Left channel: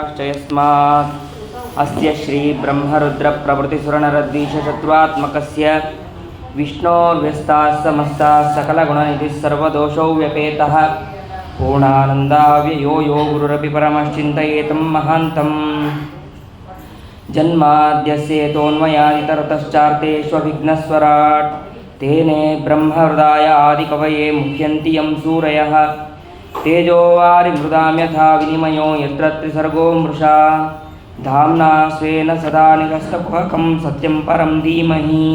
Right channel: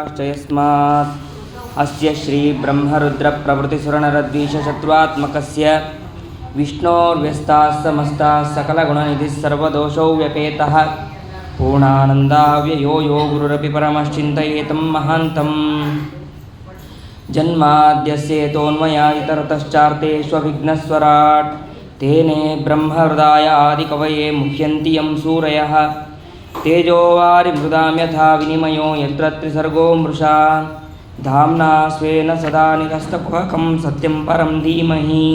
यस्मात् अस्य श्रीब्रह्मरुद्रप्रभृतिसुरनरद्वीषशत्रुत्मकस्य विष्णोर्व्यस्ताः समस्ताः सकलगुणनिधिः सर्वदोषव्यपेतः पूर्णानन्दाव्ययो यो गुरुरपि परमश्चिन्तयेतं महान्तम् जन्माद्यस्येतोऽन्वयादितरतश्चार्तेष्वभिघ्नस्वराट् तेने ब्रह्महृदाय आदिकवये मुह्यन्ति यं सूरयः तेजोवारिमृदां यथा विनिमयो यत्र त्रिसर्गो मृषा धाम्ना स्वेन सदा निरस्तकुहकं सत्यं परं धीमहि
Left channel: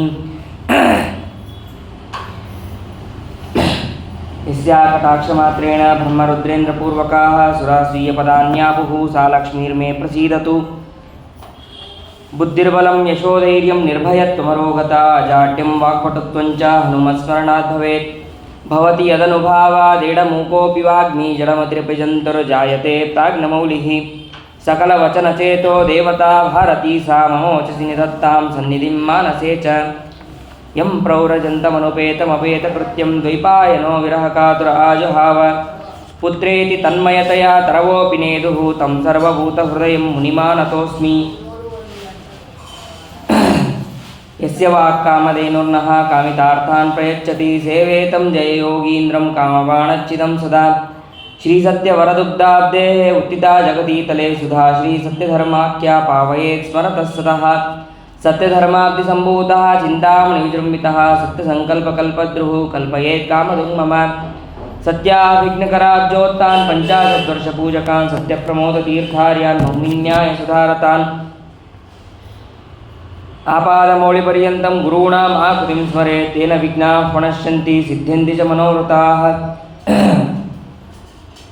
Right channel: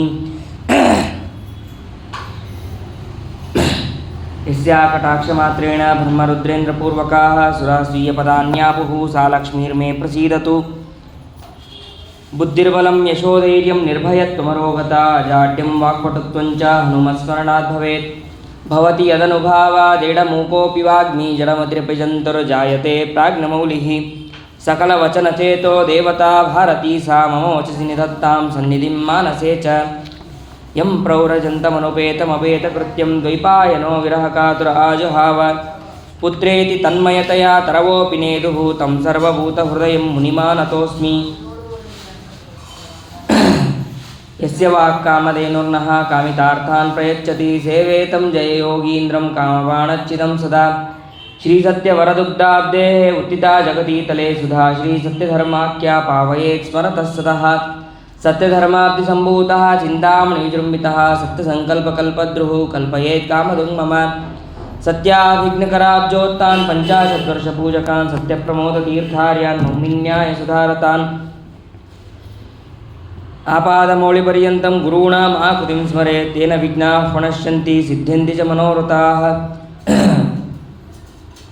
यस्या कटाक्षमात्रेण ब्रह्मरुद्रेन्द्रपूर्वकाः सुरास्वीयपदान्यापुः सा लक्ष्मीर्मे प्रसीदतु बुद्धिर्बलं यशोधैर्यं निर्भयत्वमरोगता अजाड्यं वाक्पटुत्वं च हनुमत्स्मरणात् भवेत् भवति यदनुभावादेडमूकोऽपि वाग्मी जडमतिरपिजन्तुर्जायते प्राज्ञमौलिः सकलवचनचेतो देवता भारती सा मम वचसि निधत्तां सन्निधिं मानसे च यं प्रौरजन्तमनुपेतमपेतकृत्यं द्वैपायनो विरहकातुर आजहाव पुत्रेति तन्मयतया तरवोऽपि नेदुः तं सर्वभूतहृदयं मुनिमानतोऽस्मि यस्य वाक्कामधेनुर्नः कामितार्थान् प्रयच्छति सेवेतं जययोगीन्द्रं कामबाणच्चिदं सदा श्रीसत्यवरदुग्धाब्देः उत्थिता जगतीतले सुधा श्रीसत्यधर्माख्या पावयेत् स्मरतः सतः सत्यधर्माब्धिसम्भूतः चिन्तामणि विजृम्भितः सत्यसङ्कल्पकल्पद्रुः कल्पयेत् कामधुं मम सत्याभिघ्नकराब्जोत्तान् पञ्चाशद्वर्षपूजकान् सत्यप्रमोदतीर्थार्यान् मौनिन्यायसुधारतान् आपादमौलिपर्यन्तं गुरूणाम् आकृतिं स्मरेत् तेन विघ्नाः प्रणश्यन्ति सिद्ध्यन्ति च मनोरथाः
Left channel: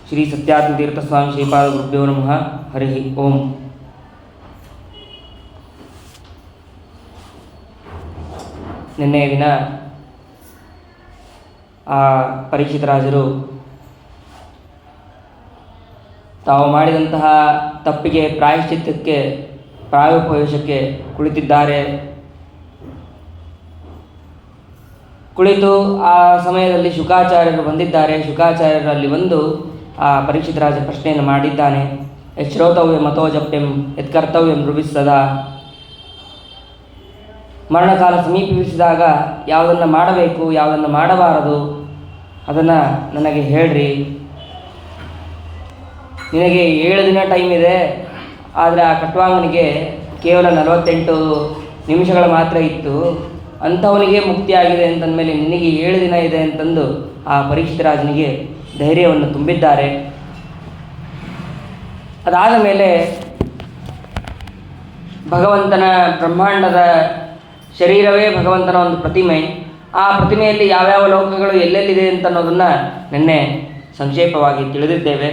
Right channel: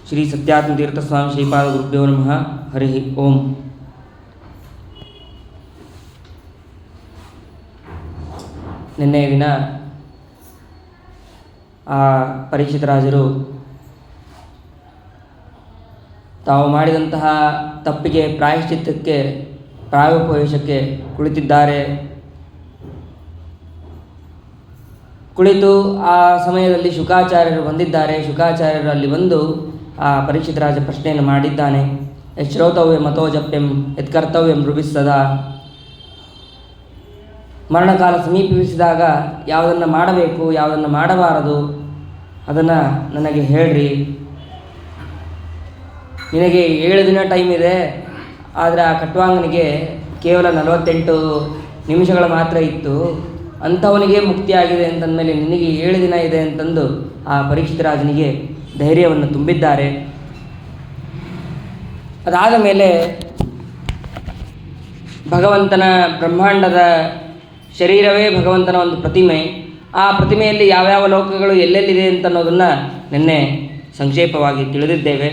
श्री सत्यात्मतीर्थस्वामी श्रीपादगुरुभ्यो नमः हरिः ओಂ ನಿನ್ನೆ ದಿನ ಪರೀಕ್ಷಿತರಾಜರು ತಾವು ಮಾಡಿದಂತಹ ತಪ್ಪಿಗೆ ಪ್ರಾಯಶ್ಚಿತ್ತಕ್ಕೆ ಪ್ರಾಯೋಪವೇಶಕ್ಕೆ ಕುಳಿತಿದ್ದಾರೆ. ಕುಳಿತು ಆ ಸಮಯದಲ್ಲಿ ಶುಕಾಚಾರ್ಯರು ಬಂದಿದ್ದಾರೆ. ಶುಕಾಚಾರ್ಯರು ಅಲ್ಲಿ ಬಂದು ಆ ಪರೀಕ್ಷಿತರಾಜ ಪ್ರಶ್ನೆಯನ್ನು ಮಾಡಿದ್ದಾನೆ. ಶ್ರೋತವ್ಯ ಮತೋ ಜಪ್ಯಂ ಯತ್ಕರ್ತವ್ಯಂ ರುಭಿಸ್ಸದಾ. ಮರಣಕಾಲ ಸಮೀಪಿಸಿದಾಗ ಯಾವುದನ್ನು ಮಾಡಬೇಕು ಯಾವುದನ್ನು ಮಾಡಬಾರದು ಅದನ್ನು ನನಗೆ ಹೇಳ್ರಿ. ನಿನಗೆ 7 ದಿನ ಟೈಮ್ ಇದೆ, ಆದರೆ ಆ ಖಟ್ವಾಂಗನಿಗೆ ಕೇವಲ 48 ನಿಮಿಷಗಳ ಮಾತ್ರ ಇತ್ತು. ಅಂಥವನಿಗೆ ಮುಕ್ತಿಯಾಗಿದೆ ಅಂತಂದಮೇಲೆ ನಿನಗೆ 7 ದಿನ ಇದೆ ಅಂತಂದು ಆ ಪರೀಕ್ಷಿತರಾಜನಿಗೆ ಧೈರ್ಯವನ್ನು ತುಂಬಿದ್ದಾರೆ. ಅದಾದ ಮೇಲೆ ಭಗವಂತನ ಬ್ರಹ್ಮಾಂಡದ ಶರೀರವೇ ಭಗವಂತನ ಒಂದು ಪ್ರತಿಮೆ. ಆ ಪ್ರತಿಮೆಯಲ್ಲಿ ಯಾವ್ಯಾವ ಲೋಕಗಳು ಎಲ್ಲೆಲ್ಲಿದೆ ಅಂತ ಅನ್ನೋದನ್ನು ನಿನ್ನೆ ಸಂಕ್ಷೇಪವಾಗಿ ತಿಳಿದಿದ್ದೇವೆ.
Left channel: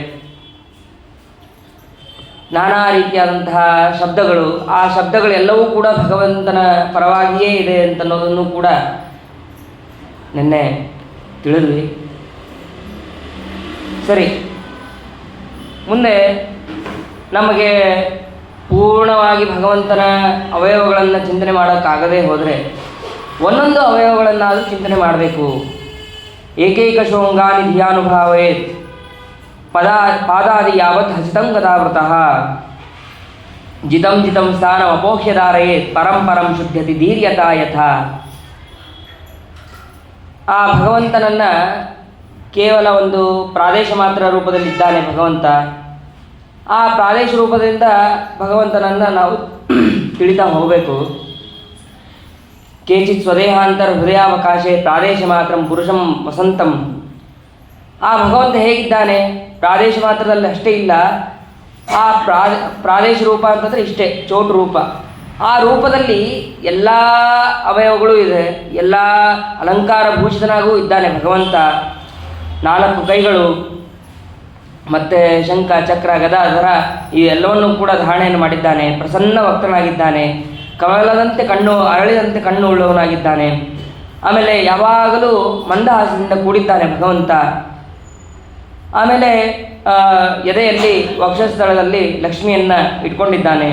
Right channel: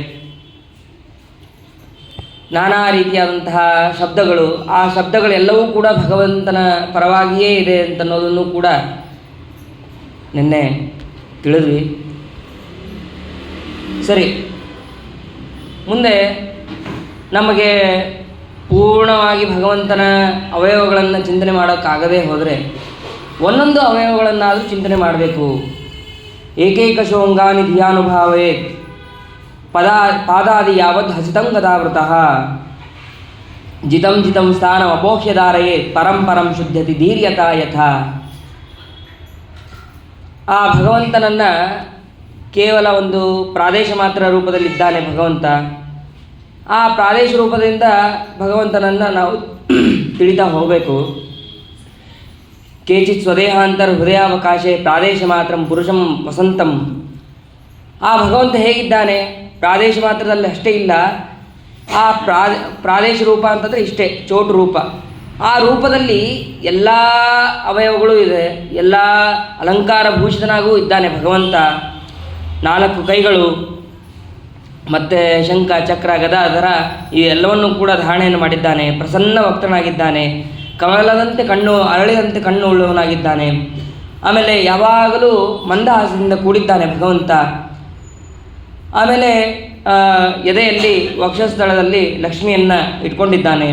ನಾನಾ ರೀತಿಯಾದಂತಹ ಶಬ್ದಗಳು, ಆ ಶಬ್ದಗಳೆಲ್ಲವೂ ಕೂಡ ಭಗವಂತನ ಪರವಾಗಿಯೇ ಇದೆ ಅಂತನ್ನೋದನ್ನು ಕೂಡ ನಿನ್ನೆ ತಿಳಿದ್ವಿ. ಸರಿ, ಮುಂದೆ ನಮಗೆ ಪೂರ್ಣವಾಗಿ ಭಗವಂತನ ಅವಯವಗಳನ್ನು ಚಿಂತನೆ ಮಾಡೋಕ್ಕಾಗದೇ ಹೋದರೆ ಒಂದೊಂದು ಅವಯವಗಳನ್ನಾದರೂ ಚಿಂತನೆ ಮಾಡಬೇಕು. ಏಕೈಕ ಶೋಂಗಾನಿ ಧಿಯಾನುಭಾವೇ ಪಾದಾದಿ ಯಾವತ್ ಹಸಿತಂ ಗದಾವೃತಃ ಜಿತಂ ಜಿತಂ ಸ್ಥಾನಂ ಅಪೋಕ್ಷ್ಯಧಾರಯೇ ಪರಂ ಪರಂ ಶುದ್ಧತಿ ಧೀರ್ಯತಾ ಯಥಾ. ಆ ಭಗವಂತನನ್ನು ಕೇವಲ ಒಂದು ಪ್ರಾದೇಶ ಮಾತ್ರ ರೂಪದಲ್ಲಿದ್ದಾನೆ ಭಗವಂತ. ಆ ಪ್ರಾದೇಶ ರೂಪದಿಂದ ಭಗವಂತನನ್ನು ನಾವು ತಿಳಿತಾ ಹೋಗಬೇಕು. ಕೇಚಿತ್ ಸ್ವದೇಹಾಂತರ ಹೃದಯಾವಕಾಶೆ ಪ್ರಾದೇಶ ಮಾತ್ರ ಪುರುಷಂ ವಸಂತಂ. ಆ ಭಗವಂತ ಹೇಗಿದ್ದಾನೆ, ಪ್ರಾದೇಶ ಮಾತ್ರದಲ್ಲಿ ಅಷ್ಟೇ ಇಲ್ಲ, ಆ ಪ್ರಾದೇಶ ರೂಪ ಅಂತಂದರೆ ಇಷ್ಟೇ, ಚೋಟು ರೂಪ. ಆ ರೂಪದಲ್ಲಿ ಎಲ್ಲ ಅವಯವಗಳು ಇದೆ, ಎಲ್ಲ ಅಲಂಕಾರ ಭೂಷಿತನಾಗೂ ಇದ್ದಾನೆ ಭಗವಂತ. 4 ಕೈಗಳು ಮತ್ತು ಶಂಖ ಚಕ್ರ ಗದಾಧರ ಇವೆಲ್ಲವನ್ನು ಕೂಡ ಧಾರಣೆಯನ್ನು ಮಾಡಿದ್ದಾನೆ. ಪ್ರಸನ್ನ ವಕ್ತನಾಗಿದ್ದಾನೆ. ಕಮಲದಂತೆ ಕಣ್ಣು, ಅರಳಿದಂತೆ ಕಣ್ಣು ಉಳ್ಳವನಾಗಿದ್ದಾನೆ. ಆಮೇಲೆ ಯಾವಾಗಲೂ ಮಂದಹಾಸದಿಂದ ಕೂಡಿದ್ದಾನೆ ಭಗವಂತ. ಆಮೇಲೆ ಎದೆಯಲ್ಲಿ ವಕ್ಷಸ್ಥಳದಲ್ಲಿ ಲಕ್ಷ್ಮಿಯನ್ನು ಇಟ್ಕೊಂಡಿದ್ದಾನೆ.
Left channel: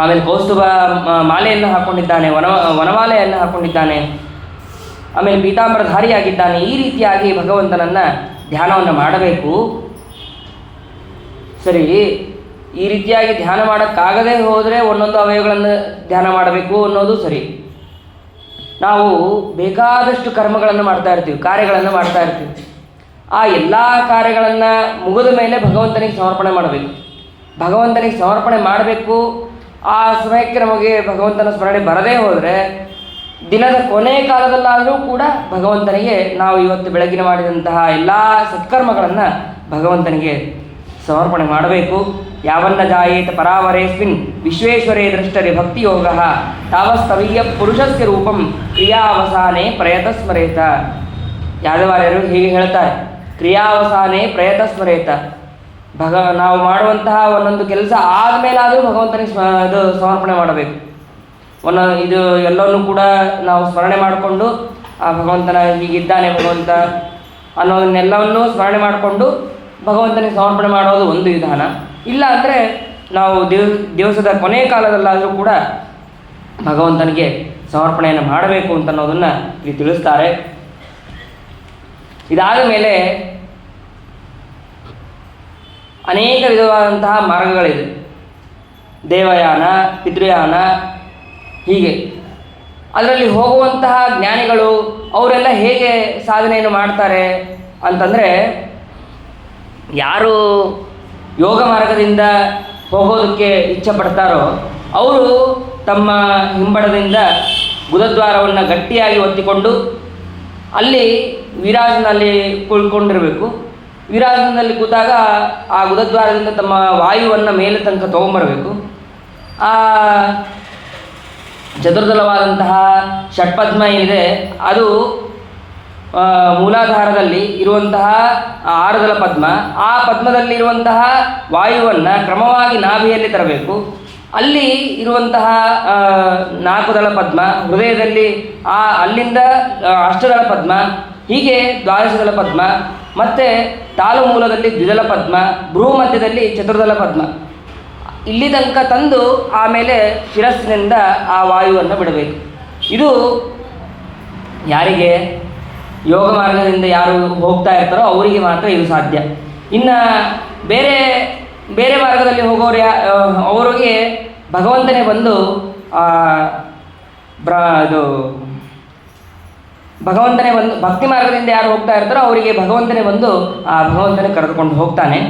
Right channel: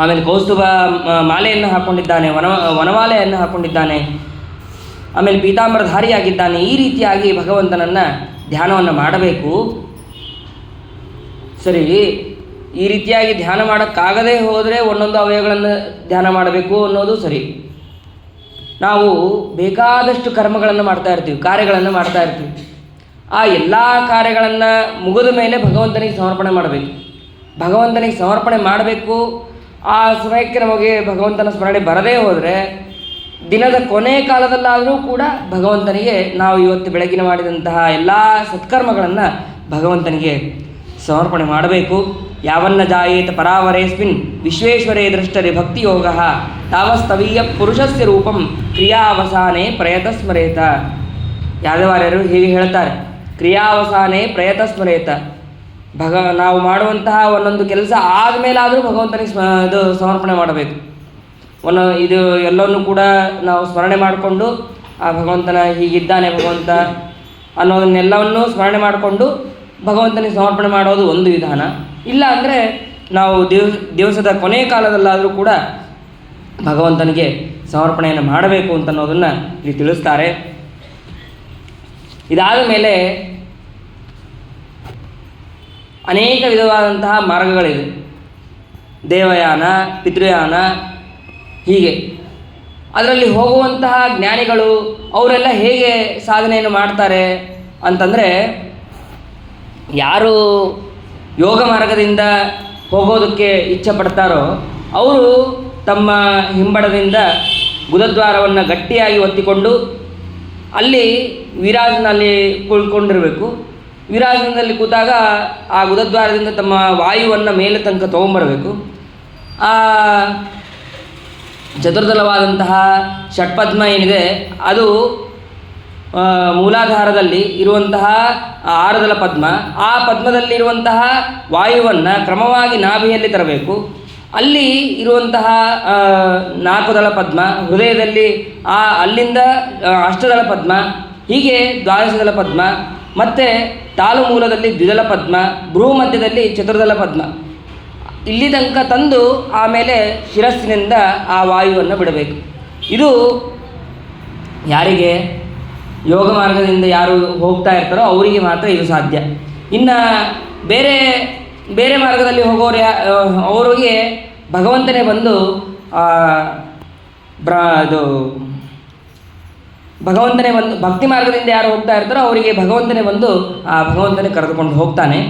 ಆಮೇಲೆ ಕೌಸ್ತುಭ ಮಾಲೆಯನ್ನು ಹಾಕ್ಕೊಂಡಿದ್ದಾನೆ, ವನಮಾಲೆಯನ್ನು ಹಾಕ್ಕೊಂಡಿದ್ದಾನೆ. ಆಮೇಲೆ ಪೀತಾಂಬರಧಾರಿಯಾಗಿದ್ದಾನೆ. ಈ ರೀತಿಯಾಗಿ ಭಗವಂತನನ್ನು ಧ್ಯಾನವನ್ನು ಮಾಡಬೇಕು. ಸರಿ, ಈ ರೀತಿಯಾಗಿ ಧ್ಯಾನ ಮಾಡೋಕ್ಕಾಗದೇ ಹೋದರೆ ಒಂದೊಂದು ಅವಯವಗಳನ್ನು ಧ್ಯಾನ ಮಾಡಬೇಕು ಅನ್ನೋದು ಸರಿ. ನಾವು ಬೇಕಾದಷ್ಟು ಕರ್ಮಗಳನ್ನು ಮಾಡ್ತಾ ಇರ್ತೀವಿ, ಕಾರ್ಯಗಳನ್ನು ಮಾಡ್ತಾ ಇರ್ತೀವಿ. ಆ ಎಲ್ಲ ಕಾರ್ಯಗಳನ್ನು ಮುಗಿದ ಮೇಲೆ ಭಗವಂತನಿಗೆ ಸಮರ್ಪಣೆ ಮಾಡಬೇಕು. ಭಗವಂತನಿಗೆ ಸಮರ್ಪಣೆ ಮಾಡಬೇಕು. ಆ ಸಮಯಕ್ಕೆ ನಮಗೆ ಭಗವಂತನ ಸ್ಮರಣೆ ಬರದೇ ಹೋದರೆ ದಿನದ ಕೊನೆ ಕಾಲದಲ್ಲಾದರೂ ಕೂಡ ಭಗವಂತನಿಗೆ ನಾವು ಇವತ್ತು ಬೆಳಗಿನ ಮಾಡಿದಂತಹ ಎಲ್ಲ ಸತ್ಕರ್ಮಗಳನ್ನು ಭಗವಂತನಿಗೆ ಸಮರ್ಪಣೆ ಮಾಡಬೇಕು. ಯಾವನ್ನ ಜಾಯೇತ ಪರಾವರೇಸ್ಮಿನ್ ವಿಶ್ವೇಶ್ವರೇ ದೃಷ್ಟರೆ ಭಕ್ತಿಯೋಗ ತಾವಸ್ತವೀಯ ಪುರುಷಸ್ಯ ರೂಪಂ ಕ್ರಿಯಾವಸಾನೆ ಪ್ರಯತ ಸ್ಮರೇತ. ಯಾದವಾರ್ಯರು ಹೀಗೆ ಹೇಳ್ತಾರೆ, ಕ್ರಿಯಾವಸಾನೆ ಪ್ರಯತ ಸ್ಮರೇತ. ನಾವು ಮಾಡುವಂತಹ ಒಂದೊಂದು ಕೆಲಸ ಆದಮೇಲಾದರೂ ಭಗವಂತನಿಗೆ ಸಮರ್ಪಣೆ ಮಾಡಬೇಕು. ಇದು ಎಲ್ಲವನ್ನೂ ಕೂಡ ನಾವು ಸ್ಮರಣೆ ಮಾಡಿಕೊಂಡು ಆ ಭಗವಂತನ ಹೀಗಿದ್ದಾನೆ ಭಗವಂತ ಅನ್ನೋದನ್ನೆಲ್ಲವನ್ನೂ ಸ್ಮರಣೆ ಮಾಡಿಕೊಂಡು ಭಗವಂತನಿಗೆ ಸಮರ್ಪಣೆ ಮಾಡೋದು ಒಂದು ವಿಧಾನ. ಇಲ್ಲ ಅಂದರೆ ನಾವು ದಿವಸದ ಕೊನೆಯ ಕಾಲದಲ್ಲಾದರೂ ಕೂಡ ಭಗವಂತನಿಗೆ ಸಮರ್ಪಣೆಯನ್ನು ಮಾಡಬೇಕು ಅಂತ ಅನ್ನೋದನ್ನು ಇಲ್ಲಿ ತಿಳಿಸ್ತಾರೆ. ಇದಾದ ಮೇಲೆ ಅನೇಕ ವಿಧವಾದಂತಹ ಮಾರ್ಗಗಳಿದೆ. ದೇವಯಾನ, ಪಿತೃಯಾನ, ಹೀಗೆ ಅದರಲ್ಲಿ ಹೋಗುವಂತಹ ಜ್ಞಾನಿಗಳು ಅವರೆಲ್ಲ ಹೇಗೆ ಸಾಧನೆಯನ್ನು ಮಾಡ್ತಾರೆ ಅಂತಂದರೆ, ಯಾರು ಯೋಗ ಮಾರ್ಗದಿಂದ ಹೋಗೋದಕ್ಕೆ ಇಚ್ಛೆ ಪಡ್ತಾರೋ ಅವರು ತಮ್ಮ ಹಿಂಬಡದಿಂದ ಗುದದ್ವಾರವನ್ನು ಗಟ್ಟಿಯಾಗಿ ಒತ್ತಿಕೊಂಡು ಅಲ್ಲಿ ವಿರಾಜನಲ್ಲಿ ಕುಳ್ಕೊಂಡಿರಬೇಕು. ವಿರಾಜನದಲ್ಲಿ ಕೂತಾಗ ಆ ಗುದದ್ವಾರದಿಂದ ತಮ್ಮ ವಾಯುವನ್ನು ಮೇಲೆ ತನಕ ತೊಗೊಂಬರಬೇಕು. ಆ ಚತುರ್ದಳವಾದಂತಹ ಷಟ್ಪದ್ಮ ಏನಿದೆ ಅದು ಮೂಲಾಧಾರದಲ್ಲಿ ಇರುವಂತಹ ಆರದಳ ಪದ್ಮ, ಆ ಪದ್ಮದಲ್ಲಿರುವಂತಹ ವಾಯುವನ್ನು ಕ್ರಮವಾಗಿ ನಾಭಿಯಲ್ಲಿ ತರಬೇಕು. ಅಲ್ಲಿ ಇರುವಂತಹ ನಾಲ್ಕುದಳ ಪದ್ಮ ಹೃದಯದಲ್ಲಿ, ಅಲ್ಲಿಂದ ಅಷ್ಟದಳ ಪದ್ಮ, ಹೀಗೆ ದ್ವಾದಶದಳ ಪದ್ಮ, ಮತ್ತು ತಾಲು ಮೂಲದಲ್ಲಿ ದ್ವಿದಳ ಪದ್ಮ, ಭ್ರೂ ಮಧ್ಯದಲ್ಲಿ ಚತುರ್ದಳ ಪದ್ಮ, ಇಲ್ಲಿ ತನಕ ತಂದು ಆಮೇಲೆ ಶಿರಸ್ಸಿನಿಂದ ಆ ವಾಯುವನ್ನು ಬಿಡಬೇಕು. ಇದು ಯಾರಿಗೆ ಯೋಗ ಮಾರ್ಗದಿಂದ ಯಾರು ಹೋಗ್ತಾ ಇರ್ತಾರೋ ಅವರಿಗೆ ಮಾತ್ರ ಇದು ಸಾಧ್ಯ. ಇನ್ನು ಬೇರೆ ಬೇರೆ ಮಾರ್ಗದಲ್ಲಿ ಹೋಗೋರು ಅವರಿಗೆ ಭಗವಂತನೇ ಬಂದು ಭಗವಂತನೇ ಬಂದು ಭಕ್ತಿ ಮಾರ್ಗದಿಂದ ಯಾರು ಹೋಗ್ತಾ ಇರ್ತಾರೋ ಅವರಿಗೆ ಭಗವಂತನೇ ಬಂದು ಆ ಭಗವಂತನೇ ಕರೆದುಕೊಂಡು ಹೋಗ್ತಾನೆ.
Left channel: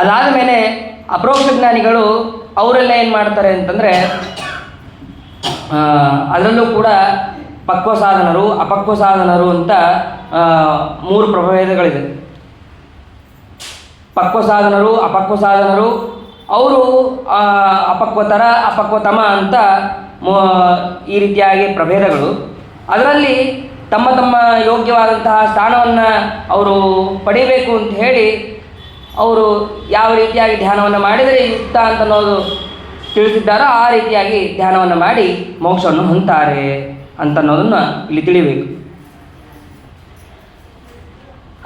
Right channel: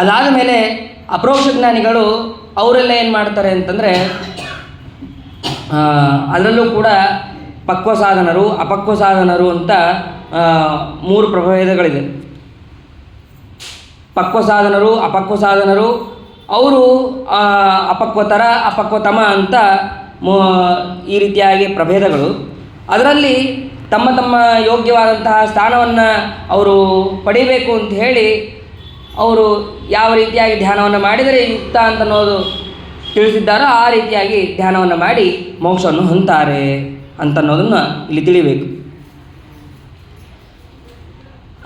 ಅದಾದ ಮೇಲೆ ಅಪರೋಕ್ಷ ಜ್ಞಾನಿಗಳು ಅವರೆಲ್ಲ ಏನು ಮಾಡ್ತಾರೆ ಅಂತಂದರೆ, ಅದರಲ್ಲೂ ಕೂಡ ಪಕ್ವ ಸಾಧನರು, ಅಪಕ್ವ ಸಾಧನರು ಅಂತ 3 ಪ್ರಭೇದಗಳಿದೆ. ಪಕ್ವ ಸಾಧನರು, ಅಪಕ್ವ ಸಾಧನರು, ಅವರು ಅಪಕ್ವತರ, ಅಪಕ್ವತಮ ಅಂತ ಈ ರೀತಿಯಾಗಿ ಪ್ರಭೇದಗಳು. ಅದರಲ್ಲಿ ತಮ್ಮ ತಮ್ಮ ಯೋಗ್ಯವಾದಂತಹ ಸ್ಥಾನವನ್ನು ಅವರು ಪಡಿಬೇಕು ಅಂತ ಹೇಳಿ ಅವರು ಯಾವ ರೀತಿಯಾಗಿ ಧ್ಯಾನವನ್ನು ಮಾಡಿದರೆ ಯುಕ್ತ ಅಂತ ಅನ್ನೋದು ತಿಳಿಸಿದ್ದಾರೋ ಆ ರೀತಿಯಾಗಿ ಧ್ಯಾನವನ್ನು ಮಾಡಿ ಮೋಕ್ಷವನ್ನು ಹೊಂದ್ತಾರೆ ಅಂತನ್ನೋದನ್ನು ಇಲ್ಲಿ ತಿಳಿಬೇಕು.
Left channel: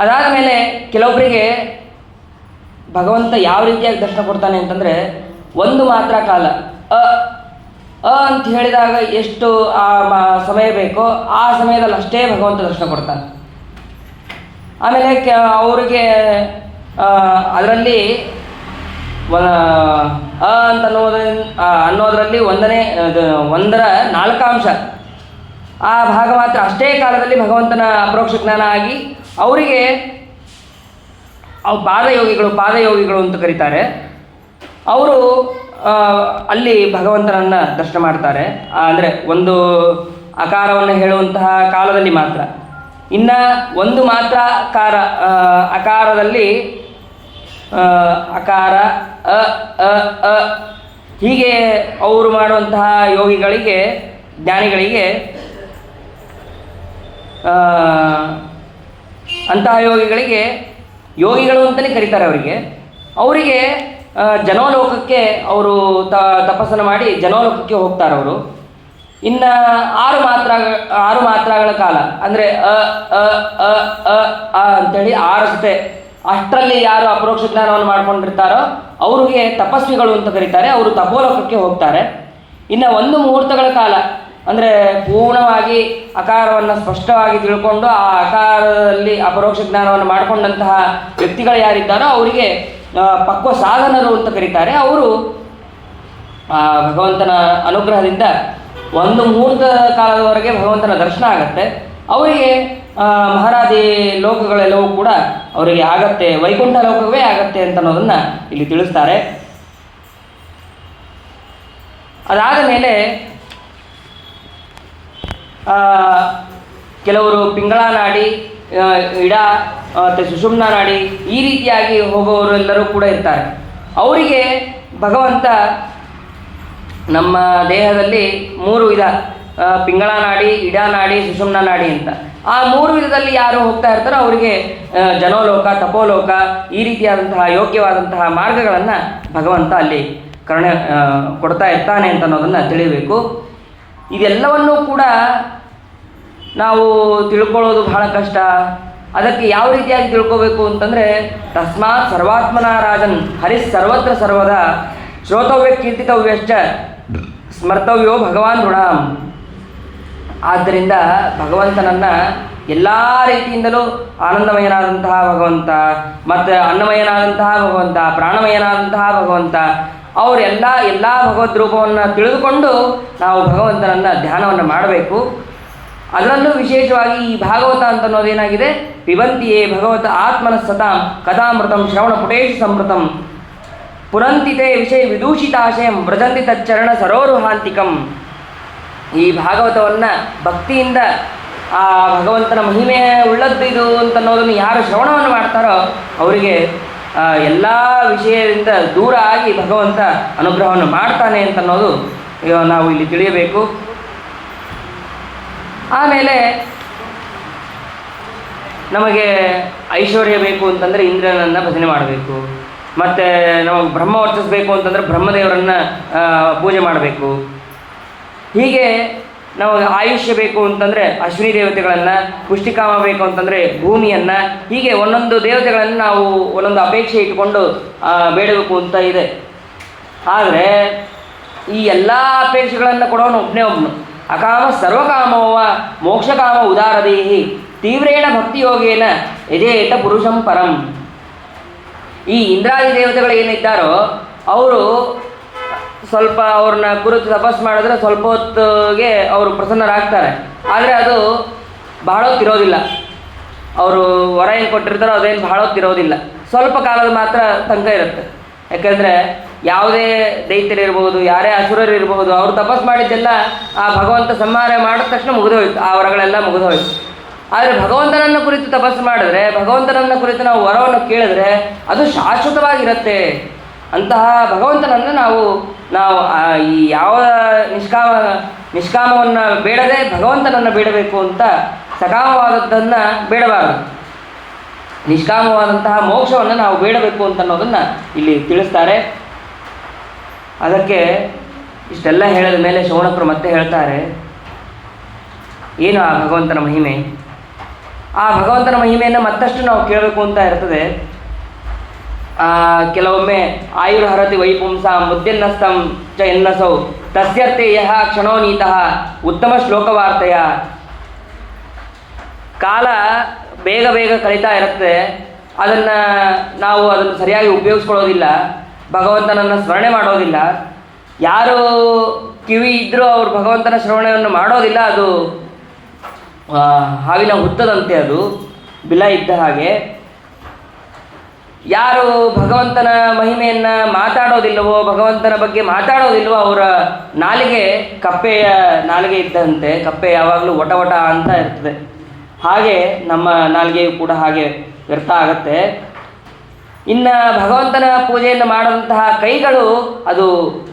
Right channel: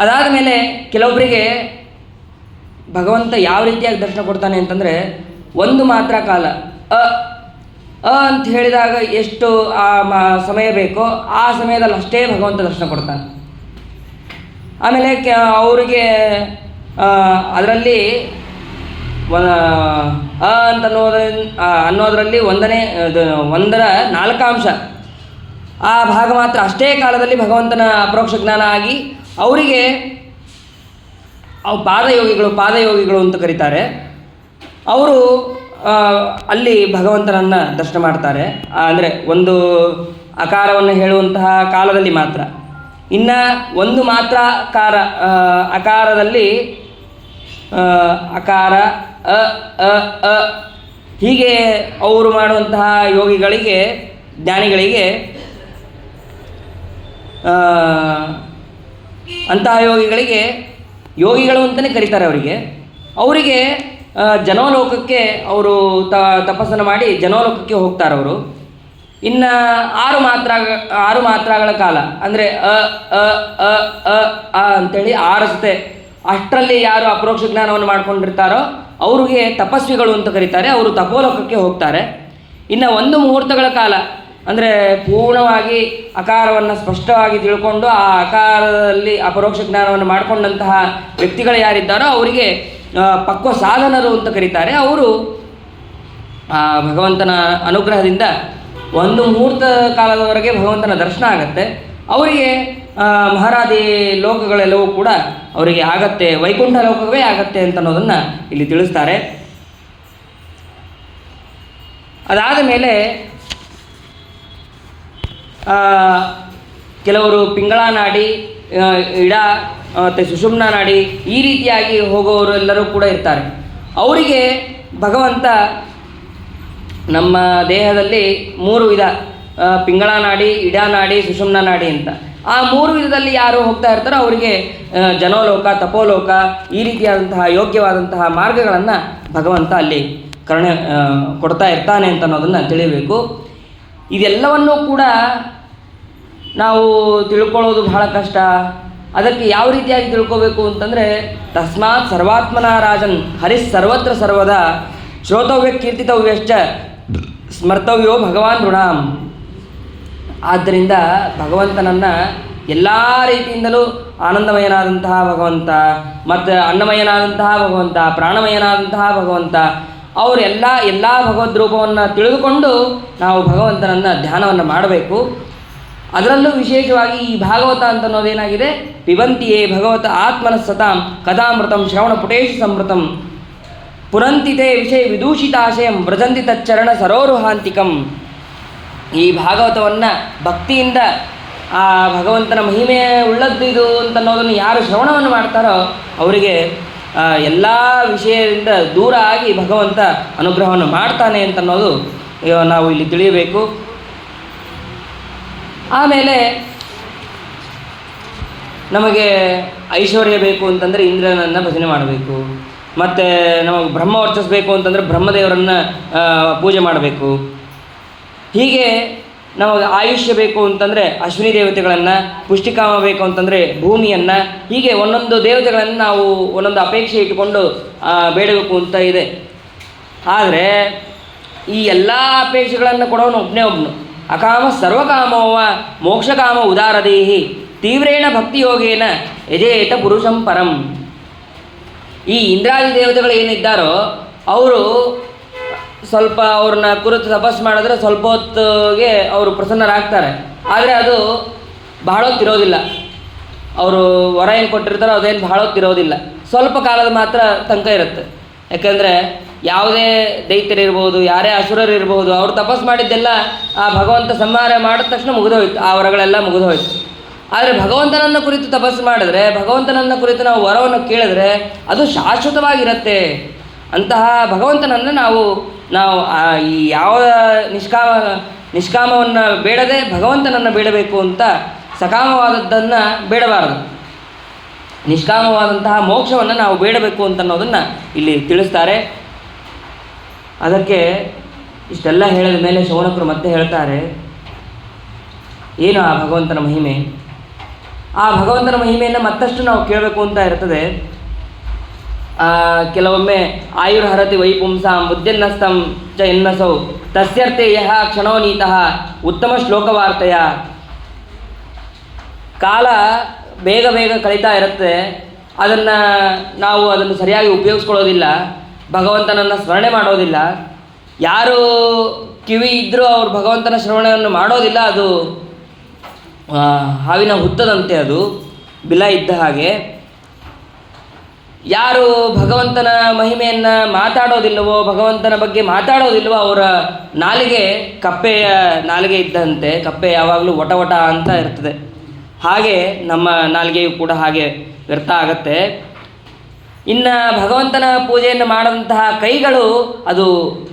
ಅದಾದ ಮೇಲೆ ಕೆಲವೊಬ್ಬರಿಗೆ ಭಗವಂತ ಯಾವ ರೀತಿಯಾಗಿ ದರ್ಶನ ಕೊಡ್ತಾನೆ ಅಂತಂದರೆ, ಒಂದು ಮಾತ್ರ ಕಾಲ ಅಂತ ಹೇಳಿದಾಗ ಎಷ್ಟು ಸಮಯ ಬೇಕೋ ಆ ಸಮಯದಲ್ಲಿ ಅಷ್ಟೇ ಭಗವಂತ ದರ್ಶನ ಕೊಡ್ತಾನೆ. ಆಮೇಲೆ ಅವರಿಗೆ ಅದರಲ್ಲಿ ಅಂತ ಅನ್ನೋದರಲ್ಲಿ 1ರ 4 ಅಂಶ ಆ ಭಾಗ ಮಾತ್ರ ಅಷ್ಟೇ ಕಾಲದಲ್ಲಿ ಭಗವಂತನ ಅಪರೋಕ್ಷ ಜ್ಞಾನ ಆಗಿ ಅವರಿಗೆ ಪಾದಯೋಗಿಗಳು ಅಂತ ಕರೀತಾರೆ. ಅವರು ಅಲ್ಲಿ ಭಗವಂತನನ್ನು ದರ್ಶನ ಮಾಡ್ತಾರೆ. ಅಂದರೆ ಒಂದು ಅಕಾರವನ್ನು ಹೇಳುವಂತಹ ಕಾಲದಲ್ಲಿ ಮಾತ್ರ. ಇನ್ನು ಒಂದು ಮಾತ್ರ ಅಕಾರದಲ್ಲಿ ಅಕಾರ ಹೀಗೆ ಅವರು ಮಾಡುವಂತಹ ಯೋಗಿಗಳಿಗೆ, ಜ್ಞಾನಿಗಳಿಗೆ, ಅಂತಹ ಯೋಗಿಗಳು ಅಂತಲೇ ಕರೀತಾರೆ. ಅವರಿಗೆ ಜನೋಲೋಕಕ್ಕೆ ಅವರು ತಪಸ್ಸನ್ನು ಮಾಡಿ ಜನೋಲೋಕಕ್ಕೆ ಹೋಗ್ತಾರೆ ಅವರು. ಇನ್ನು 6 ಮಾತ್ರಗಳ ಕಾಲ ಅಂದರೆ ಅಂಥೇಳಿ 6 ಸತೆ, ಅಷ್ಟರಲ್ಲಿ ಯಾರು ಅಪರೋಕ್ಷ ಜ್ಞಾನವನ್ನು ಮಾಡ್ಕೊಂಡಿರ್ತಾರೋ ಅವರಿಗೆ ತಪಸ್ವಿಗಳು ಅಂತ ಕರೀತಾರೆ. ಅವರು ತಪೋಲೋಕಕ್ಕೆ ಹೋಗ್ತಾರೆ. ಇನ್ನು 1 ಮುಹೂರ್ತಗಳ ಕಾಲ ಅಂದರೆ ಪೂರ್ಣವಾಗಿ ಅಕಾರವನ್ನು ಸ್ಪಷ್ಟವಾಗಿ ತಿಳ್ಕೊಂಡು ಆ ಅಕಾರದಲ್ಲಿ ಅಪರೋಕ್ಷ ಜ್ಞಾನವನ್ನು ಮಾಡಿಕೊಂಡಂತಹ ವ್ಯಕ್ತಿಗಳು ಯಾರಿದ್ದಾರೋ ಅವರಿಗೆ ಪಕ್ವ ಸಾಧನರು ಅಂತ ಕರೀತಾರೆ. ಅವರು ಭಗವಂತನ ಅನುಗ್ರಹದಿಂದ ಒಂದು ಮುಹೂರ್ತ ಕಾಲದವರೆಗೆ ಭಗವಂತನ ದರ್ಶನ ಆಗತ್ತೆ. ಅವರಿಗೆ ಮಹಾರಾದಿ ಲೋಕಗಳೆಲ್ಲವೂ ಕೂಡ ಅವರಿಗೆ ಆಗತ್ತೆ, ವೈಕುಂಠ ಲೋಕವೇ ಆಗತ್ತೆ ಅಂತ ಅನ್ನೋದನ್ನು ಇಲ್ಲಿ ತಿಳಿಸ್ತಾರೆ. ಅದಾದ ಮೇಲೆ ಕೆಲವರು ಪಿಂಗಳ ನಾಡಿ, ಇಡ ಮತ್ತು ಸುಷುಮ್ನ ನಾಡಿ ಈ ರೀತಿಯಾಗಿ ಹೋಗೋರೆಲ್ಲರೂ ಕೂಡ ಇರ್ತಾರೆ. ಅವರಿಗೆ ಭಗವಂತ ನಮ್ಮ ದೇಹದಲ್ಲಿ 3 ವಿಧ, ಪಿಂಗಳ ನಾಡಿ, ಇಡ ನಾಡಿ, ಸುಷುಮ್ನ ನಾಡಿ ಅಂತ. ಆ 3 ವಿಧದಲ್ಲಿ ಯಾರು ಹೋಗ್ತಾ ಇರ್ತಾರೋ ಅವರಿಗೆ ಜನೋಲೋಕ, ತಪೋಲೋಕ ಈ ರೀತಿಯಾದಂತಹ ಯೋಗ್ಯವಾದಂತಹ ಮಾರ್ಗಗಳನ್ನು ಭಗವಂತ ಅಲ್ಲಿ ಕೊಡ್ತಾ ಇರ್ತಾನೆ ಅಂತ ಅನ್ನೋದನ್ನು ತಿಳಿಬೇಕು. ಇದೆಲ್ಲವನ್ನೂ ಕೂಡ ನಾವು ತಿಳ್ಕೊಳ್ಳೋದು ಬಹಳ ಕಷ್ಟ. ಅದಕ್ಕೆ ಯಾವ ರೀತಿಯಾಗಿ ತಿಳ್ಕೋಬೇಕು ಅಂತಂದರೆ, ತಸ್ಮಾತ್ ಸರ್ವಾತ್ಮನ ರಾಜನ್ ಹರಿಸ್ ಸರ್ವತ್ರ ಸರ್ವದಾ ಶ್ರೋತವ್ಯ ಕೀರ್ತಿತವ್ಯಶ್ಚ ಸ್ಮರ್ತವ್ಯೋ ಭಗವಾನ್ ಋಣಾಂ. ಆದ್ದರಿಂದ ಭಗವಂತನನ್ನು ಎಲ್ಲ ರೀತಿಯಿಂದಲೂ ಆನಂದಮಯನಾದಂತಹ ಭಗವಂತ, ಮತ್ತು ಅನ್ನಮಯನಾದಂತಹ ಭಗವಂತ, ಪ್ರಾಣಮಯನಾದಂತಹ ಭಗವಂತ, ಎಲ್ಲ ಭಗವದ್ ರೂಪವನ್ನು ತಿಳಿದುಕೊಂಡು ನಾವು ಭಗವಂತನನ್ನು ಧ್ಯಾನವನ್ನು ಮಾಡಬೇಕು. ಅದರಲ್ಲೂ ವಿಶೇಷವಾಗಿ ಈ ಭಾಗವತ ಅಂತ ಅನ್ನೋದೇನಾಗಿದೆ, ಪಿಬಂತಿಯೇ ಭಗವತ ಆತ್ಮನ ಸತಾಂ ಕಥಾಮೃತಂ ಶ್ರವಣ ಪುಟೇಶು ಸಂವೃತಂ ಪುರಂತಿತೆ ವಿಷಯ ವಿದೂಷಿತಾಶಯಂ ವ್ರಜಂತಿ ತಚ್ಚರಣ ಸರೋರುಹಾಂತಿಕಂ. ಈ ಭಾಗವತವನ್ನು ಭಕ್ತಿಯಿಂದ ಆ ಭಗವಂತನ ಮಹಿಮೆ ಉಳ್ಳದ್ದಿದು ಅಂತ ಅನ್ನೋದನ್ನು ಯಾರು ಶ್ರವಣವನ್ನು ಮಾಡ್ತಾರೋ ಅವರಿಗೆ ಎಲ್ಲ ವಿಷಯದಿಂದ ದೂರ ಆಗಿ ಭಗವಂತ ಅನುಗ್ರಹವನ್ನು ಮಾಡ್ತಾನೆ ಅಂತ ಅನ್ನೋದು ನಾವು ಇಲ್ಲಿ ತಿಳಿಯಬೇಕು. ಆಮೇಲೆ ನಮಗೆ ಐಶ್ವರ್ಯ ಬೇಕು ಅಂತಂದರೆ ಇಂದ್ರನನ್ನು ಭಜನೆ ಮಾಡಬೇಕು. ಮತ್ತು ನಮಗೆ ಬ್ರಹ್ಮ ವರ್ಚಿಸಬೇಕು ಅಂತಂದರೆ ಬ್ರಹ್ಮದೇವರನ್ನು ಪೂಜೆ ಮಾಡಬೇಕು. ಹೀಗೆ ನಮಗೆ ಆಯುಷ್ಯ ಬೇಕು ಅಂತಂದರೆ ಅಶ್ವಿನಿ ದೇವತೆಗಳನ್ನು, ಪುಷ್ಟಿಕಾಮ ಬೇಕು ಅಂತಂದರೆ ಭೂಮಿಯನ್ನು, ಹೀಗೆ ಒಂದೊಂದು ದೇವತೆಗಳನ್ನು ನಾವು ಒಂದೊಂದು ಅಪೇಕ್ಷೆ ಇಟ್ಟುಕೊಂಡು ಬೇಡಬೇಕು ಅಂತ ಇದೆ. ಆದರೆ ಈ ಎಲ್ಲ ಅಪೇಕ್ಷೆಗಳನ್ನು ಕೊಡೋನು ಒಬ್ಬನು. ಅಕಾಮ ಸರ್ವಕಾಮವ ಮೋಕ್ಷಕಾಮ ಉದಾರದೇಹಿ ತೀವ್ರೇಣ ಭಕ್ತಿಯೋಗೇನ ಯಜೇತ ಪುರುಷಂ ಪರಂ. ಈ ಇಂದ್ರಾದಿ ದೇವತೆಗಳು ಏನಿದ್ದಾರೋ ಅವರು ಸ್ವಲ್ಪ ಅವ್ರನ್ನ ಕುರಿತು ತಪಸ್ಸು ಮಾಡಿದ್ರೆ ಸ್ವಲ್ಪ ಹೊತ್ತಿಗೆ ಅವರು ಪ್ರಸನ್ನರಾಗ್ತಾರೆ. ಆದರೆ ಅದು ಬಹಳ ಹೊತ್ತಿರೋದಿಲ್ಲ. ಅವರು ವರ ಏನು ಕೊಟ್ಟಿರ್ತಾರೋ ಅದೇನು ಬಹಳ ಹೊತ್ತಿರೋದಿಲ್ಲ, ಸ್ವಲ್ಪ ಕಾಲದ ಮಾತ್ರ ತನಕ ಇರುತ್ತೆ. ಯಾಕೆಂದರೆ ಯಾವುದೇ ದೈತ್ಯರಿರ್ಬೋದು, ಯಾರೇ ಅಸುರರಿರ್ಬೋದು, ಅವರು ತಪಸ್ಸು ಮಾಡಿದ್ದೆಲ್ಲ ಆ ಭಗವಂತ ಸಂಹಾರ ಮಾಡಿದ ತಕ್ಷಣ ಮುಗಿದೋಯ್ತು, ಆ ವರಗಳೆಲ್ಲ ಮುಗಿದೋಯ್ತು. ಆದರೆ ಭಗವಂತನನ್ನು ಕುರಿತು ತಪಸ್ಸು ಮಾಡಿದ್ರೆ, ಭಗವಂತನನ್ನು ಕುರಿತು ನಾವು ವರವನ್ನು ಕೇಳಿದ್ರೆ ಅದು ಶಾಶ್ವತವಾಗಿರುತ್ತೆ. ಅಂತಹ ಭಗವಂತನನ್ನು ನಾವು ಈ ಯಾವ ನಿಷ್ಕಾಮವನ್ನು ಬೇಡದೆ ಭಗವಂತನನ್ನು ಬೇಡಬೇಕು ಅಂತ ಸಕಾಮವಾದದ್ದನ್ನು ಬೇಡಬಾರದು. ನಿಷ್ಕಾಮವಾದಂತಹ ಮೋಕ್ಷವನ್ನು ನಾವು ಬೇಡಬೇಕು ಅಂತ ಅನ್ನೋದನ್ನು ಇಲ್ಲಿ ತಿಳಿಸ್ತಾರೆ. ಅದಕ್ಕೆ ಇಷ್ಟೆಲ್ಲ ಹೇಳಿದ ಮೇಲೆ ಶೌನಕರು ಮತ್ತೆ ಹೇಳ್ತಾರೆ, ಏನು ಆ ಭಗವಂತನ ಮಹಿಮೆ. ಆ ಭಗವಂತನ ಮಹಿಮೆಯನ್ನು ಮತ್ತಷ್ಟು ನಾವು ಕೇಳಬೇಕು ಅಂತ ಇರ್ತದೆ. ಕೆಲವೊಮ್ಮೆ ಆಯುರ್ಹರತಿ ವೈಪುಂಸಾಂ ಬುದ್ಧಿನ್ನಸ್ತಂ ಚ ಎನ್ನಸೌ ತಸ್ಯರ್ಥೆ ಯಹ ಕ್ಷಣೋ ನೀತಃ ಉತ್ತಮ ಶ್ಲೋಕವಾರ್ತೆಯ. ಕಾಲ ಬೇಗ ಬೇಗ ಕಳೀತಾ ಇರುತ್ತೆ, ನಾವು ಅದನ್ನು ಸರಿಯಾಗಿ ಉಪಯೋಗಿಸ್ಕೊಳ್ಳೋದಿಲ್ಲ, ಭಗವಂತನನ್ನು ಸ್ಮರಣೆ ಮಾಡೋದಿಲ್ಲ. ಯಾರು ಕಿವಿ ಇದ್ದರೂ ಅವರು ಭಗವಂತನ ಶ್ರವಣವನ್ನು ಮಾಡೋದಿಲ್ಲ. ಅದು ಹಾವಿನ ಹುತ್ತದಂತೆ, ಅದು ಬಿಲ ಇದ್ದ ಹಾಗೆ. ಯಾರು ಭಗವಂತನ ಮಹಿಮೆಯನ್ನು ಮಾತಾಡೋದಿಲ್ಲವೋ, ಭಗವಂತನ ಬಗ್ಗೆ ಮಾತಾಡೋದಿಲ್ಲವೋ, ಅವರ ನಾಲಿಗೆ ಕಪ್ಪೆಯ ನಾಲಿಗೆ ಇದ್ದಂತೆ. ಕಪ್ಪೆ ಯಾವಾಗಲೂ ವಟ ವಟ ಅಂತ ಇರ್ತದೆ. ಹಾಗೆ ನಮ್ಮ ನಾಲಿಗೆಯು ಕೂಡ ಹಾಗೆ ವ್ಯರ್ಥ ಆಗತ್ತೆ. ಇನ್ನು ಭಗವಂತನ ಪೂಜೆಯನ್ನು ಮಾಡಿದಂತಹ ಕೈಗಳು ಅದು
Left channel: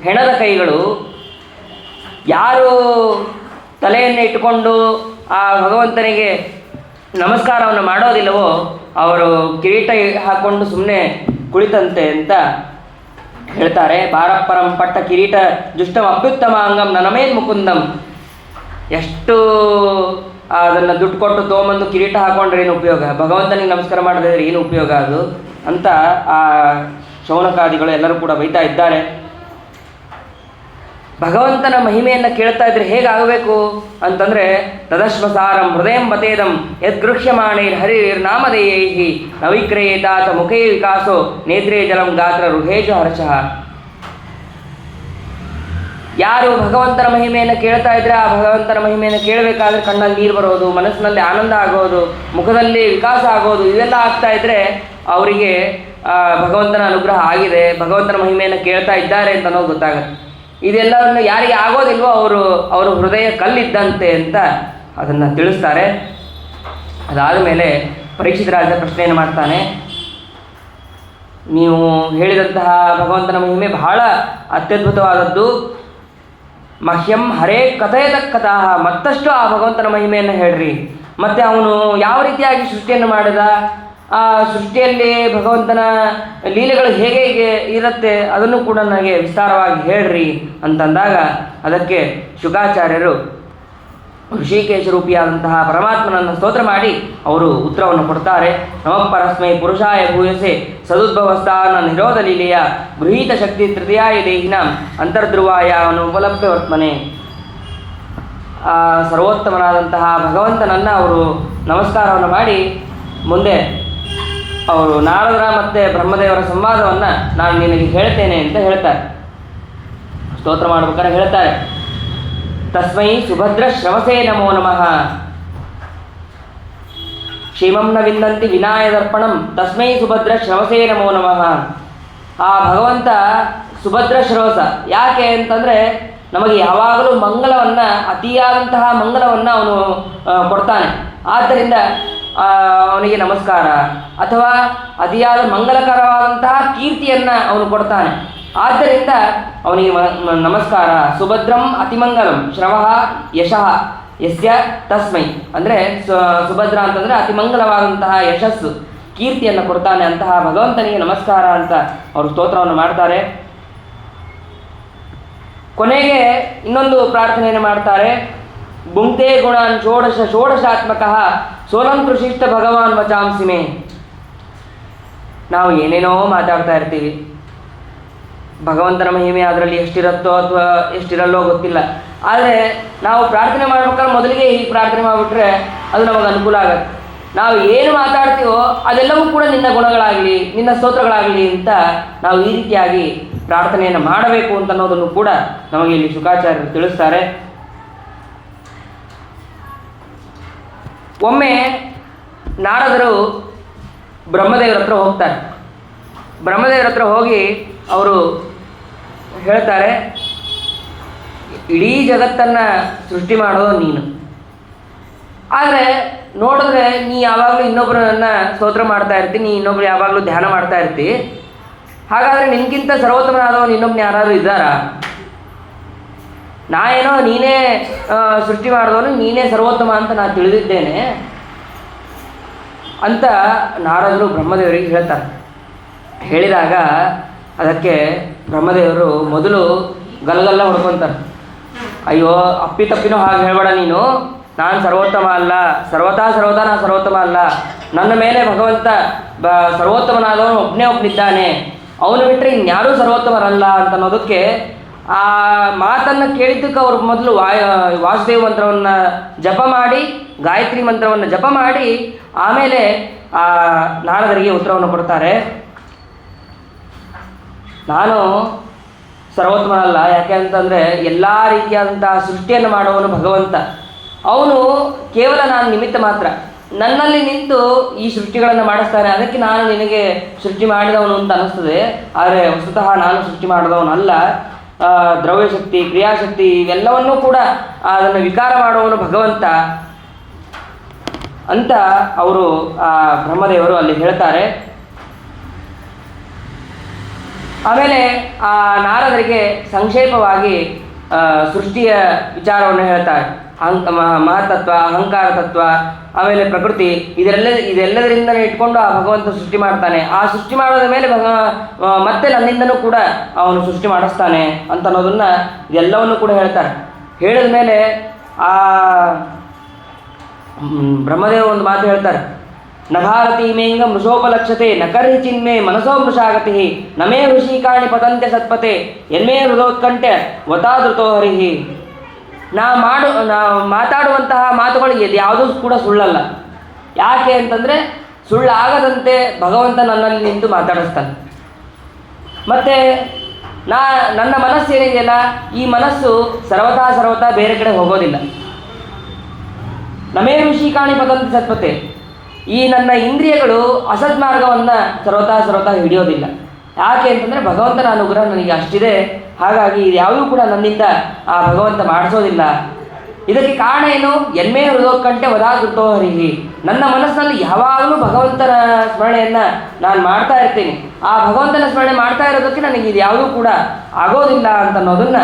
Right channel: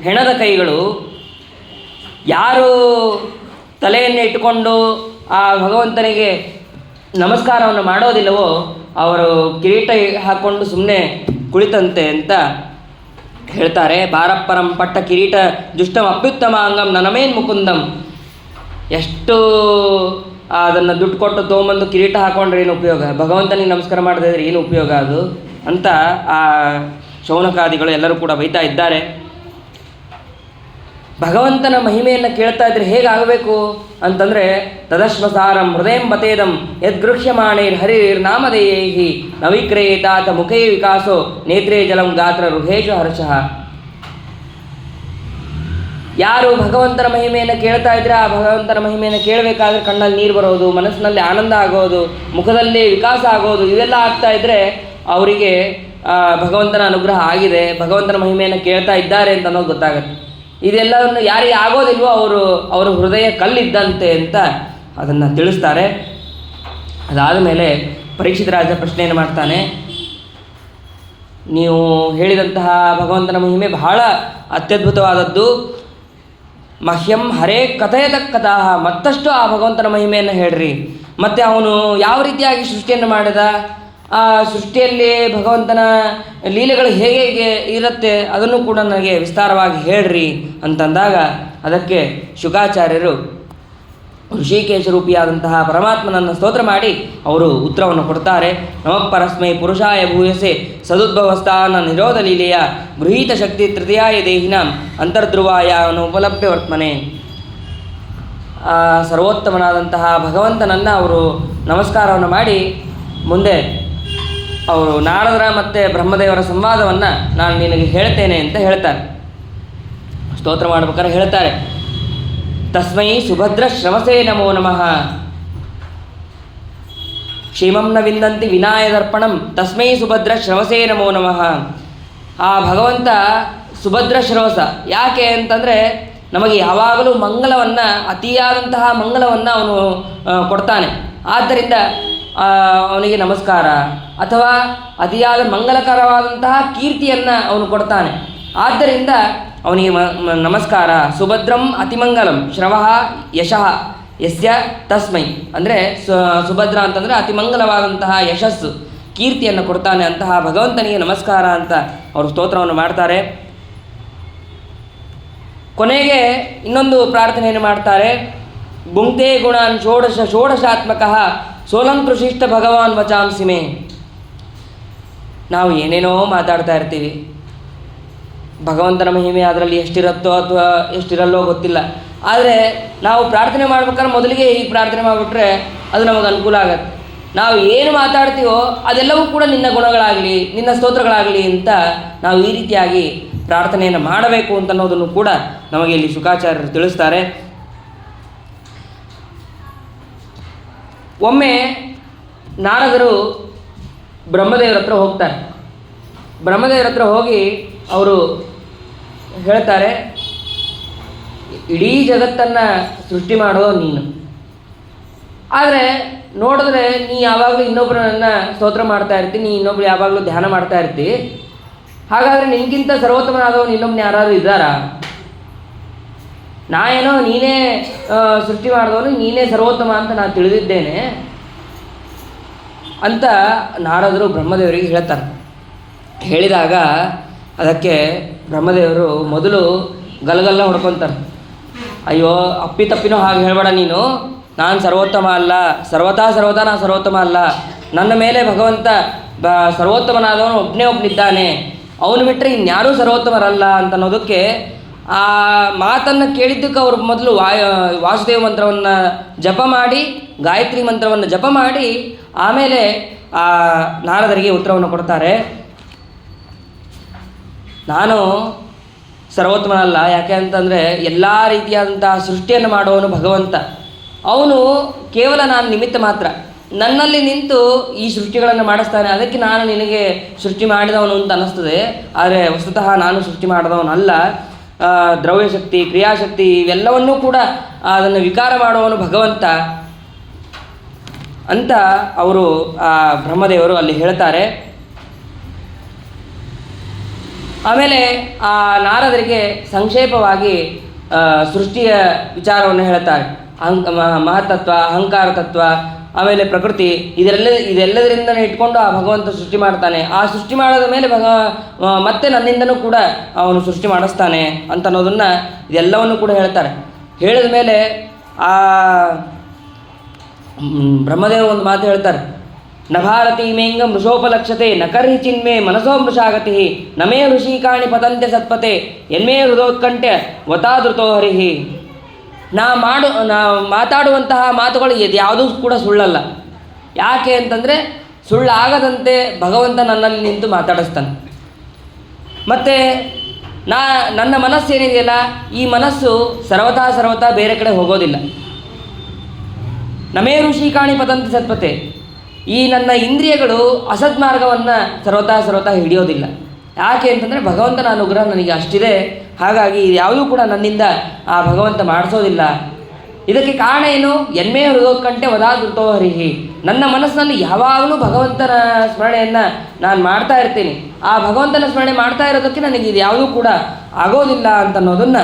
ಹೆಣದ ಕೈಗಳು. ಯಾರು ತಲೆಯನ್ನು ಇಟ್ಟುಕೊಂಡು ಆ ಭಗವಂತನಿಗೆ ನಮಸ್ಕಾರವನ್ನು ಮಾಡೋದಿಲ್ಲವೋ ಅವರು ಕಿರೀಟ ಹಾಕ್ಕೊಂಡು ಸುಮ್ಮನೆ ಕುಳಿತಂತೆ ಅಂತ ಹೇಳ್ತಾರೆ. ಬಾರಪ್ಪರಂ ಪಟ್ಟ ಕಿರೀಟ ದುಷ್ಟಂ ಅಪ್ಯುತ್ತಮ ಅಂಗಂ ನನಮೇನ್ ಮುಕುಂದಂ. ಎಷ್ಟು ಅದನ್ನು ದುಡ್ಡು ಕೊಟ್ಟು ತೊಗೊಂಬಂದು ಕಿರೀಟ ಹಾಕೊಂಡ್ರೆ ಏನು ಉಪಯೋಗ, ಭಗವಂತನಿಗೆ ನಮಸ್ಕಾರ ಮಾಡದಿದ್ರೆ ಏನು ಉಪಯೋಗ ಅದು ಅಂತ ಆ ಶೌನಕಾದಿಗಳು ಎಲ್ಲರೂ ಕೂಡ ಬೈತಾ ಇದ್ದಾರೆ. ಭಗವಂತನ ಮಹಿಮೆಯನ್ನು ಕೇಳ್ತಾ ಇದ್ರೆ ಹೇಗಾಗಬೇಕು ಅಂತಂದರೆ ತದಶ್ವಸಾರಂ ಹೃದಯಂ ಬತೇದಂ ಯದ್ಗೃಹ್ಯಮಾಣೈರ್ ಹರಿರ್ ನಾಮಧೇಯೈಹಿ ನವಿಕ್ರಯೇತಾತ ಮುಖೇ ವಿಕಾಸೋ ನೇತ್ರೇ ಜಲಂ ಗಾತ್ರ ರುಹೇಶು ಹರ್ಷಃ. ಯಾರು ಭಗವಂತನ ಮಹಿಮೆಯನ್ನು ಕೇಳ್ತಾ ಇದ್ರೆ ಆ ಭಗವಂತನ ಮಹಿಮೆಯನ್ನು ಕೇಳಬೇಕಾದ್ರೆ ಕಣ್ಣಲ್ಲಿ ನೀರು ಬರೋದು, ಮನಸ್ಸಿನಲ್ಲಿ ಆನಂದ ಆಗೋದು, ಮುಖದಲ್ಲಿ ವಿಕಾಸ ಆಗೋದು, ಇದೆಲ್ಲ ಆಗ್ತಾ ಇದ್ದರೆ ಅವರಿಗೆ ಭಗವಂತನ ಅನುಗ್ರಹ ಆಗಿದೆ, ಭಗವಂತನ ಮಹಿಮೆಯನ್ನು ಕೇಳ್ತಾ ಇದ್ದಾರೆ ಅಂತ ಅನ್ನೋದು ಗೊತ್ತಾಗುತ್ತೆ. ಇದೆಲ್ಲವನ್ನು ಯಾರಿಗೆ ಆಗೋದಿಲ್ವೋ ಅವರು ಹೃದಯ ಕಲ್ಲಿದ್ದಂತೆ ಅಂತ ಅದನ್ನು ತಿಳಿಸ್ತಾರೆ. ಅದಾದ ಮೇಲೆ ಪರೀಕ್ಷಿತ ರಾಜ ಪ್ರಶ್ನೆಯನ್ನು ಮಾಡ್ತಾನೆ. ನೀವು ಹೇಳಿದಂತಹ ಭಗವಂತನ ಮಹಿಮೆ ಬಹಳ ಅತ್ಯದ್ಭುತವಾದದ್ದು. ಮಹ್ಯಂ ಹರೇ ಕಥೆಯತಕ್ಕತಃ, ಮತ್ತಷ್ಟು ಆ ಭಗವಂತನ ಮಹಿಮೆಯನ್ನು ಹೇಳ್ರಿ. ಮತ್ತು ಅವನು ಯಾವ ರೀತಿಯಾಗಿ ಸೃಷ್ಟಿಯನ್ನು ಮಾಡಿದ, ಆ ಸೃಷ್ಟಿಯಲ್ಲಿ ಭಗವಂತನ ಲೀಲೆಗಳು ಹೇಗೆ ಹೇಗೆ ಇರುತ್ತೆ ಅದನ್ನು ಕೂಡ ನನಗೆ ವಿಸ್ತಾರವಾಗಿ ಹೇಳ್ರಿ ಅಂತಂದಾಗ ಅದಕ್ಕೆ ಶುಕಾಚಾರ್ಯರು ಋಷಿಕೇಶ ರೂಪಿಯಾದಂತಹ ಪರಮಾತ್ಮನನ್ನು ಸ್ತೋತ್ರ ಮಾಡಿ ಅವರು ಉತ್ತರವನ್ನು ಕೊಡ್ತಾರೆ. ನಮಃ ಪರಸ್ಮೈ ಪುರುಷಾಯ ಭೂಯಸೆ ಸದುದ್ಭವಸ್ಥಾನ ನಿರೋಧ ಲೀಲೆಯ ಗೃಹೀತ ಶಕ್ತಿ ತೃತೀಯಾಯ ದೇಹಿನಾಂ ಅಂತರ್ಧ್ರುವಾಯ ಅನುಪಲಭ್ಯ ವರ್ತಮನೆ. ಸರ್ವೋತ್ತಮನಾದಂತಹ ಭಗವಂತನನ್ನು ಅವರು ನಮಸ್ಕಾರವನ್ನು ಮಾಡಿ ಮುಂದೆ ಅವರು ನಾರದರ ಮತ್ತು ಬ್ರಹ್ಮದೇವರ ಸಂವಾದವನ್ನು ನಾನು ನಿನಗೆ ಹೇಳ್ತೇನೆ ಅಂತ ಹೇಳ್ತಾರೆ. ಸ್ತೋತ್ರ ಮಾಡ್ಬೇಕಾದ್ರೆ ಹೇಳ್ತಾರೆ, ತಸ್ಮೈ ಸುಭದ್ರ ಶ್ರವಸೇ ನಮೋ ನಮಃ, ಕ್ಷೇಮಂ ನ ವಿಂದಂತಿ ವಿನಾಯ ದರ್ಪಣಂ ತಸ್ಮೈ ಸುಭದ್ರ ಶ್ರವಸೇ ನಮೋ ನಮಃ. ಆ ಭಗವಂತ ಸುಭದ್ರ ಶ್ರವಸ ಯಾಕೆ ಅಂತಂದರೆ ನಮಗೆ ಯಾವಾಗಲೂ ಮಂಗಲವನ್ನು, ಅತಿಯಾದಂತಹ ಮಂಗಲವನ್ನು ಅವನು ಕೊಡ್ತಾನೆ. ಆದ್ದರಿಂದ ಅವನಿಗೆ ನಮಸ್ಕಾರ, ಅಥವಾ ಅತಿಯಾದ ಮಂಗಲಕರವಾದಂತಹ ಕೀರ್ತಿಯನ್ನು ಅವನು ಕೊಡ್ತಾನೆ. ಆದ್ದರಿಂದ ಅವನಿಗೆ ನಮಸ್ಕಾರ. ಸುಭದ್ರಂ ಅತಿಮಂಗಲಂ ಶ್ರವಃ ಯಶಃ ಯಸ್ಯ ತಸ್ಮೈ, ಅಂದರೆ ಸುಭದ್ರ ಅಂತಂದರೆ ಅತಿಮಂಗಲವಾದಂತಹ ಯಶಸ್ಸು, ಕೀರ್ತಿಯನ್ನು ಕೊಡ್ತಾನೆ ಅಂತಹ ಭಗವಂತನಿಗೆ ನಮಸ್ಕಾರ ಅಂತ ಅವರು ಸ್ತೋತ್ರವನ್ನು ಮಾಡ್ತಾರೆ. ಕೊನೆಗೆ ಇನ್ನೊಂದು ಪ್ರಾರ್ಥನೆಯನ್ನು ಮಾಡ್ತಾರೆ. ಗುಂಕ್ತೆ ಗುಣಾನ್ ಷೋಡಶಾತ್ಮಕಃ ಸೋಲಂ ಕೃಷಿಷ್ಟ ಭಗವಾನ್ ವಚಾಂಸಿ ಮೇ. ನಾವು ಏನೇನೋ ಮಾತಾಡ್ತಾ ಇರ್ತೀವಿ, ಭಗವಂತನ ಮಹಿಮೆ ಅದರಲ್ಲಿ ಎಷ್ಟಿರುತ್ತೋ ಅಥವಾ ಎಷ್ಟಿರಲ್ಲೋ ಗೊತ್ತಿಲ್ಲ. ಆದರೆ ನಾವು ಪ್ರಾರ್ಥನೆ ಮಾಡ್ಬೇಕಾದ್ರೆ ಮೊದಲಿಗೆ ಹೀಗೆ ಪ್ರಾರ್ಥನೆ ಮಾಡಿಬಿಟ್ರೆ ಅದು ನಮಗೆ ಅನುಕೂಲ ಆಗುತ್ತೆ. ನಾವು ಏನು ಮಾತಾಡ್ತೀವೋ ಅದೆಲ್ಲವೂ ಕೂಡ ನಿನ್ನ ಗುಣಗಳಾಗಲಿ, ನಿನ್ನ ಸ್ತೋತ್ರಗಳಾಗಲಿ ಅಂತ ನಾವು ಈ ರೀತಿಯಾಗಿ ಪ್ರಾರ್ಥನೆಯನ್ನು ಮಾಡಬೇಕು ಅಂತ ಅನ್ನೋದನ್ನು ಕೂಡ ನಮಗೆ ಇಲ್ಲಿ ಶುಕಾಚಾರ್ಯರು ತಿಳಿಸ್ತಾರೆ. ಒಮ್ಮೆ ನಾರದರು ಬ್ರಹ್ಮದೇವರ ಹತ್ರ ಹೋಗ್ತಾರೆ. ಬ್ರಹ್ಮದೇವರ ಹತ್ರ ಹೋಗಿ ಅವರು ಹೇಳ್ತಾರೆ, ಇಡೀ ಜಗತ್ತನ್ನು ಸೃಷ್ಟಿ ಮಾಡೋ ನೀನು, ಆದರೆ ನೋಡಿದ್ರೆ ನೀ ಯಾವಾಗಲೂ ಇನ್ನೊಬ್ಬರನ್ನ ಸ್ತೋತ್ರ ಮಾಡ್ತಾ ಇರ್ತೀನಿ, ನೀ ಇನ್ನೊಬ್ರು ಯಾವಾಗಲೂ ಧ್ಯಾನ ಮಾಡ್ತಾ ಇರ್ತಿ. ಹಾಗಾದರೆ ನಿನಗಿಂತ ಸರ್ವೋತ್ತಮನಾದವನು ಇನ್ನೊಬ್ಬನ ಯಾರಾದರೂ ಇದ್ದಾರಾ? ನಾ ಏನೋ ನೀನೇ ಸೃಷ್ಟಿ ಮಾಡಿದವನು, ನೀನೇ ಸರ್ವೋತ್ತಮ ಅಂತ ನಾನು ತಿಳಿದಿದ್ದೇನೆ ಅಂತ ನಾರದರು ಬ್ರಹ್ಮದೇವರಿಗೆ ಹೇಳ್ತಾರೆ. ಹೇಳಿದಾಗ ಅದಕ್ಕೆ ಬ್ರಹ್ಮದೇವರು ಮೊದಲು ಗಲಗಲ್ಲ ಹೊಡ್ಕೊತಾರೆ. ಅಯ್ಯೋ ಅಪ್ಪಿತಪ್ಪಿನೂ ಹಾಗೆ ಹೇಳಬೇಡ ನೀನು, ನಾನು ಸರ್ವೋತ್ತಮ ಅಲ್ಲ, ಸರ್ವತಾ ನಾನು ಸರ್ವೋತ್ತಮ ಅಲ್ಲ, ನನ್ನ ಮೇಲೆ ಭಗವಂತ ಸರ್ವೋತ್ತಮನಾದವನು ಒಬ್ಬನಿದ್ದಾನೆ, ಅವನು ಬಿಟ್ಟರೆ ಇನ್ಯಾರೂ ಸರ್ವೋತ್ತಮರಲ್ಲ ಅಂತ ಅನ್ನೋದಕ್ಕೆ ಆ ಮಾತನ್ನು ಕೇಳಿದ್ದಕ್ಕೆ ಅವರು ಮೊದಲು ವಾಸುದೇವ ಮಂತ್ರವನ್ನು ಜಪ ಮಾಡಿ, ಗಾಯತ್ರಿ ಮಂತ್ರವನ್ನು ಜಪ ಮಾಡಿ ಆಮೇಲೆ ಆ ನಾರದರಿಗೆ ಉತ್ತರವನ್ನು ಕೊಡ್ತಾರೆ. ನಾನು ಸರ್ವೋತ್ತಮನಲ್ಲ, ಯಾಕೆ ಅಂತಂದರೆ ಎಲ್ಲ ರೀತಿಯಾದಂತಹ ಸೃಷ್ಟಿಯನ್ನು ಮಾಡುವವನು ಭಗವಂತ. ಅವನು ಕೇವಲ ನಾನು ನಿಮಿತ್ತ ಮಾತ್ರ, ನನ್ನಲ್ಲಿ ನಿಂತು ಈ ಸೃಷ್ಟಿಗಳನ್ನು ಮಾಡಿಸ್ತಾನೆ. ಅದಕ್ಕೆ ನಾನು ನಿನಗೆ ಸೃಷ್ಟಿ ಮಾಡಿದವನು ಅಂತ ಅನ್ನಿಸ್ತದೆ, ಆದರೆ ವಸ್ತುತಃ ನಾನು ಸೃಷ್ಟಿ ಮಾಡಿದವನಲ್ಲ. ದ್ರವ್ಯಶಕ್ತಿ, ಕ್ರಿಯಾಶಕ್ತಿ ಇವೆಲ್ಲವನ್ನೂ ಕೂಡ ಅದನ್ನು ವಿಕಾರ ಮಾಡುವವನು ಭಗವಂತ ಅಂತ ಅವರು ಬ್ರಹ್ಮದೇವರು ಅಲ್ಲಿ ಹೇಳ್ತಾರೆ. ಆಮೇಲೆ ಆ ನಾರದರಿಗೆ ಸಂಕ್ಷೇಪವಾಗಿ ಸೃಷ್ಟಿಯ ವಿಚಾರವನ್ನು ಹೇಳ್ತಾರೆ. ಮಹತ್ತತ್ವ, ಅಹಂಕಾರ ತತ್ವ, ಆಮೇಲೆ ಪ್ರಕೃತಿ, ಇದೆಲ್ಲದರಿಂದನೇ ಇಟ್ಕೊಂಡು ಆ ಭಗವಂತ ಸೃಷ್ಟಿ ಮಾಡ್ತಾನೆ. ಆ ಸೃಷ್ಟಿ ಮಾಡೋದ ಮೇಲೆ ಮತ್ತೆ ನನ್ನಿಂದನೂ ಕೂಡ ಅವನು ಸೃಷ್ಟಿ ಮಾಡಿಸ್ತಾನೆ ಅಂತ ಅನ್ನೋದನ್ನು ಇದೆಲ್ಲವನ್ನು ಕೂಡ ಹೇಳ್ತಾರೆ. ಹೇಳಿದ ಮೇಲೆ ಆ ಬ್ರಹ್ಮದೇವ ಒಂದು ಮಾತು ಹೇಳ್ತಾರೆ, ನ ಭಾರತೀ ಮೇಂಗ ಮೃಷೋಪಲಕ್ಷತೆ ನ ಕರ್ಹಿ ಚಿನ್ಮೆ ಮನಸೋ ಮೃಷಾಗತಿ ನಮೇ ಋಷಿಕಾಣಿ ಪತಂತೆ ಸತ್ಪತೆ ಎನ್ಮೇ ಹೃದೋತ್ಕಂಠೆ ವತಾದೃತೋ ಹರಿಹಿ. ನಾ ಮಾತಾಡುವಂತಹ ಮಾತುಗಳು ಯಾವುದೂ ಕೂಡ ಸುಳ್ಳಲ್ಲ. ಯಾಕೆ ಅಂತಂದರೆ ಸುಳ್ಳಾಗದಂತೆ ಭಗವಂತ ನನ್ನಲ್ಲಿ ನಿಂತು ಮಾತಾಡಿಸ್ತಾನೆ. ಮತ್ತು ನನ್ನ ಮನಸ್ಸೇನಿದೆಯಲ್ಲ, ಈ ಮನಸ್ಸು ಸರ್ವತಾ ಬೇರೆ ಕಡೆ ಹೋಗೋದಿಲ್ಲ. ನಮೇ ಋಷಿಕಾಣಿ ಪತಂತಿ ಸತ್ಪತೆ, ಈ ನನ್ನ ಇಂದ್ರಿಯಗಳು ಅಸದ್ಮಾರ್ಗವನ್ನು ಸರ್ವತಾ ಹಿಡಿಯೋದಿಲ್ಲ. ಯಾಕೆ ಅಂತಂದರೆ ಭಗವಂತನ ಅನುಗ್ರಹ ನನಗೆ ಅಷ್ಟಿದೆ. ಹಾಗಾಗಿ ಯಾವುದೂ ಕೂಡ ನನ್ನಿಂದ ಆ ಭಗವಂತ ಮಾಡಿಸೋದಿಲ್ಲ. ಇದಕ್ಕೆ ಕಾರಣ ಏನು? ಎನ್ಮೇ ಹೃದೋತ್ಕಂಠೆ ವದಾದೃತೋ ಹರಿಹಿ. ನನ್ನ ಮನಸ್ಸಿನಲ್ಲಿ ಯಾವಾಗಲೂ ಭಗವಂತನ ಸ್ಮರಣೆಯನ್ನು ನಾನು ಮಾಡ್ತಾ ಇರ್ತೀನಿ. ಆ ಭಗವಂತನ ಸ್ಮರಣೆ ಮಾಡ್ತಾ ಇರೋದಕ್ಕೆ ನನಗೆ ಇದು ಯಾವುದೂ ಕೂಡ ಆಗೋದಿಲ್ಲ ಅಂತನ್ನೋದನ್ನು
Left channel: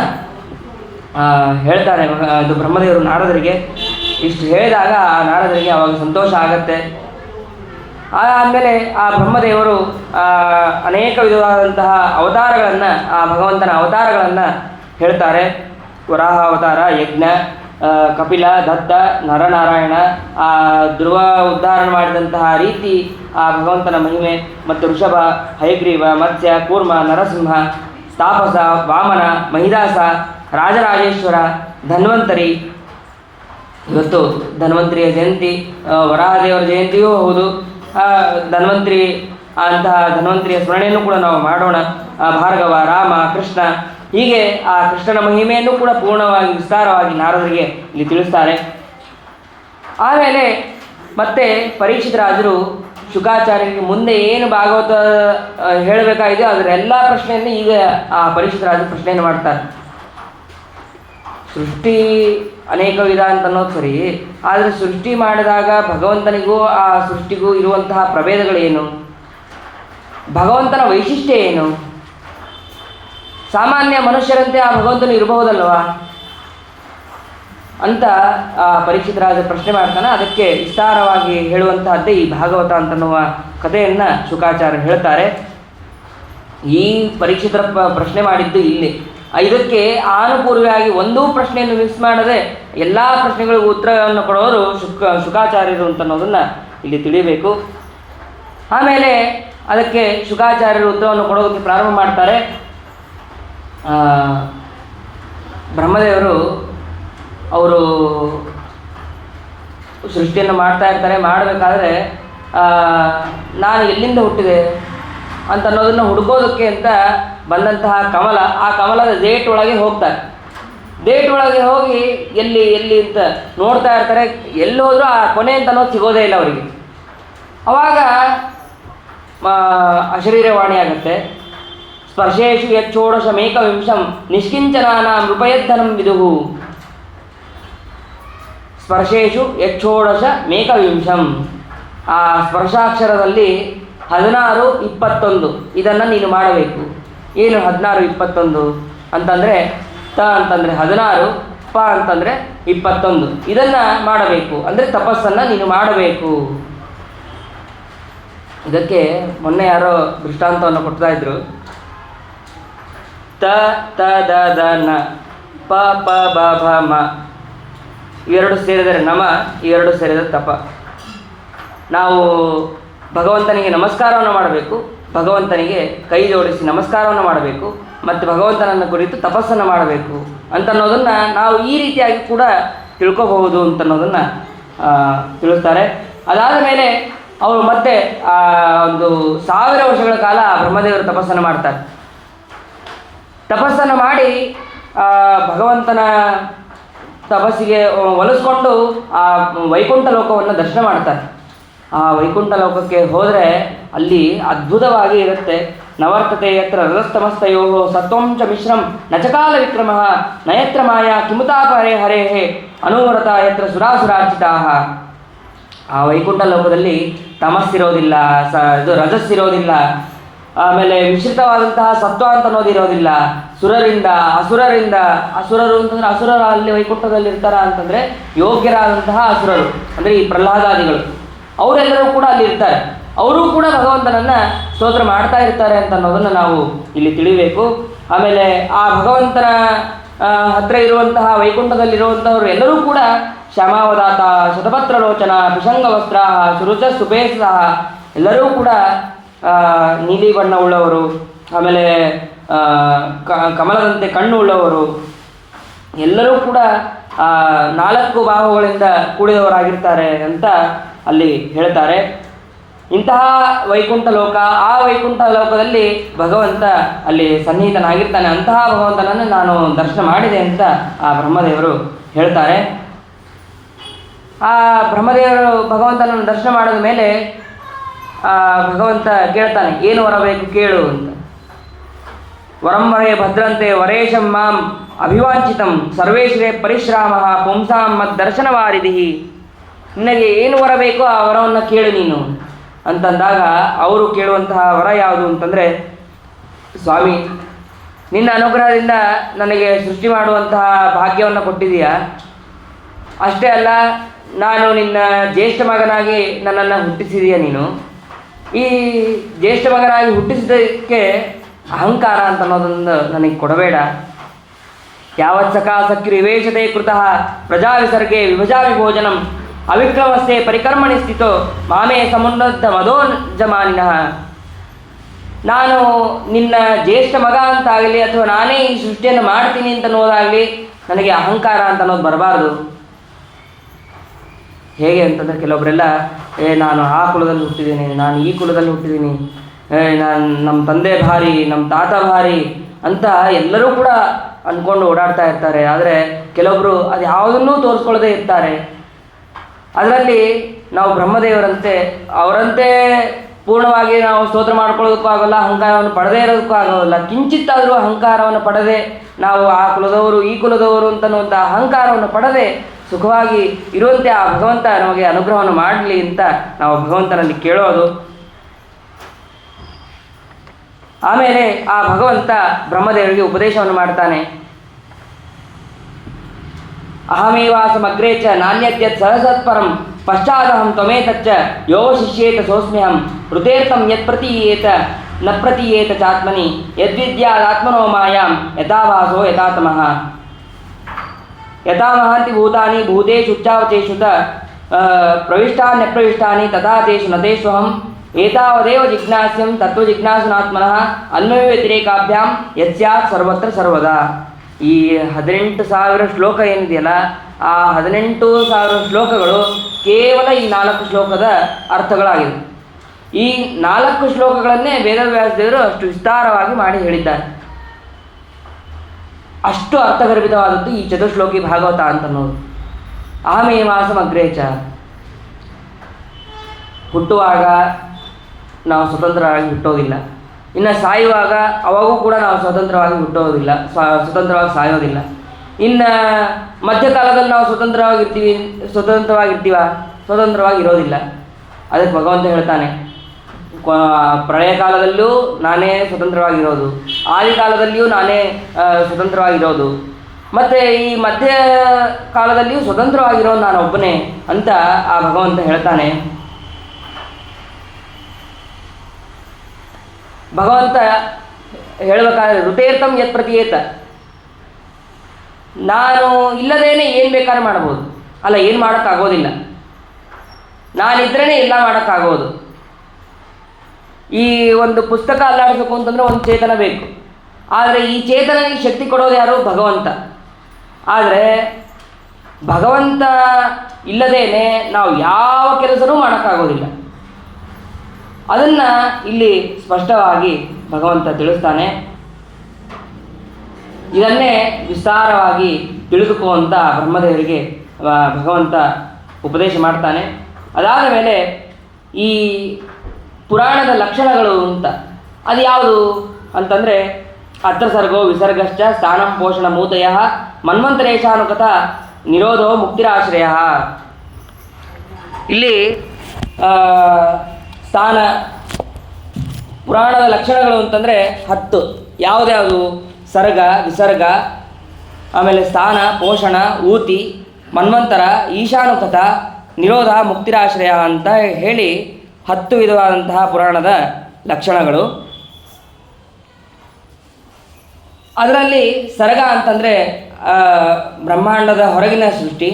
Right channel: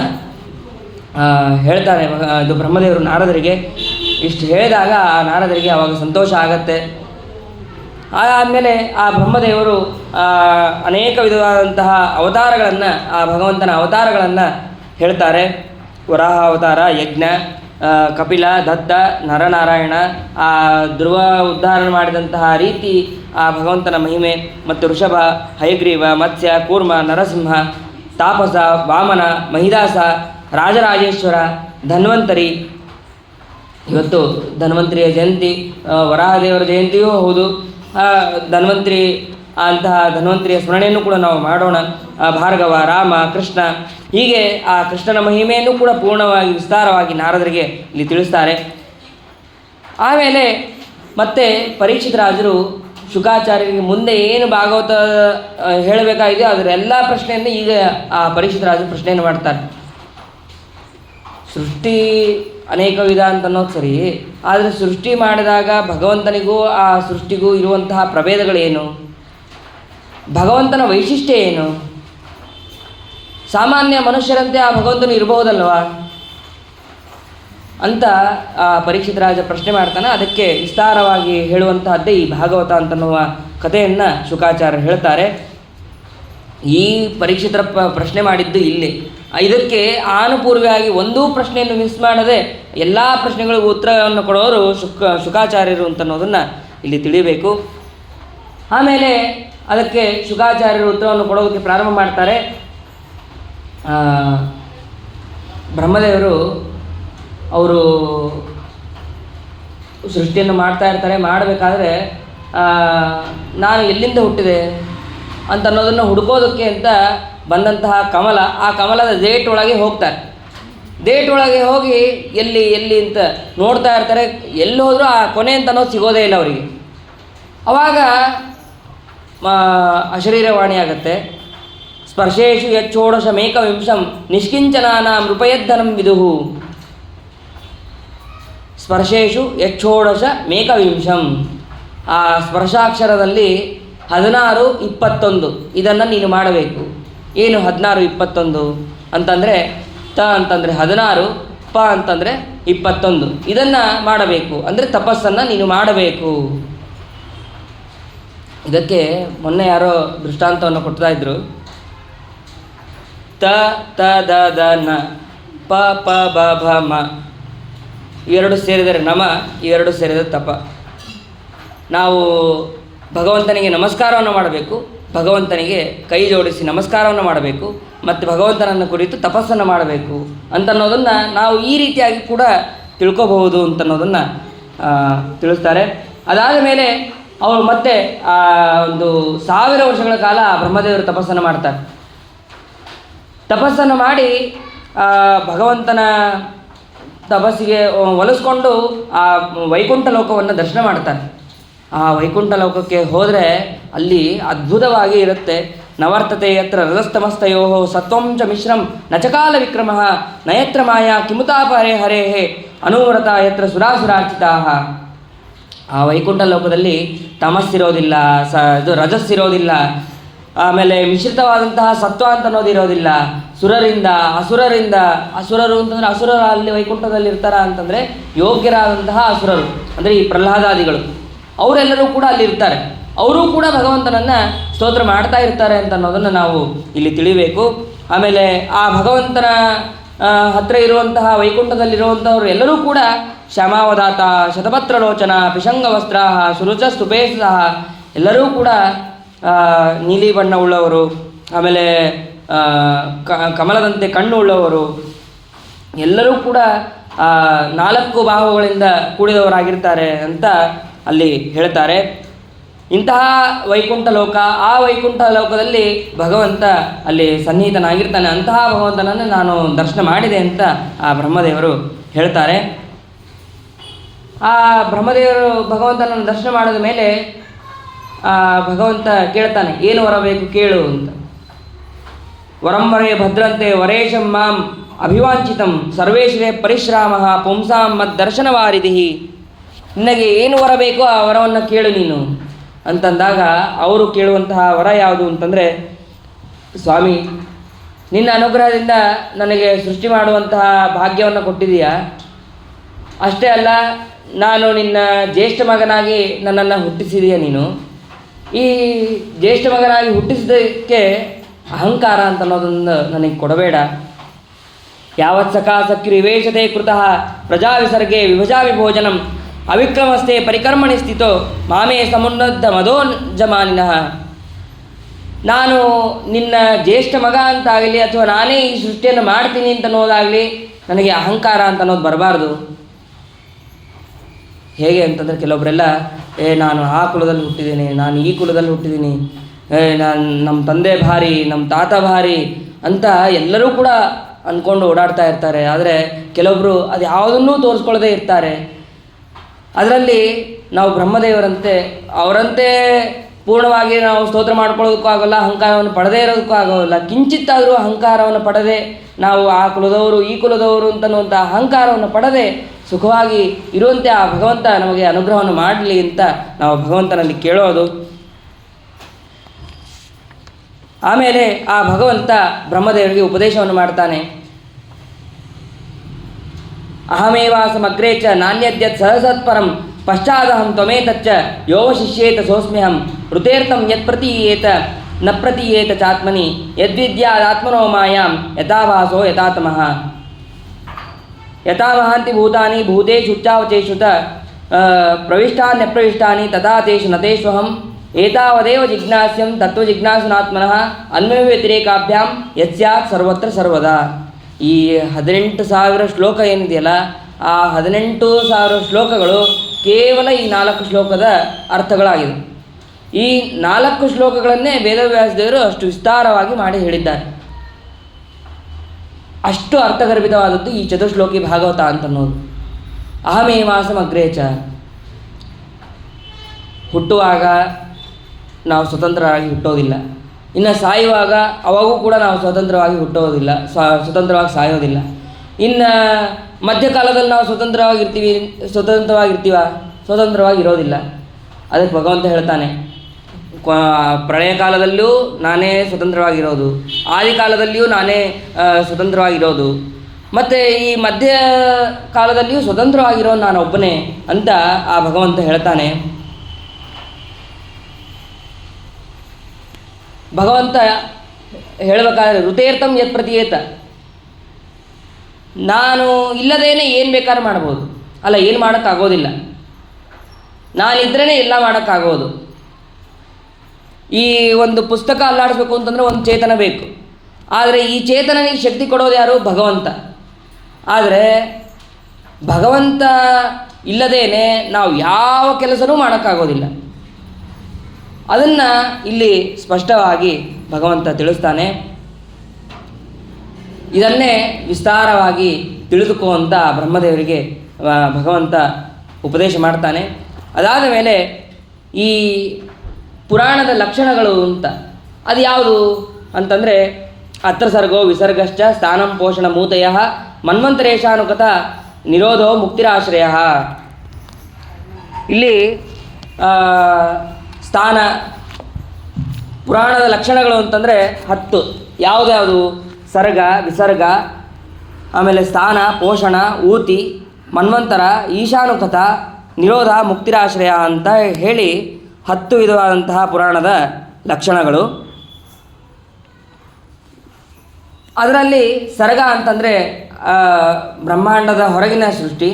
ಹೇಳ್ತಾನೆ ಅದು ಬ್ರಹ್ಮದೇವರು ನಾರದರಿಗೆ. ಇಷ್ಟು ಹೇಳಿದಾಗ ಆ ನಾರದರಿಗೆ ಆವಾಗ ಸಂತೋಷ ಆಗತ್ತೆ. ಆದಮೇಲೆ ಆ ಬ್ರಹ್ಮದೇವರು ಅನೇಕ ವಿಧವಾದಂತಹ ಅವತಾರಗಳನ್ನು, ಆ ಭಗವಂತನ ಅವತಾರಗಳನ್ನು ಹೇಳ್ತಾರೆ. ವರಾಹ ಅವತಾರ, ಯಜ್ಞ, ಕಪಿಲ, ದತ್ತ, ನರನಾರಾಯಣ, ಆ ಧ್ರುವ ಉದ್ಧಾರ ಮಾಡಿದಂತಹ ರೀತಿ ಆ ಭಗವಂತನ ಮಹಿಮೆ, ಮತ್ತು ಋಷಭ, ಹಯಗ್ರೀವ, ಮತ್ಸ್ಯ, ಕೂರ್ಮ, ನರಸಿಂಹ, ತಾಪಸ, ವಾಮನ, ಮಹಿದಾಸ, ರಾಜರಾಜೇಶ್ವರ, ಧನ್ವಂತರಿ. ಇವತ್ತು ಧನ್ವಂತರಿಯ ಜಯಂತಿ, ವರಾಹದೇವರ ಜಯಂತಿಯೂ ಹೌದು. ಧನ್ವಂತರಿ ಅಂತಹ ಧನ್ವಂತರಿಯ ಸ್ಮರಣೆಯನ್ನು ಕೂಡ ನಾವು ಮಾಡೋಣ. ಭಾರ್ಗವ, ರಾಮ, ಕೃಷ್ಣ, ಹೀಗೆ ಆ ಕೃಷ್ಣನ ಮಹಿಮೆಯನ್ನು ಕೂಡ ಪೂರ್ಣವಾಗಿ ವಿಸ್ತಾರವಾಗಿ ನಾರದರಿಗೆ ಇಲ್ಲಿ ತಿಳಿಸ್ತಾರೆ. ಆಮೇಲೆ ಮತ್ತೆ ಪರೀಕ್ಷಿತ ರಾಜರು ಶುಕಾಚಾರ್ಯರಿಗೆ ಮುಂದೆ ಏನು ಭಾಗವತ ಹೇಳಬೇಕಾಗಿದೆ ಅದರ ಎಲ್ಲ ಪ್ರಶ್ನೆಯನ್ನು ಈಗ ಆ ಪರೀಕ್ಷಿತ ರಾಜರು ಪ್ರಶ್ನೆಯನ್ನು ಮಾಡ್ತಾರೆ. ಸೃಷ್ಟಿ ಅನೇಕ ವಿಧ ಅಂತ ಅನ್ನೋದು ಸರಿ, ಆದರೆ ಸೃಷ್ಟಿ ಮಾಡಿದಾಗ ಭಗವಂತನಿಗೂ ಆ ಸೃಷ್ಟಿಗೂ ಇರುವಂತಹ ಪ್ರಭೇದಗಳೇನು, ಭಗವಂತನ ವೈಶಿಷ್ಟ್ಯ ಏನು, ಸಾಮಾನ್ಯ ಮನುಷ್ಯರಂತೆ ಆ ಭಗವಂತನು ಇರಬಹುದಲ್ವಾ ಅಂತ ಪರೀಕ್ಷಿತ ರಾಜ ಪ್ರಶ್ನೆ ಮಾಡ್ತಾನೆ. ಅದಕ್ಕೆ ವಿಸ್ತಾರವಾಗಿ ಹೇಳುವಂತಹದ್ದೇ ಈ ಭಾಗವತ ಅಂತನ್ನುವ ಕಥೆಯನ್ನು ಶುಕಾಚಾರ್ಯ ಹೇಳ್ತಾರೆ. ಈ ಪರೀಕ್ಷಿತರ ಪ್ರಶ್ನೆ ಮಾಡಿದ್ದು ಇಲ್ಲಿ. ಇದಕ್ಕೆ ಆನುಪೂರ್ವವಾಗಿ ಒಂದೂ ಪ್ರಶ್ನೆಯನ್ನು ಮಿಸ್ ಮಾಡದೆ ಎಲ್ಲ ಪ್ರಶ್ನೆಗಳಿಗೂ ಉತ್ತರವನ್ನು ಕೊಡೋರು ಶುಕಾಚಾರ್ಯರು ಅಂತನ್ನೋದನ್ನು ಇಲ್ಲಿ ತಿಳಿಬೇಕು. ಆಮೇಲೆ ಅದಕ್ಕೆ ಶುಕಾಚಾರ್ಯರು ಉತ್ತರವನ್ನು ಕೊಡೋದಕ್ಕೆ ಪ್ರಾರಂಭ ಮಾಡ್ತಾರೆ. ಬ್ರಹ್ಮದೇವರು ಅವರು ಸೃಷ್ಟಿಯನ್ನು ಮಾಡ್ತಾ ಇರ್ತಾರೆ. ಮಾಡಬೇಕಾದ್ರೆ ನಾನು ಎಲ್ಲಿಂದ ಹುಟ್ಟಿದೆ ಅಂತ ಅನ್ನೋದನ್ನು ಹುಡುಕೋದಕ್ಕೆ ಅಂತ ಬಂದಂತಹ ಕಮಲ, ಆ ಕಮಲದ ಡೇಟ್ ಒಳಗೆ ಹೋಗ್ತಾರೆ. ಡೇಟ್ ಒಳಗೆ ಹೋಗಿ ಎಲ್ಲಿ ಅಂತ ನೋಡ್ತಾ ಇರ್ತಾರೆ. ಎಲ್ಲಿ ಹೋದರೂ ಆ ಕೊನೆ ಅಂತ ಅನ್ನೋದು ಸಿಗೋದೇ ಇಲ್ಲ ಅವರಿಗೆ. ಆವಾಗ ಅಶರೀರವಾಣಿ ಆಗುತ್ತೆ. ಸ್ಪರ್ಶೇಶು ಯಚ್ಚೋಡಶಮೇಕವಿಂಶಂ ನಿಷ್ಕಿಂಚನಾನಾಂ ನೃಪಯದ್ಧನಂ ವಿದುಹು. ಸ್ಪರ್ಶೇಶು ಯಚ್ಚೋಡಶಮೇಕವಿಂಶಂ, ಆ ಸ್ಪರ್ಶಾಕ್ಷರದಲ್ಲಿ 16, 21 ಇದನ್ನು ನೀನು ಮಾಡಬೇಕು. ಏನು 16, 21 ಅಂತಂದರೆ ತ ಅಂತಂದರೆ 16, ಪ ಅಂತಂದರೆ 21 ಇದನ್ನು ಮಾಡಬೇಕು. ಅಂದರೆ ತಪಸ್ಸನ್ನು ನೀನು ಮಾಡಬೇಕು. ಇದಕ್ಕೆ ಮೊನ್ನೆ ಯಾರೋ ದೃಷ್ಟಾಂತವನ್ನು ಕೊಡ್ತಾ ಇದ್ರು. ತ ತ ದ ದ ನ ಪ ಪ ಬ ಭ ಮ ಇವೆರಡು ಸೇರಿದರೆ ನಮ, ಇವೆರಡು ಸೇರಿದರೆ ತಪ. ನಾವು ಭಗವಂತನಿಗೆ ನಮಸ್ಕಾರವನ್ನು ಮಾಡಬೇಕು, ಭಗವಂತನಿಗೆ ಕೈ ಜೋಡಿಸಿ ನಮಸ್ಕಾರವನ್ನು ಮಾಡಬೇಕು, ಮತ್ತು ಭಗವಂತನನ್ನು ಕುರಿತು ತಪಸ್ಸನ್ನು ಮಾಡಬೇಕು ಅಂತನ್ನೋದನ್ನು ನಾವು ಈ ರೀತಿಯಾಗಿ ಕೂಡ ತಿಳ್ಕೋಬಹುದು ಅಂತನ್ನೋದನ್ನು ತಿಳಿಸ್ತಾರೆ. ಅದಾದ ಮೇಲೆ ಅವರು ಮತ್ತೆ ಒಂದು 1000 ವರ್ಷಗಳ ಕಾಲ ಬ್ರಹ್ಮದೇವರು ತಪಸ್ಸನ್ನು ಮಾಡ್ತಾರೆ. ತಪಸ್ಸನ್ನು ಮಾಡಿ ಭಗವಂತನ ತಪಸ್ಸಿಗೆ ಒಲಿಸ್ಕೊಂಡು ಆ ವೈಕುಂಠ ಲೋಕವನ್ನು ದರ್ಶನ ಮಾಡ್ತಾರೆ. ಆ ವೈಕುಂಠ ಲೋಕಕ್ಕೆ ಹೋದರೆ ಅಲ್ಲಿ ಅದ್ಭುತವಾಗಿ ಇರುತ್ತೆ. ನವರ್ತತೆ ಯತ್ರ ರಜಸ್ತಮಸ್ತಯೋ ಸತ್ವಂ ಚ ಮಿಶ್ರಂ ನಚಕಾಲ ವಿಕ್ರಮ ನಯತ್ರ ಮಾಯಾ ಕಿಮುತಾಪ ಹರೇ ಹರೇ ಅನುವ್ರತ ಯತ್ರ ಸುರಾಸುರಾರ್ಚಿತಾ. ಆ ವೈಕುಂಠ ಲೋಕದಲ್ಲಿ ತಮಸ್ಸಿರೋದಿಲ್ಲ, ಇದು ರಜಸ್ಸಿರೋದಿಲ್ಲ, ಆಮೇಲೆ ಮಿಶ್ರಿತವಾದಂತಹ ಸತ್ವ ಅಂತ ಅನ್ನೋದು ಇರೋದಿಲ್ಲ. ಸುರರಿಂದ ಅಸುರರು ಅಂತಂದರೆ ಅಸುರರು ಅಲ್ಲಿ ವೈಕುಂಠದಲ್ಲಿ ಇರ್ತಾರ ಅಂತಂದರೆ ಯೋಗ್ಯರಾದಂತಹ ಅಸುರರು, ಅಂದರೆ ಈ ಪ್ರಹ್ಲಾದಾದಿಗಳು, ಅವರೆಲ್ಲರೂ ಕೂಡ ಅಲ್ಲಿ ಇರ್ತಾರೆ. ಅವರೂ ಕೂಡ ಭಗವಂತನನ್ನು ಸ್ತೋತ್ರ ಮಾಡ್ತಾ ಇರ್ತಾರೆ ಅಂತ ಅನ್ನೋದನ್ನು ನಾವು ಇಲ್ಲಿ ತಿಳಿಬೇಕು. ಆಮೇಲೆ ಆ ಭಗವಂತನ ಹತ್ತಿರ ಇರುವಂತಹ ವೈಕುಂಠದಲ್ಲಿರುವಂಥವ್ರು ಎಲ್ಲರೂ ಕೂಡ ಶ್ಯಾಮಾವದಾತ ಶತಪತ್ರಲೋಚನ ಪಿಶಂಗವಸ್ತ್ರ ಸುರುಚ ಸ್ತುಪೇಶಃ ಎಲ್ಲರೂ ಕೂಡ ನೀಲಿ ಬಣ್ಣವುಳ್ಳವರು, ಆಮೇಲೆ ಕಮಲದಂತೆ ಕಣ್ಣು ಉಳ್ಳವರು, ಎಲ್ಲರೂ ಕೂಡ 4 ಬಾಹುಗಳಿಂದ ಕೂಡಿದವರಾಗಿರ್ತಾರೆ ಅಂತ ಅಲ್ಲಿ ಹೇಳ್ತಾರೆ. ಇಂತಹ ವೈಕುಂಠ ಲೋಕ, ಆ ವೈಕುಂಠ ಲೋಕದಲ್ಲಿ ಭಗವಂತ ಅಲ್ಲಿ ಸನ್ನಿಹಿತನಾಗಿರ್ತಾನೆ. ಅಂತಹ ಭಗವಂತನನ್ನು ನಾನು ದರ್ಶನ ಮಾಡಿದೆ ಅಂತ ಆ ಬ್ರಹ್ಮದೇವರು ಹೇಳ್ತಾರೆ. ಆ ಬ್ರಹ್ಮದೇವರು ಭಗವಂತನನ್ನು ದರ್ಶನ ಮಾಡಿದ ಮೇಲೆ ಭಗವಂತ ಕೇಳ್ತಾನೆ, ಏನು ವರ ಬೇಕು ಕೇಳು ಅಂತ. ವರಂ ಭದ್ರಂತೆ ವರೇಶಂ ಮಾಂ ಅಭಿವಾಂಚಿತಂ ಸರ್ವೇಶ್ವರೇ ಪರಿಶ್ರಾಮ ಪುಂಸಾಂ ಮದ್ದರ್ಶನವಾರಿಧಿ. ನಿನಗೆ ಏನು ವರ ಬೇಕೋ ಆ ವರವನ್ನು ಕೇಳು ನೀನು ಅಂತಂದಾಗ ಅವರು ಕೇಳುವಂತಹ ವರ ಯಾವುದು ಅಂತಂದರೆ, ಸ್ವಾಮಿ ನಿನ್ನ ಅನುಗ್ರಹದಿಂದ ನನಗೆ ಸೃಷ್ಟಿ ಮಾಡುವಂತಹ ಭಾಗ್ಯವನ್ನು ಕೊಟ್ಟಿದೀಯಾ, ಅಷ್ಟೇ ಅಲ್ಲ ನಾನು ನಿನ್ನ ಜ್ಯೇಷ್ಠ ಮಗನಾಗಿ ನನ್ನನ್ನು ಹುಟ್ಟಿಸಿದೀಯ. ನೀನು ಈ ಜ್ಯೇಷ್ಠ ಮಗನಾಗಿ ಹುಟ್ಟಿಸಿದ್ದಕ್ಕೆ ಅಹಂಕಾರ ಅಂತ ಅನ್ನೋದನ್ನು ನನಗೆ ಕೊಡಬೇಡ. ಯಾವತ್ ಸಖಾ ಸಖ್ಯುರಿವೇಶತೆ ಕೃತಃ ಪ್ರಜಾ ವಿಸರ್ಗೆ ವಿಭಜಾ ವಿಭೋಜನಂ ಅವಿಕ್ರಮಸ್ಥೆ ಪರಿಕರ್ಮಣಿ ಸ್ಥಿತೋ ಮಾಮೇ ಸಮುನ್ನದ್ಧ ಮದೋಜಮಾನಿನಃ. ನಾನು ನಿನ್ನ ಜ್ಯೇಷ್ಠ ಮಗ ಅಂತಾಗಲಿ ಅಥವಾ ನಾನೇ ಈ ಸೃಷ್ಟಿಯನ್ನು ಮಾಡ್ತೀನಿ ಅಂತ ಅನ್ನೋದಾಗಲಿ ನನಗೆ ಅಹಂಕಾರ ಅಂತ ಅನ್ನೋದು ಬರಬಾರ್ದು. ಹೇಗೆ ಅಂತಂದರೆ ಕೆಲವೊಬ್ಬರೆಲ್ಲ ನಾನು ಆ ಕುಲದಲ್ಲಿ ಹುಟ್ಟಿದ್ದೀನಿ, ನಾನು ಈ ಕುಲದಲ್ಲಿ ಹುಟ್ಟಿದ್ದೀನಿ, ನಾನು ನಮ್ಮ ತಂದೆ ಭಾರಿ, ನಮ್ಮ ತಾತ ಭಾರಿ ಅಂತ ಎಲ್ಲರೂ ಕೂಡ ಅಂದ್ಕೊಂಡು ಓಡಾಡ್ತಾ ಇರ್ತಾರೆ. ಆದರೆ ಕೆಲವೊಬ್ಬರು ಅದು ಯಾವುದನ್ನೂ ತೋರಿಸ್ಕೊಳ್ಳದೆ ಇರ್ತಾರೆ. ಅದರಲ್ಲಿ ನಾವು ಬ್ರಹ್ಮದೇವರಂತೆ ಅವರಂತೆ ಪೂರ್ಣವಾಗಿ ನಾವು ಸ್ತೋತ್ರ ಮಾಡ್ಕೊಳ್ಳೋದಕ್ಕೂ ಆಗೋಲ್ಲ, ಅಹಂಕಾರವನ್ನು ಪಡೆದೇ ಇರೋದಕ್ಕೂ ಆಗೋಲ್ಲ. ಕಿಂಚಿತ್ತಾದರೂ ಅಹಂಕಾರವನ್ನು ಪಡೆದೇ ನಾವು ಆ ಕುಲದವರು ಈ ಕುಲದವರು ಅಂತನ್ನುವಂಥ ಅಹಂಕಾರವನ್ನು ಪಡೆದೇ ಸುಖವಾಗಿ ಇರುವಂತೆ ಆ ಭಗವಂತ ನಮಗೆ ಅನುಗ್ರಹವನ್ನು ಮಾಡಲಿ ಅಂತ ನಾವು ಭಗವಂತನಲ್ಲಿ ಕೇಳೋದು. ಆಮೇಲೆ ಆ ಭಗವಂತ ಬ್ರಹ್ಮದೇವರಿಗೆ ಉಪದೇಶವನ್ನು ಮಾಡ್ತಾನೆ. ಅಹಮೇವಾಸಮಗ್ರೇ ಚ ನಾಣ್ಯದ್ಯತ್ ಸಹಸತ್ಪರಂ ಪಶ್ಚಾದಹಂ ತ್ವಮೇತಚ್ಚ ಯೋ ಶಿಷ್ಯೇತ ಸೋಸ್ಮ್ಯಹಂ ಋತೇರ್ಥಂ ಯತ್ ಪ್ರತೀಯೇತ ನ ಪ್ರತೀಯೇತ ಚಾತ್ಮನಿ ಯದ್ವಿದ್ಯಾದಾತ್ಮನೋ ಮಾಯಾಂ ಯಥಾಭಾಸೋ ಯಥಾತಮಃ ಯಥಾ ಮಹಾಂತಿ ಭೂತಾನಿ ಭೂತೇಷು ಉಚ್ಚಾವಚೇಷುತ ಪ್ರವಿಷ್ಟಾನ್ಯಪ್ರವಿಷ್ಟಾನಿ ತಥಾ ತೇಷು ನತೇಷ್ವಹಂ ಏತಾವದೇವ ಜಿಜ್ಞಾಸ್ಯಂ ತತ್ವಜಿಜ್ಞಾಸುನಾತ್ಮನಃ ಅನ್ವಯ ವ್ಯತಿರೇಕಾಭ್ಯಾಂ ಯಸ್ಯಾತ್ ಸರ್ವತ್ರ ಸರ್ವದಾ. ಈ 18,000 ಶ್ಲೋಕ ಏನಿದೆಯಲ್ಲ, ಆ 18,000 ಶ್ಲೋಕಗಳು ಕೇವಲ ಈ 4 ಶ್ಲೋಕದ ಅರ್ಥಗಳಾಗಿದೆ. ಈ 4 ಶ್ಲೋಕಗಳನ್ನೇ ವೇದವ್ಯಾಸದೇವರು ಅಷ್ಟು ವಿಸ್ತಾರವಾಗಿ ಮಾಡಿ ಹೇಳಿದ್ದಾರೆ. ಅಷ್ಟು ಅರ್ಥಗರ್ಭಿತವಾದದ್ದು ಈ ಚತುಶ್ಲೋಕಿ ಭಾಗವತ ಅಂತನ್ನೋದು. ಅಹಮೇವಾಸಮಗ್ರೇ ಚ, ಹುಟ್ಟುವಾಗ ನಾವು ಸ್ವತಂತ್ರವಾಗಿ ಹುಟ್ಟೋದಿಲ್ಲ, ಇನ್ನು ಸಾಯುವಾಗ ಅವಾಗೂ ಕೂಡ ನಾವು ಸ್ವತಂತ್ರವಾಗಿ ಹುಟ್ಟೋದಿಲ್ಲ, ಸ್ವತಂತ್ರವಾಗಿ ಸಾಯೋದಿಲ್ಲ. ಇನ್ನು ಮಧ್ಯಕಾಲದಲ್ಲಿ ನಾವು ಸ್ವತಂತ್ರವಾಗಿ ಇರೋದಿಲ್ಲ. ಅದಕ್ಕೆ ಭಗವಂತ ಹೇಳ್ತಾನೆ, ಪ್ರಳಯ ಕಾಲದಲ್ಲೂ ನಾನೇ ಸ್ವತಂತ್ರವಾಗಿರೋದು, ಆದಿಕಾಲದಲ್ಲಿಯೂ ನಾನೇ ಸ್ವತಂತ್ರವಾಗಿರೋದು, ಮತ್ತು ಈ ಮಧ್ಯ ಕಾಲದಲ್ಲಿಯೂ ಸ್ವತಂತ್ರವಾಗಿರೋದು ನಾನು ಒಬ್ಬನೇ ಅಂತ ಆ ಭಗವಂತ ಹೇಳ್ತಾನೆ. ಭಗವಂತ ಹೇಳಬೇಕಾದ್ರೆ ಋತೇರ್ಥಂ ಯತ್ ಪ್ರತೀಯೇತ, ನಾನು ಇಲ್ಲದೇನೆ ಏನು ಬೇಕಾದ್ರೂ ಮಾಡ್ಬೋದು, ಅಲ್ಲ ಏನು ಮಾಡೋಕ್ಕಾಗೋದಿಲ್ಲ, ನಾನಿದ್ರೇ ಎಲ್ಲ ಮಾಡೋಕ್ಕಾಗೋದು. ಈ ಒಂದು ಪುಸ್ತಕ ಅಲ್ಲಾಡಿಸ್ಬೇಕು ಅಂತಂದರೆ ಒಂದು ಚೇತನ ಬೇಕು, ಆದರೆ ಈ ಚೇತನಿಗೆ ಶಕ್ತಿ ಕೊಡೋದು ಯಾರು? ಭಗವಂತ. ಆದರೆ ಭಗವಂತ ಇಲ್ಲದೇನೆ ನಾವು ಯಾವ ಕೆಲಸನೂ ಮಾಡೋಕ್ಕಾಗೋದಿಲ್ಲ. ಅದನ್ನು ಇಲ್ಲಿ ಸ್ಪಷ್ಟವಾಗಿ ಭಗವಂತ ತಿಳಿಸ್ತಾನೆ. ಇದನ್ನೇ ವಿಸ್ತಾರವಾಗಿ ತಿಳಿದುಕೋ ಅಂತ ಬ್ರಹ್ಮದೇವರಿಗೆ ಭಗವಂತ ಉಪದೇಶ ಮಾಡ್ತಾನೆ. ಅದಾದ ಮೇಲೆ ಈ ಪುರಾಣದ ಲಕ್ಷಣಗಳು ಅಂತ ಅದು ಯಾವುದು ಅಂತಂದರೆ, ಅತ್ರ ಸರ್ಗೋ ವಿಸರ್ಗಶ್ಚ ಸ್ಥಾನಂ ಪೋಷಣ ಮೂತಯ ಮನ್ವಂತರೇಶಾನುಗತ ನಿರೋಧೋ ಮುಕ್ತಿರಾಶ್ರಯ. ಇಲ್ಲಿ ಸ್ಥಾನ ಪುರಾಣದ ಲಕ್ಷಣಗಳು ಅಂತಂದರೆ 10. ಯಾವುದ್ಯಾವುದು? ಸರ್ಗ, ವಿಸರ್ಗ, ಆಮೇಲೆ ಸ್ಥಾನ, ಪೋಷಣ, ಊತಿ, ಮನ್ವಂತರ, ಈಶಾನುಕತ, ನಿರೋಧ, ಮುಕ್ತಿರಾಶ್ರಯ ಅಂತ ಹೇಳಿ 10 ವಿಧವಾದಂತಹ ಪುರಾಣದ ಲಕ್ಷಣಗಳು. ಅದರಲ್ಲಿ ಸರ್ಗ ಅಂತಂದರೆ ಬ್ರಹ್ಮಾಂಡದ ಹೊರಗಿನ ಸೃಷ್ಟಿ,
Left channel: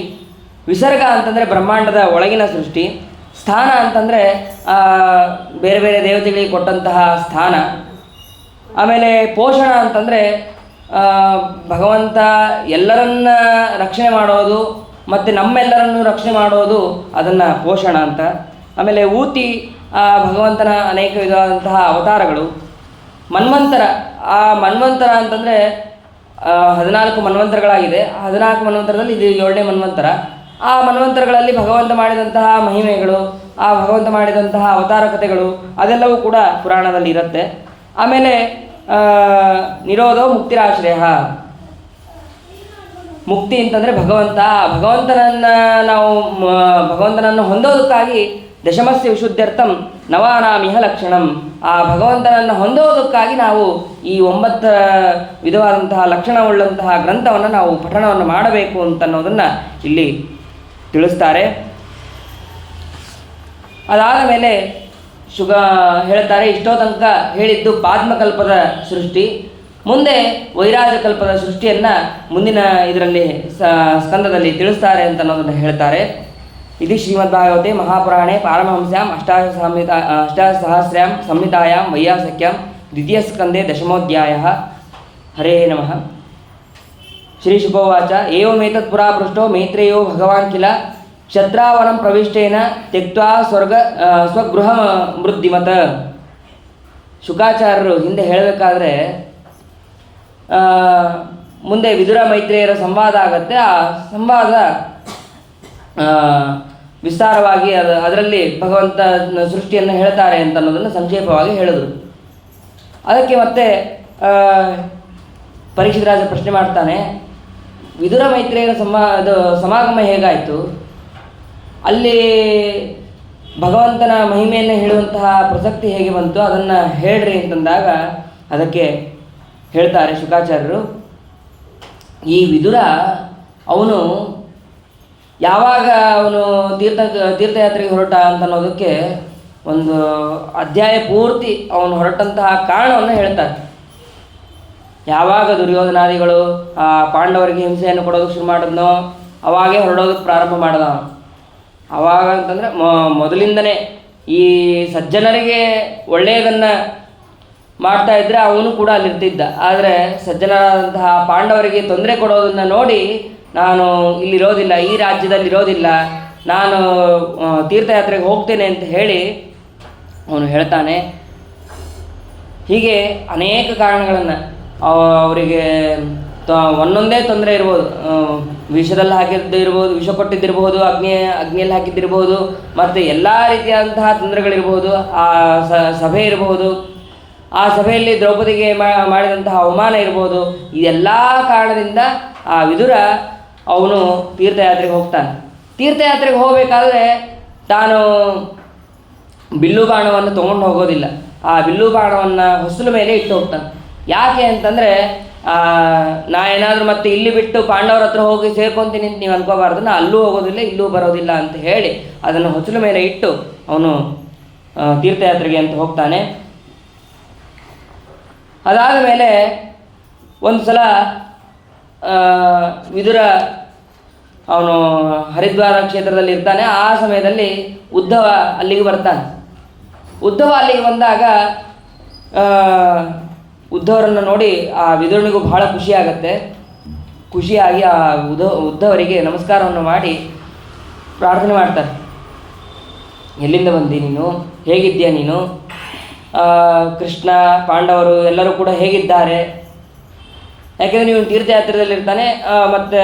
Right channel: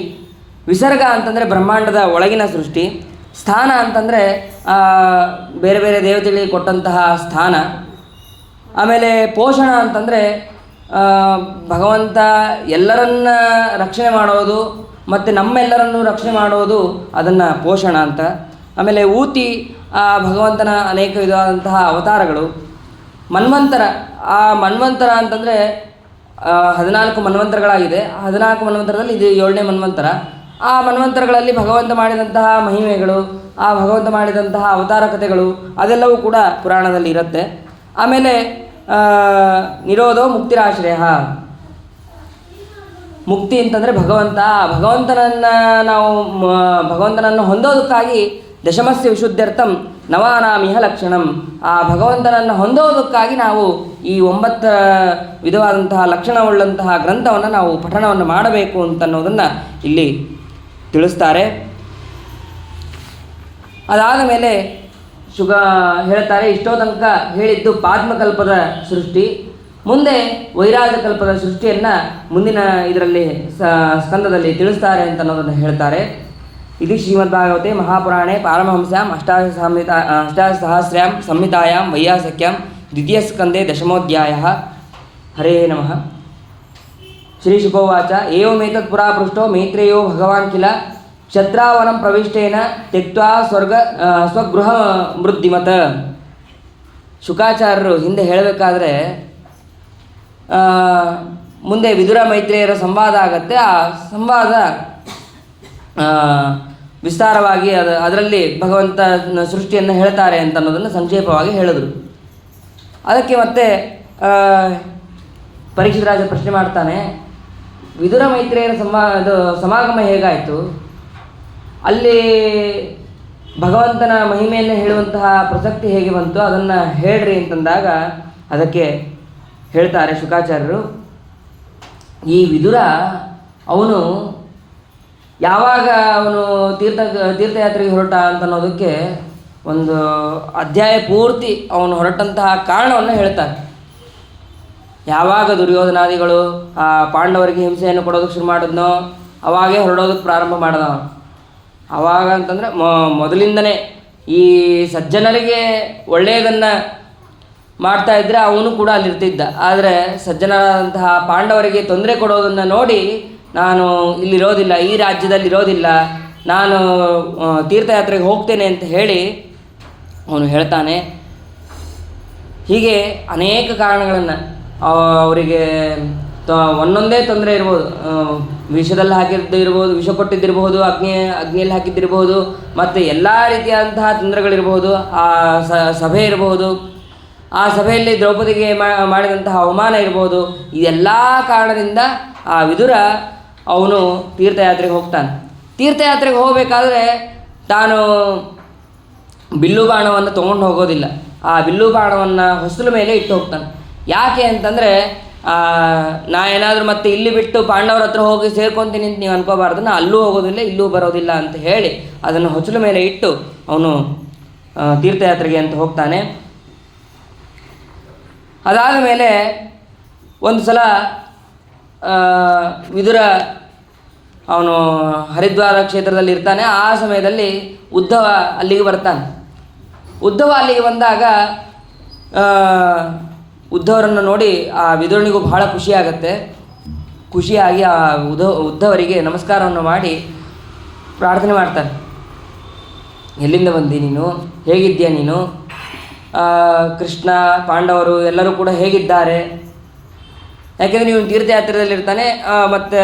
ವಿಸರ್ಗ ಅಂತಂದರೆ ಬ್ರಹ್ಮಾಂಡದ ಒಳಗಿನ ಸೃಷ್ಟಿ, ಸ್ಥಾನ ಅಂತಂದರೆ ಬೇರೆ ಬೇರೆ ದೇವತೆಗಳಿಗೆ ಕೊಟ್ಟಂತಹ ಸ್ಥಾನ, ಆಮೇಲೆ ಪೋಷಣ ಅಂತಂದರೆ ಭಗವಂತ ಎಲ್ಲರನ್ನ ರಕ್ಷಣೆ ಮಾಡೋದು ಮತ್ತು ನಮ್ಮೆಲ್ಲರನ್ನು ರಕ್ಷಣೆ ಮಾಡೋದು ಅದನ್ನು ಪೋಷಣ ಅಂತ. ಆಮೇಲೆ ಊತಿ ಭಗವಂತನ ಅನೇಕ ವಿಧವಾದಂತಹ ಅವತಾರಗಳು. ಮನ್ವಂತರ, ಆ ಮನ್ವಂತರ ಅಂತಂದರೆ 14 ಮನ್ವಂತರಗಳಾಗಿದೆ. 14 ಮನ್ವಂತರದಲ್ಲಿ ಇದು 7ನೇ ಮನ್ವಂತರ. ಆ ಮನ್ವಂತರಗಳಲ್ಲಿ ಭಗವಂತ ಮಾಡಿದಂತಹ ಮಹಿಮೆಗಳು, ಆ ಭಗವಂತ ಮಾಡಿದಂತಹ ಅವತಾರ ಕಥೆಗಳು ಅದೆಲ್ಲವೂ ಕೂಡ ಪುರಾಣದಲ್ಲಿ ಇರುತ್ತೆ. ಆಮೇಲೆ ನಿರೋಧೋ ಮುಕ್ತಿರಾಶ್ರಯ, ಮುಕ್ತಿ ಅಂತಂದರೆ ಭಗವಂತನನ್ನು ಹೊಂದೋದಕ್ಕಾಗಿ ದಶಮಸ್ಯ ವಿಶುದ್ಧ್ಯರ್ಥಂ ನವಾನಾಮಿಹ ಲಕ್ಷಣಂ, ಆ ಭಗವಂತನನ್ನು ಹೊಂದೋದಕ್ಕಾಗಿ ನಾವು ಈ 9 ವಿಧವಾದಂತಹ ಲಕ್ಷಣವುಳ್ಳಂತಹ ಗ್ರಂಥವನ್ನು ನಾವು ಪಠಣವನ್ನು ಮಾಡಬೇಕು ಅಂತನ್ನೋದನ್ನು ಇಲ್ಲಿ ತಿಳಿಸ್ತಾರೆ. ಅದಾದ ಮೇಲೆ ಹೇಳ್ತಾರೆ, ಇಷ್ಟೋ ತನಕ ಹೇಳಿದ್ದು ಪಾದ್ಮಕಲ್ಪದ ಸೃಷ್ಟಿ, ಮುಂದೆ ವೈರಾಜಕಲ್ಪದ ಸೃಷ್ಟಿಯನ್ನು ಮುಂದಿನ ಇದರಲ್ಲಿ ಸ್ಕಂದದಲ್ಲಿ ತಿಳಿಸ್ತಾರೆ ಅಂತ ಅನ್ನೋದನ್ನು ಹೇಳ್ತಾರೆ. ಇದು ಶ್ರೀಮದ್ಭಾಗವತೆ ಮಹಾಪುರಾಣೆ ಪಾರಮಹಂಸ್ಯಾಂ ಅಷ್ಟಾದಶಸಹಸ್ರ್ಯಾಂ ಸಂಹಿತಾಯಾಂ ವೈಯಾಸಕ್ಯಾಂ ದ್ವಿತೀಯಸ್ಕಂದೆ ದಶಮೋಧ್ಯಾಯಃ. ಹರೇ ನಮಃ. ಶ್ರೀಶುಕೋವಾಚ ಏವಮೇತತ್ ಪುರಾ ಪೃಷ್ಟೋ ಮೈತ್ರೇಯೋ ಭಗವಾನ್ ಕಿಲ ಶತ್ರಾವನಂ ಪ್ರವಿಷ್ಟೇನ ತ್ಯಕ್ತ್ವಾ ಸ್ವಗೃಹ ಮೃದ್ಧಿಮತ. ಶುಕಾಚಾರ್ಯರು ಹಿಂದೆ ಹೇಳಬೇಕಾದ್ರೆ ಮುಂದೆ ವಿದುರ ಮೈತ್ರೇಯರ ಸಂವಾದ ಆಗುತ್ತೆ. ಆ ಸಂವಾದ ವಿಸ್ತಾರವಾಗಿ ಅದರಲ್ಲಿ ಭಗವಂತ ಸೃಷ್ಟಿಯನ್ನು ಹೇಳ್ತಾರೆ ಅಂತ ಅನ್ನೋದನ್ನು ಸಂಕ್ಷೇಪವಾಗಿ ಹೇಳಿದರು. ಅದಕ್ಕೆ ಮತ್ತೆ ಪರೀಕ್ಷಿತ ರಾಜ ಪ್ರಶ್ನೆ ಮಾಡ್ತಾನೆ, ವಿದುರ ಮೈತ್ರೇಯರ ಸಮಾಗಮ ಹೇಗಾಯಿತು, ಅಲ್ಲಿ ಭಗವಂತನ ಮಹಿಮೆಯನ್ನು ಹೇಳುವಂತಹ ಪ್ರಸಕ್ತಿ ಹೇಗೆ ಬಂತು, ಅದನ್ನು ಹೇಳ್ರಿ ಅಂತಂದಾಗ ಅದಕ್ಕೆ ಹೇಳ್ತಾರೆ ಶುಕಾಚಾರ್ಯರು, ಈ ವಿದುರ ಅವನು ಯಾವಾಗ ಅವನು ತೀರ್ಥಯಾತ್ರೆಗೆ ಹೊರಟ ಅಂತ ಅನ್ನೋದಕ್ಕೆ ಒಂದು ಅಧ್ಯಾಯ ಪೂರ್ತಿ ಅವನು ಹೊರಟಂತಹ ಕಾರಣವನ್ನು ಹೇಳ್ತಾರೆ. ಯಾವಾಗ ದುರ್ಯೋಧನಾದಿಗಳು ಪಾಂಡವರಿಗೆ ಹಿಂಸೆಯನ್ನು ಕೊಡೋದಕ್ಕೆ ಶುರು ಮಾಡಿದ್ನೋ ಅವಾಗೇ ಹೊರಡೋದಕ್ಕೆ ಪ್ರಾರಂಭ ಮಾಡಿದ. ಅವಾಗ ಅಂತಂದರೆ ಮೊದಲಿಂದನೇ ಈ ಸಜ್ಜನರಿಗೆ ಒಳ್ಳೆಯದನ್ನು ಮಾಡ್ತಾ ಇದ್ದರೆ ಅವನು ಕೂಡ ಅಲ್ಲಿರ್ತಿದ್ದ. ಆದರೆ ಸಜ್ಜನರಾದಂತಹ ಪಾಂಡವರಿಗೆ ತೊಂದರೆ ಕೊಡೋದನ್ನು ನೋಡಿ, ನಾನು ಇಲ್ಲಿರೋದಿಲ್ಲ, ಈ ರಾಜ್ಯದಲ್ಲಿ ಇರೋದಿಲ್ಲ, ನಾನು ತೀರ್ಥಯಾತ್ರೆಗೆ ಹೋಗ್ತೇನೆ ಅಂತ ಹೇಳಿ ಅವನು ಹೇಳ್ತಾನೆ. ಹೀಗೆ ಅನೇಕ ಕಾರಣಗಳನ್ನು ಅವರಿಗೆ ಒಂದೊಂದೇ ತೊಂದರೆ ಇರ್ಬೋದು, ವಿಷದಲ್ಲಿ ಹಾಕಿದ್ದಿರ್ಬೋದು, ವಿಷ ಕೊಟ್ಟಿದ್ದಿರ್ಬೋದು, ಅಗ್ನಿಯಲ್ಲಿ ಹಾಕಿದ್ದಿರ್ಬೋದು, ಮತ್ತು ಎಲ್ಲ ರೀತಿಯಾದಂತಹ ತೊಂದರೆಗಳಿರ್ಬೋದು, ಆ ಸಭೆ ಇರಬಹುದು, ಆ ಸಭೆಯಲ್ಲಿ ದ್ರೌಪದಿಗೆ ಮಾಡಿದಂತಹ ಅವಮಾನ ಇರ್ಬೋದು. ಇದೆಲ್ಲ ಕಾರಣದಿಂದ ಆ ವಿದುರ ಅವನು ತೀರ್ಥಯಾತ್ರೆಗೆ ಹೋಗ್ತಾನೆ. ತೀರ್ಥಯಾತ್ರೆಗೆ ಹೋಗಬೇಕಾದ್ರೆ ತಾನು ಬಿಲ್ಲು ಬಾಣವನ್ನು ತೊಗೊಂಡು ಹೋಗೋದಿಲ್ಲ. ಆ ಬಿಲ್ಲು ಬಾಣವನ್ನು ಹೊಸಲ ಮೇಲೆ ಇಟ್ಟು ಹೋಗ್ತಾನೆ. ಯಾಕೆ ಅಂತಂದರೆ ನಾ ಏನಾದರೂ ಮತ್ತೆ ಇಲ್ಲಿ ಬಿಟ್ಟು ಪಾಂಡವರ ಹತ್ರ ಹೋಗಿ ಸೇರ್ಕೊತೀನಿ ಅಂತ ನೀವು ಅನ್ಕೋಬಾರ್ದು, ನಾ ಅಲ್ಲೂ ಹೋಗೋದಿಲ್ಲ ಇಲ್ಲೂ ಬರೋದಿಲ್ಲ ಅಂತ ಹೇಳಿ ಅದನ್ನು ಹೊಸಲ ಮೇಲೆ ಇಟ್ಟು ಅವನು ತೀರ್ಥಯಾತ್ರೆಗೆ ಅಂತ ಹೋಗ್ತಾನೆ. ಅದಾದ ಮೇಲೆ ಒಂದು ಸಲ ವಿದುರ ಅವನು ಹರಿದ್ವಾರ ಕ್ಷೇತ್ರದಲ್ಲಿ ಇರ್ತಾನೆ. ಆ ಸಮಯದಲ್ಲಿ ಉದ್ಧವ ಅಲ್ಲಿಗೆ ಬರ್ತಾನೆ. ಉದ್ಧವ ಅಲ್ಲಿಗೆ ಬಂದಾಗ ಉದ್ಧವರನ್ನು ನೋಡಿ ಆ ವಿದುರನಿಗೂ ಬಹಳ ಖುಷಿಯಾಗತ್ತೆ. ಖುಷಿಯಾಗಿ ಆ ಉದ್ಧವರಿಗೆ ನಮಸ್ಕಾರವನ್ನು ಮಾಡಿ ಪ್ರಾರ್ಥನೆ ಮಾಡ್ತಾನೆ. ಎಲ್ಲಿಂದ ಬಂದಿ ನೀನು, ಹೇಗಿದ್ದೀಯ ನೀನು, ಕೃಷ್ಣ ಪಾಂಡವರು ಎಲ್ಲರೂ ಕೂಡ ಹೇಗಿದ್ದಾರೆ, ಯಾಕೆಂದರೆ ನೀವು ತೀರ್ಥಯಾತ್ರೆಯಲ್ಲಿರ್ತಾನೆ ಮತ್ತು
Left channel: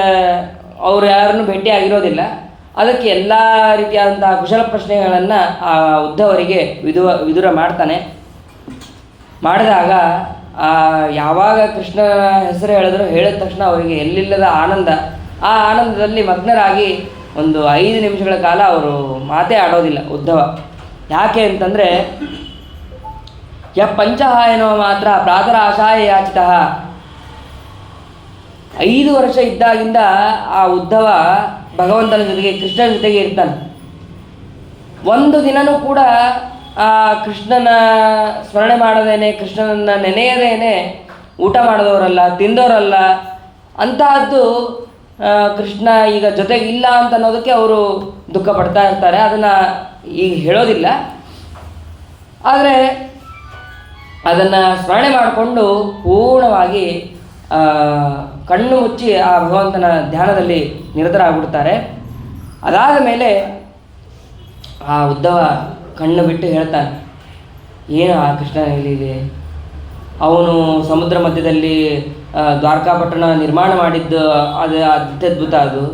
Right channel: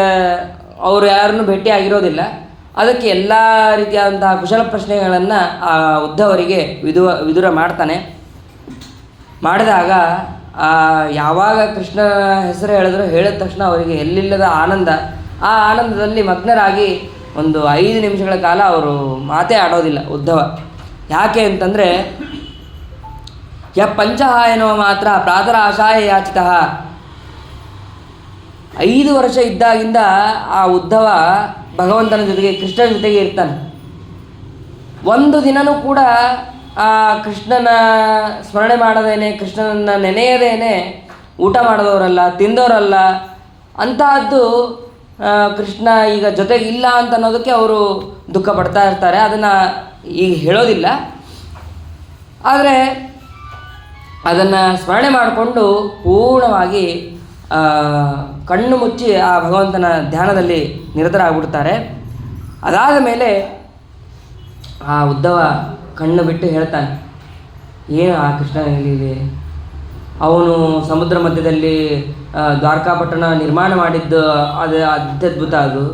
ಅವರು ಯಾರನ್ನೂ ಭೇಟಿ ಆಗಿರೋದಿಲ್ಲ. ಅದಕ್ಕೆ ಎಲ್ಲ ರೀತಿಯಾದಂತಹ ಕುಶಲ ಪ್ರಶ್ನೆಗಳನ್ನು ಆ ಉದ್ಧವರಿಗೆ ವಿದುರ ಮಾಡ್ತಾನೆ. ಮಾಡಿದಾಗ ಯಾವಾಗ ಕೃಷ್ಣನ ಹೆಸರು ಹೇಳಿದ ತಕ್ಷಣ ಅವರಿಗೆ ಎಲ್ಲಿಲ್ಲದ ಆನಂದ. ಆ ಆನಂದದಲ್ಲಿ ಮಗ್ನರಾಗಿ ಒಂದು 5 ನಿಮಿಷಗಳ ಕಾಲ ಅವರು ಮಾತೇ ಆಡೋದಿಲ್ಲ ಉದ್ಧವ. ಯಾಕೆ ಅಂತಂದರೆ ಪಂಚಹ ಎನ್ನುವ ಮಾತ್ರ ಪ್ರಾತರ ಆಶಾಯ ಯಾಚಿತಃ. 5 ವರ್ಷ ಇದ್ದಾಗಿಂದ ಆ ಉದ್ಧವ ಭಗವಂತನ ಜೊತೆಗೆ ಕೃಷ್ಣನ ಜೊತೆಗೆ ಇರ್ತಾನೆ. ಒಂದು ದಿನವೂ ಕೂಡ ಆ ಕೃಷ್ಣನ ಸ್ಮರಣೆ ಮಾಡದೇನೆ, ಕೃಷ್ಣನನ್ನು ನೆನೆಯದೇನೆ ಊಟ ಮಾಡಿದವರಲ್ಲ, ತಿಂದವರಲ್ಲ. ಅಂತಹದ್ದು ಕೃಷ್ಣ ಈಗ ಜೊತೆಗೆ ಇಲ್ಲ ಅಂತ ಅನ್ನೋದಕ್ಕೆ ಅವರು ದುಃಖ ಪಡ್ತಾ ಇರ್ತಾರೆ. ಅದನ್ನು ಈಗ ಹೇಳೋದಿಲ್ಲ, ಆದರೆ ಅದನ್ನು ಸ್ಮರಣೆ ಮಾಡಿಕೊಂಡು ಪೂರ್ಣವಾಗಿ ಕಣ್ಣು ಮುಚ್ಚಿ ಆ ಭಗವಂತನ ಧ್ಯಾನದಲ್ಲಿ ನಿರತರಾಗ್ಬಿಡ್ತಾರೆ. ಅದಾದ ಮೇಲೆ ಆ ಉದ್ಧವ ಕಣ್ಣು ಬಿಟ್ಟು ಹೇಳ್ತಾನೆ, ಏನು ಆ ಕೃಷ್ಣ ಎಲ್ಲಿದೆ? ಅವನು ಸಮುದ್ರ ಮಧ್ಯದಲ್ಲಿ ದ್ವಾರಕಾಪಟ್ಟಣ ನಿರ್ಮಾಣ ಮಾಡಿದ್ದು ಅದು ಅತ್ಯದ್ಭುತ. ಅದು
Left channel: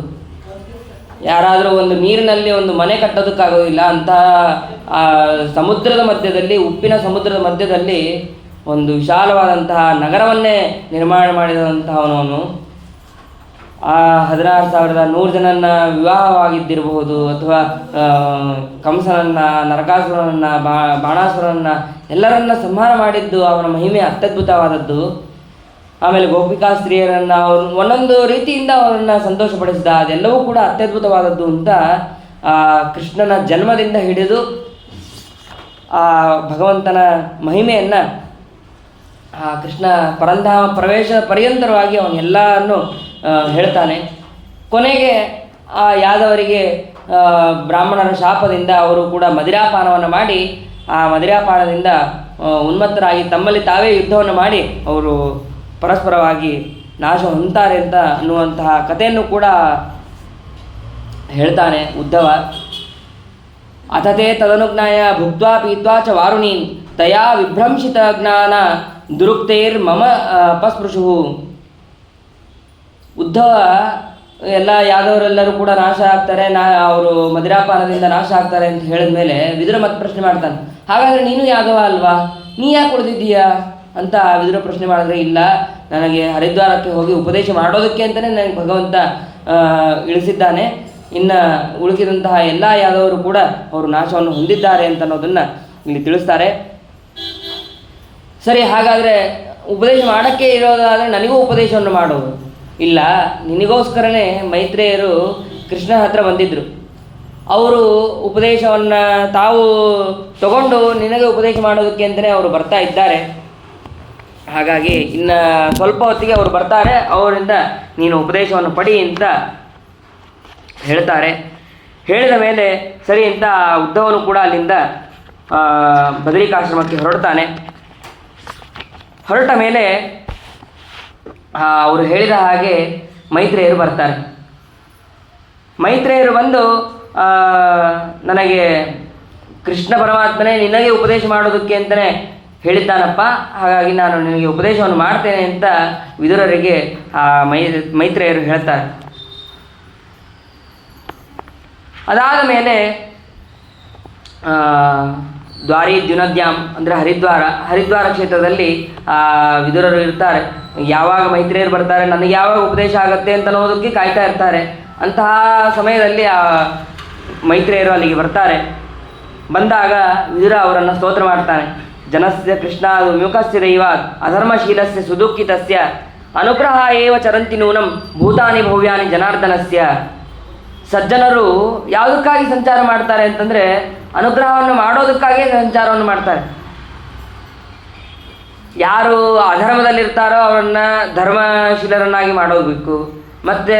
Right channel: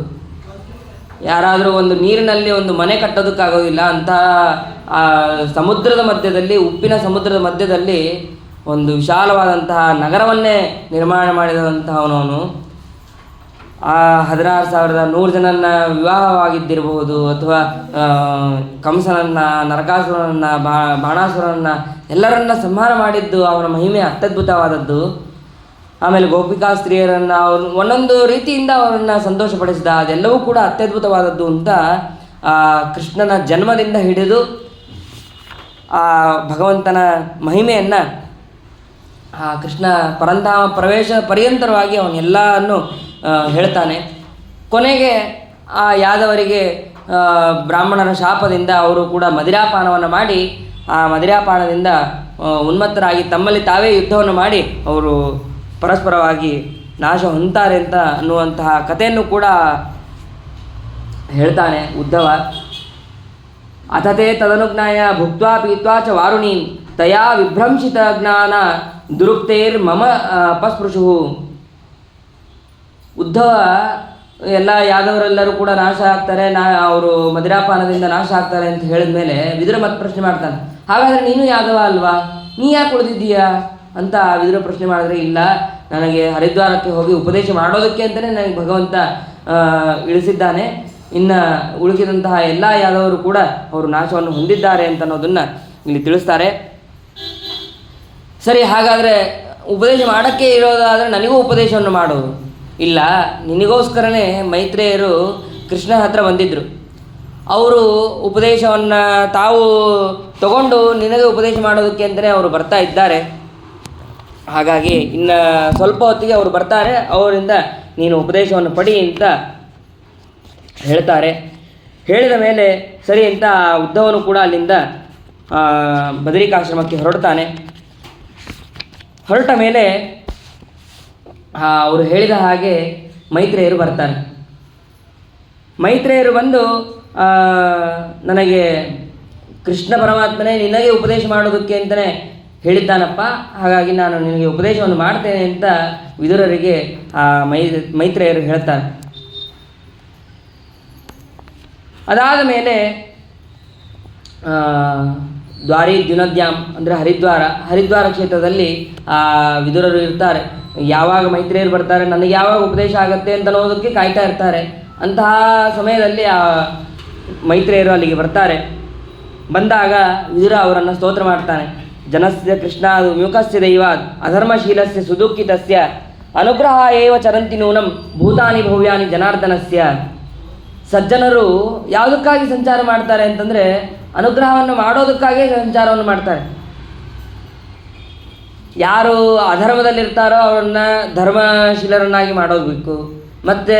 ಯಾರಾದರೂ ಒಂದು ನೀರಿನಲ್ಲಿ ಒಂದು ಮನೆ ಕಟ್ಟೋದಕ್ಕಾಗೋದಿಲ್ಲ ಅಂತ ಆ ಸಮುದ್ರದ ಮಧ್ಯದಲ್ಲಿ, ಉಪ್ಪಿನ ಸಮುದ್ರದ ಮಧ್ಯದಲ್ಲಿ ಒಂದು ವಿಶಾಲವಾದಂತಹ ನಗರವನ್ನೇ ನಿರ್ಮಾಣ ಮಾಡಿದಂತಹವನವನು. ಆ 16,100 ಜನನ್ನ ವಿವಾಹವಾಗಿದ್ದಿರಬಹುದು, ಅಥವಾ ಕಂಸನನ್ನು, ನರಕಾಸುರನನ್ನು, ಬಾಣಾಸುರನನ್ನು ಎಲ್ಲರನ್ನ ಸಂಹಾರ ಮಾಡಿದ್ದು ಅವನ ಮಹಿಮೆ ಅತ್ಯದ್ಭುತವಾದದ್ದು. ಆಮೇಲೆ ಗೋಪಿಕಾ ಸ್ತ್ರೀಯರನ್ನು ಅವನು ಒಂದೊಂದು ರೀತಿಯಿಂದ ಅವರನ್ನು ಸಂತೋಷಪಡಿಸಿದ, ಅದೆಲ್ಲವೂ ಕೂಡ ಅತ್ಯದ್ಭುತವಾದದ್ದು ಅಂತ ಕೃಷ್ಣನ ಜನ್ಮದಿಂದ ಹಿಡಿದು ಆ ಭಗವಂತನ ಮಹಿಮೆಯನ್ನು ಆ ಕೃಷ್ಣ ಪರಂಧಾಮ ಪ್ರವೇಶ ಪರ್ಯಂತರವಾಗಿ ಅವನ್ನೆಲ್ಲವನ್ನು ಹೇಳ್ತಾನೆ. ಕೊನೆಗೆ ಆ ಯಾದವರಿಗೆ ಬ್ರಾಹ್ಮಣರ ಶಾಪದಿಂದ ಅವರು ಕೂಡ ಮದಿರಾಪಾನವನ್ನು ಮಾಡಿ, ಆ ಮದಿರಾಪಾನದಿಂದ ಉನ್ಮತ್ತರಾಗಿ ತಮ್ಮಲ್ಲಿ ತಾವೇ ಯುದ್ಧವನ್ನು ಮಾಡಿ ಅವರು ಪರಸ್ಪರವಾಗಿ ನಾಶ ಹೊಂತಾರೆ ಅಂತ ಅನ್ನುವಂತಹ ಕಥೆಯನ್ನು ಕೂಡ ಹೇಳ್ತಾನೆ ಉದ್ಧವ. ಅಥತೆ ತದನುಜ್ಞಾಯ ಭುಕ್ತ್ವಾ ಪೀತ್ವಾ ಚ ವಾರುಣಿ ತಯಾ ವಿಭ್ರಂಶಿತ ಜ್ಞಾನ ದುರುಕ್ತೈರ್ ಮಮ ಅಪಸ್ಪೃಶು. ಉದ್ಧವ ಎಲ್ಲ ಯಾದವರೆಲ್ಲರೂ ಕೂಡ ನಾಶ ಆಗ್ತಾರೆ, ಅವರು ಮದಿರಾಪಾನದಿಂದ ನಾಶ ಆಗ್ತಾರೆ ಅಂತ ಹೇಳಿದ ಮೇಲೆ ವಿದುರ ಮತ್ತೆ ಪ್ರಶ್ನೆ ಮಾಡ್ತಾನೆ, ಹಾಗಾದರೆ ನೀನು ಯಾದವ ಅಲ್ವಾ, ನೀ ಯಾಕೆ ಉಳಿದಿದ್ದೀಯಾ ಅಂತ ವಿದುರ ಪ್ರಶ್ನೆ ಮಾಡಿದ್ರೆ, ಇಲ್ಲ, ನನಗೆ ಹರಿದ್ವಾರಕ್ಕೆ ಹೋಗಿ ಉಪದೇಶ ಮಾಡೋದಕ್ಕೆ ಅಂತಲೇ ನನಗೆ ಭಗವಂತ ಇಳಿಸಿದ್ದಾನೆ. ಇನ್ನು ಉಳಿಸಿದಂತಹ ಎಲ್ಲ ಯಾದವರು ಕೂಡ ಅವರು ನಾಶವನ್ನು ಹೊಂದಿದ್ದಾರೆ ಅಂತ ಅನ್ನೋದನ್ನು ಇಲ್ಲಿ ತಿಳಿಸ್ತಾರೆ. ಸರಿ, ಹಾಗಾದರೆ ಉಪದೇಶ ಮಾಡೋಕ್ಕೆ ಇರೋದಾದರೆ ನನಗೂ ಉಪದೇಶವನ್ನು ಮಾಡು. ಇಲ್ಲ, ನಿನಗೋಸ್ಕರನೇ ಮೈತ್ರೇಯರು ಕೃಷ್ಣ ಹತ್ರ ಬಂದಿದ್ದರು. ಅವರು ಉಪದೇಶವನ್ನು ತಾವು ತಗೊಂಡು ನಿನಗೆ ಉಪದೇಶ ಮಾಡೋದಕ್ಕೆ ಅಂತಲೇ ಅವರು ಬರ್ತಾ ಇದ್ದಾರೆ. ಹಾಗಾಗಿ ಇನ್ನು ಸ್ವಲ್ಪ ಹೊತ್ತಿಗೆ ಅವರು ಬರ್ತಾರೆ, ಅವರಿಂದ ನೀನು ಉಪದೇಶವನ್ನು ಪಡಿ ಅಂತ ಹೇಳ್ತಾರೆ. ಹೇಳಿದ ಮೇಲೆ ಸರಿ ಅಂತ ಉದ್ಧವನು ಕೂಡ ಅಲ್ಲಿಂದ ಬದರಿಕಾಶ್ರಮಕ್ಕೆ ಹೊರಡ್ತಾನೆ. ಹೊರಟ ಮೇಲೆ ಅವರು ಹೇಳಿದ ಹಾಗೆ ಮೈತ್ರೇಯರು ಬರ್ತಾರೆ. ಮೈತ್ರೇಯರು ಬಂದು ನನಗೆ ಕೃಷ್ಣ ಪರಮಾತ್ಮನೇ ನಿನಗೆ ಉಪದೇಶ ಮಾಡೋದಕ್ಕೆ ಅಂತಲೇ ಹೇಳಿದ್ದಾನಪ್ಪ, ಹಾಗಾಗಿ ನಾನು ನಿನಗೆ ಉಪದೇಶವನ್ನು ಮಾಡ್ತೇನೆ ಅಂತ ವಿದುರರಿಗೆ ಮೈತ್ರೇಯರು ಹೇಳ್ತಾರೆ. ಅದಾದ ಮೇಲೆ ದ್ವಾರಿ ದ್ಯುನದ್ಯಾಮ್ ಅಂದರೆ ಹರಿದ್ವಾರ ಕ್ಷೇತ್ರದಲ್ಲಿ ವಿದುರರು ಇರ್ತಾರೆ. ಯಾವಾಗ ಮೈತ್ರೇಯರು ಬರ್ತಾರೆ, ನನಗೆ ಯಾವಾಗ ಉಪದೇಶ ಆಗುತ್ತೆ ಅಂತ ಅನ್ನೋದಕ್ಕೆ ಕಾಯ್ತಾ ಇರ್ತಾರೆ. ಅಂತಹ ಸಮಯದಲ್ಲಿ ಮೈತ್ರೇಯರು ಅಲ್ಲಿಗೆ ಬರ್ತಾರೆ. ಬಂದಾಗ ವಿದುರ ಅವರನ್ನು ಸ್ತೋತ್ರ ಮಾಡ್ತಾನೆ. ಜನಸ್ಯ ಕೃಷ್ಣಾದು ವಿಮುಖಸ್ಯ ದೈವಾತ್ ಅಧರ್ಮಶೀಲಸ್ಯ ಸುದುಃಖಿತಸ್ಯ ಅನುಗ್ರಹ ಏವ ಚರಂತಿ ನೂನಂ ಭೂತಾನಿ ಭವ್ಯಾನಿ ಜನಾರ್ದನಸ್ಯ. ಸಜ್ಜನರು ಯಾವುದಕ್ಕಾಗಿ ಸಂಚಾರ ಮಾಡ್ತಾರೆ ಅಂತಂದರೆ ಅನುಗ್ರಹವನ್ನು ಮಾಡೋದಕ್ಕಾಗೇ ಸಂಚಾರವನ್ನು ಮಾಡ್ತಾರೆ. ಯಾರು ಅಧರ್ಮದಲ್ಲಿರ್ತಾರೋ ಅವರನ್ನು ಧರ್ಮಶೀಲರನ್ನಾಗಿ ಮಾಡೋಗಬೇಕು, ಮತ್ತು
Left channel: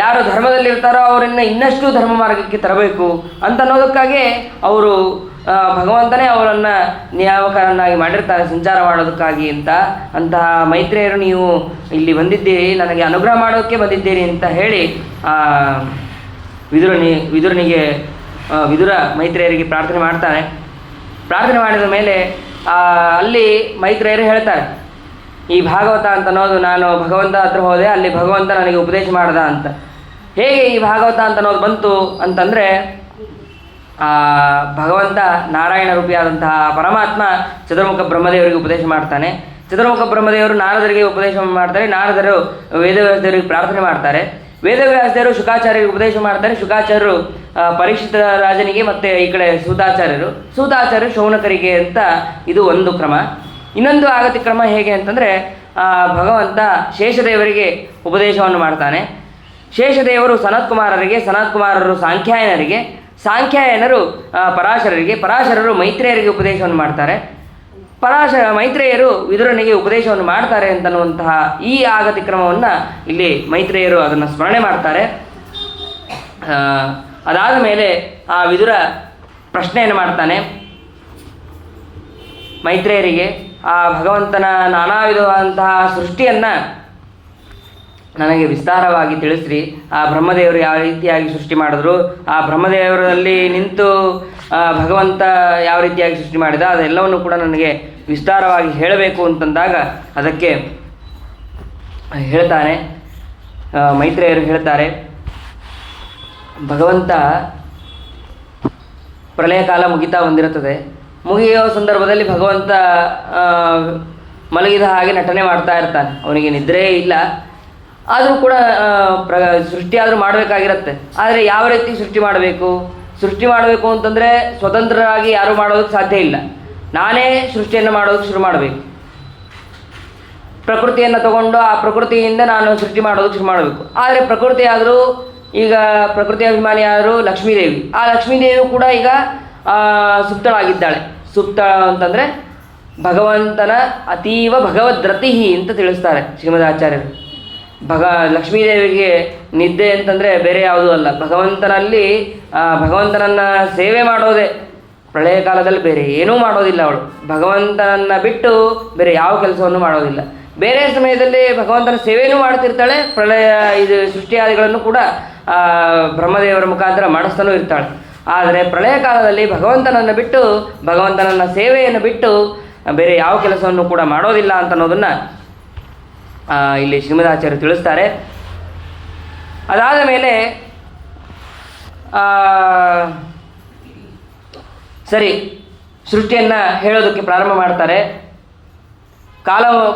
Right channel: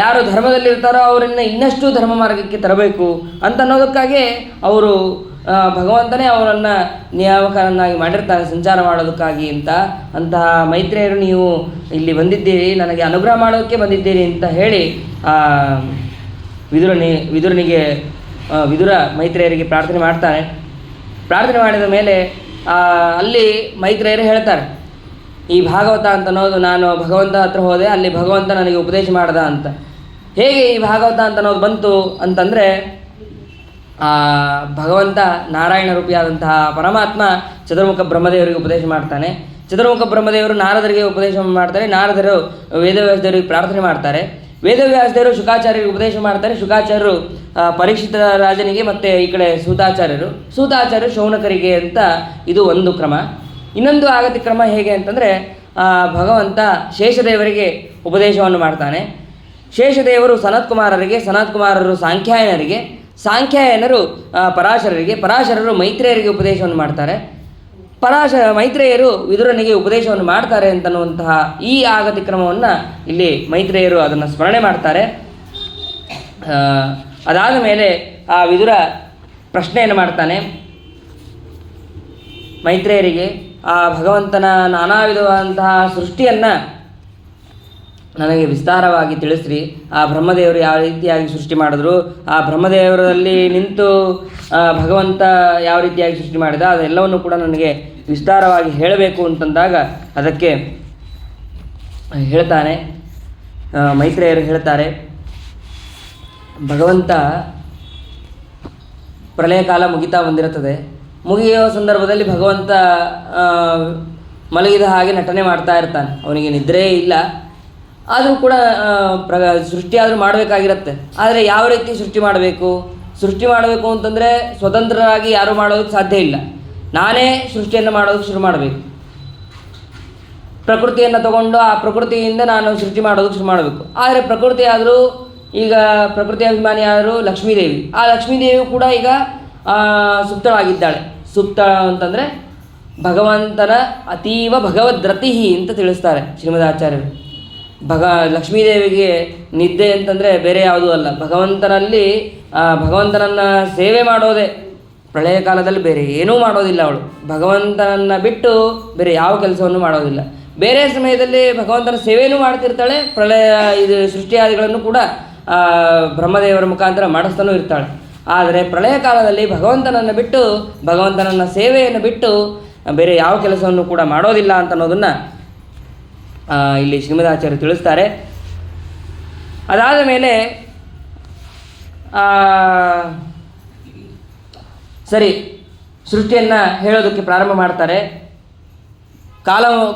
ಯಾರು ಧರ್ಮದಲ್ಲಿರ್ತಾರೋ ಅವರನ್ನು ಇನ್ನಷ್ಟು ಧರ್ಮ ಮಾರ್ಗಕ್ಕೆ ತರಬೇಕು ಅಂತ ಅನ್ನೋದಕ್ಕಾಗಿ ಅವರು ಭಗವಂತನೇ ಅವರನ್ನು ನಿಯಾಮಕರನ್ನಾಗಿ ಮಾಡಿರ್ತಾರೆ ಸಂಚಾರ ಮಾಡೋದಕ್ಕಾಗಿ ಅಂತ. ಅಂತಹ ಮೈತ್ರೇಯರು ನೀವು ಇಲ್ಲಿ ಬಂದಿದ್ದೀರಿ, ನನಗೆ ಅನುಗ್ರಹ ಮಾಡೋದಕ್ಕೆ ಬಂದಿದ್ದೀರಿ ಅಂತ ಹೇಳಿ ವಿದುರ ಮೈತ್ರೇಯರಿಗೆ ಪ್ರಾರ್ಥನೆ ಮಾಡ್ತಾನೆ. ಪ್ರಾರ್ಥನೆ ಮಾಡಿದ ಮೇಲೆ ಅಲ್ಲಿ ಮೈತ್ರೇಯರು ಹೇಳ್ತಾರೆ, ಈ ಭಾಗವತ ಅಂತ ಅನ್ನೋದು ನಾನು ಭಗವಂತ ಹತ್ರ ಹೋದೆ, ಅಲ್ಲಿ ಭಗವಂತ ನನಗೆ ಉಪದೇಶ ಮಾಡ್ದ ಅಂತ. ಹೇಗೆ ಈ ಭಾಗವತ ಅಂತ ಅನ್ನೋದು ಬಂತು ಅಂತಂದರೆ, ಭಗವಂತ ನಾರಾಯಣ ರೂಪಿಯಾದಂತಹ ಪರಮಾತ್ಮ ಚತುರ್ಮುಖ ಬ್ರಹ್ಮದೇವರಿಗೆ ಉಪದೇಶ ಮಾಡ್ತಾನೆ. ಚತುರ್ಮುಖ ಬ್ರಹ್ಮದೇವರು ನಾರದರಿಗೆ ಉಪದೇಶ ಮಾಡ್ತಾರೆ. ನಾರದರು ವೇದವ್ಯಾಸದೇವರಿಗೆ ಪ್ರಾರ್ಥನೆ ಮಾಡ್ತಾರೆ. ವೇದವ್ಯಾಸದೇವರು ಶುಕಾಚಾರ್ಯರಿಗೆ ಉಪದೇಶ ಮಾಡ್ತಾರೆ. ಶುಕಾಚಾರ್ಯರು ಪರೀಕ್ಷಿತ ರಾಜನಿಗೆ, ಮತ್ತು ಈ ಕಡೆ ಸೂತಾಚಾರ್ಯರು ಶೌನಕರಿಗೆ ಅಂತ. ಇದು ಒಂದು ಕ್ರಮ. ಇನ್ನೊಂದು ಆಗತಿ ಕ್ರಮ ಹೇಗೆ ಅಂತಂದರೆ, ಭಗವಂತ ಶೇಷದೇವರಿಗೆ ಉಪದೇಶವನ್ನು ಮಾಡ್ತಾನೆ. ಶೇಷದೇವರು ಸನತ್ಕುಮಾರರಿಗೆ, ಸನತ್ಕುಮಾರರು ಸಾಂಖ್ಯಾಯನರಿಗೆ, ಸಾಂಖ್ಯಾಯನರು ಪರಾಶರರಿಗೆ, ಪರಾಶರರು ಮೈತ್ರೇಯರಿಗೆ ಉಪದೇಶವನ್ನು ಮಾಡ್ತಾರೆ. ಮೈತ್ರೇಯರು ವಿದುರನಿಗೆ ಉಪದೇಶವನ್ನು ಮಾಡ್ತಾರೆ ಅಂತನ್ನುವಂತಹ ಈ ಆಗತಿ ಕ್ರಮವನ್ನು ಇಲ್ಲಿ ಮೈತ್ರೇಯರು ಅದನ್ನು ಸ್ಮರಣೆ ಮಾಡ್ತಾರೆ. ಅದಾದ ಮೇಲೆ ಆ ವಿದುರ ಪ್ರಶ್ನೆಯನ್ನು ಮಾಡ್ತಾನೆ ಮೈತ್ರೇಯರಿಗೆ, ಆ ಭಗವಂತನ ನಾನಾ ವಿಧವಾದಂತಹ ಸೃಷ್ಟಿಯನ್ನು ನನಗೆ ವಿಸ್ತಾರವಾಗಿ ತಿಳಿಸ್ರಿ. ಆ ಬ್ರಹ್ಮದೇವರು ಯಾವ ರೀತಿಯಾಗಿ ಸೃಷ್ಟಿ ಮಾಡಿದ್ರು, ಆ ಬ್ರಹ್ಮದೇವರಲ್ಲಿ ನಿಂತು ಭಗವಂತ ಯಾವ ರೀತಿಯಾಗಿ ಸೃಷ್ಟಿ ಮಾಡಿದ, ಅದೆಲ್ಲವನ್ನು ಕೂಡ ನನಗೆ ವಿಸ್ತಾರವಾಗಿ ಹೇಳಬೇಕು ಅಂತಂದಾಗ ಅದಕ್ಕೆ ಹೇಳ್ತಾನೆ. ಮೈತ್ರೇಯರು ಹೇಳ್ತಾರೆ, ಭಗವಂತ ಪ್ರಳಯ ಕಾಲ ಮುಗಿತಾ ಬಂದಿರುತ್ತದೆ. ಮುಗಿಯೋ ಸಂದರ್ಭದಲ್ಲಿ ಭಗವಂತ ಮಲಗಿದ ಹಾಗೆ ನಟನೆ ಮಾಡ್ತಾ ಇರ್ತಾನೆ. ಅವನಿಗೆ ನಿದ್ರೆ ಇಲ್ಲ, ಆದರೂ ಕೂಡ ಸೃಷ್ಟಿ ಆದರೂ ಮಾಡಬೇಕಾಗಿರುತ್ತೆ. ಆದರೆ ಯಾವ ರೀತಿ ಸೃಷ್ಟಿ ಮಾಡಬೇಕು ಅಂತಂದರೆ ಸ್ವತಂತ್ರರಾಗಿ ಯಾರೂ ಮಾಡೋದಕ್ಕೆ ಸಾಧ್ಯ ಇಲ್ಲ. ನಾನೇ ಸೃಷ್ಟಿಯನ್ನು ಮಾಡೋದಕ್ಕೆ ಶುರು ಮಾಡಬೇಕು. ಪ್ರಕೃತಿಯನ್ನು ತಗೊಂಡು ಆ ಪ್ರಕೃತಿಯಿಂದ ನಾನು ಸೃಷ್ಟಿ ಮಾಡೋದಕ್ಕೆ ಶುರು ಮಾಡಬೇಕು. ಆದರೆ ಪ್ರಕೃತಿ ಆದರೂ ಈಗ ಪ್ರಕೃತಿ ಅಭಿಮಾನಿ ಆದರೂ ಲಕ್ಷ್ಮೀದೇವಿ, ಆ ಲಕ್ಷ್ಮೀದೇವಿಯು ಕೂಡ ಈಗ ಸುಪ್ತಳಾಗಿದ್ದಾಳೆ. ಸುಪ್ತ ಅಂತಂದರೆ ಭಗವಂತನ ಅತೀವ ಭಗವದ್ರತಿ ಅಂತ ತಿಳಿಸ್ತಾರೆ ಶ್ರೀಮದಾಚಾರ್ಯರು. ಲಕ್ಷ್ಮೀದೇವಿಗೆ ನಿದ್ದೆ ಅಂತಂದರೆ ಬೇರೆ ಯಾವುದೂ ಅಲ್ಲ, ಭಗವಂತನಲ್ಲಿ ಭಗವಂತನನ್ನು ಸೇವೆ ಮಾಡೋದೇ. ಪ್ರಳಯ ಕಾಲದಲ್ಲಿ ಬೇರೆ ಏನೂ ಮಾಡೋದಿಲ್ಲ ಅವಳು, ಭಗವಂತನನ್ನು ಬಿಟ್ಟು ಬೇರೆ ಯಾವ ಕೆಲಸವನ್ನು ಮಾಡೋದಿಲ್ಲ. ಬೇರೆ ಸಮಯದಲ್ಲಿ ಭಗವಂತನ ಸೇವೆಯೂ ಮಾಡ್ತಿರ್ತಾಳೆ, ಇದು ಸೃಷ್ಟಿಯಾದಿಗಳನ್ನು ಕೂಡ ಬ್ರಹ್ಮದೇವರ ಮುಖಾಂತರ ಮಾಡಿಸ್ತಾನೂ ಇರ್ತಾಳೆ. ಆದರೆ ಪ್ರಳಯ ಕಾಲದಲ್ಲಿ ಭಗವಂತನನ್ನು ಬಿಟ್ಟು, ಭಗವಂತನನ್ನ ಸೇವೆಯನ್ನು ಬಿಟ್ಟು ಬೇರೆ ಯಾವ ಕೆಲಸವನ್ನು ಕೂಡ ಮಾಡೋದಿಲ್ಲ ಅಂತ ಅನ್ನೋದನ್ನು ಇಲ್ಲಿ ಶ್ರೀಮದಾಚಾರ್ಯರು ತಿಳಿಸ್ತಾರೆ. ಅದಾದ ಮೇಲೆ ಸರಿ ಸೃಷ್ಟಿಯನ್ನು ಹೇಳೋದಕ್ಕೆ ಪ್ರಾರಂಭ ಮಾಡ್ತಾರೆ.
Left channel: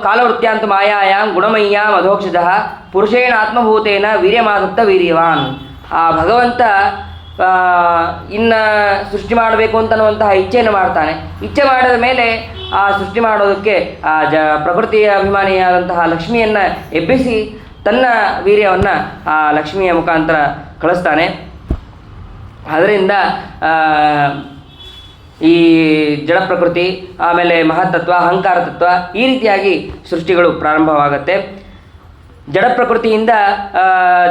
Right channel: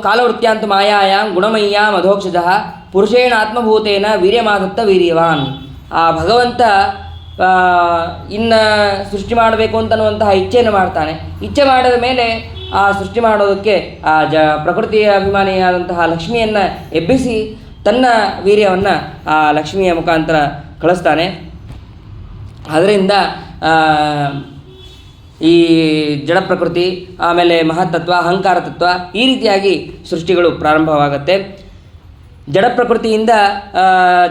ಕಾಲವೃತ್ಯಾಂತ ಮಾಯಾಯಾಂ ಗುಣಮಯ್ಯ ಮಧೋಕ್ಷಜ ಪುರುಷೇಣ ಆತ್ಮಭೂತೇನ ವೀರ್ಯಮಾದತ್ತ ವೀರ್ಯವಾನ್. ಆ ಭಗವಂತ ಇನ್ನು ಸೃಷ್ಟಿ ಮಾಡಬೇಕು ಅಂತನ್ನುವಂತಹ ಇಚ್ಛೆಯನ್ನು ಮಾಡ್ತಾನೆ. ಇಚ್ಛೆ ಮಾಡಿದ ಮೇಲೆ ಆ ಸೃಷ್ಟಿ ಮಾಡೋದಕ್ಕೆ ಪ್ರಕೃತಿಯ ಅಭಿಮಾನಿಯಾದಂತಹ ಲಕ್ಷ್ಮಿಯನ್ನು ಎಬ್ಬಿಸಿ ತನ್ನ ವೀರ್ಯವನ್ನು ಆ ಲಕ್ಷ್ಮಿಯ ಮುಖಾಂತರ ಕಳಿಸ್ತಾನೆ. ಅದರಿಂದ ಈ ಜಡ ಪ್ರಕೃತಿ, ಆಮೇಲೆ ಮಹತ್ತತ್ವ, ಅಹಂಕಾರ ತತ್ವ, ಈ ರೀತಿಯಾಗಿ ಸೃಷ್ಟಿಗಳು ಪ್ರಾರಂಭವಾಗುತ್ತೆ. ಜಡ ಪ್ರಕೃತಿಯಿಂದ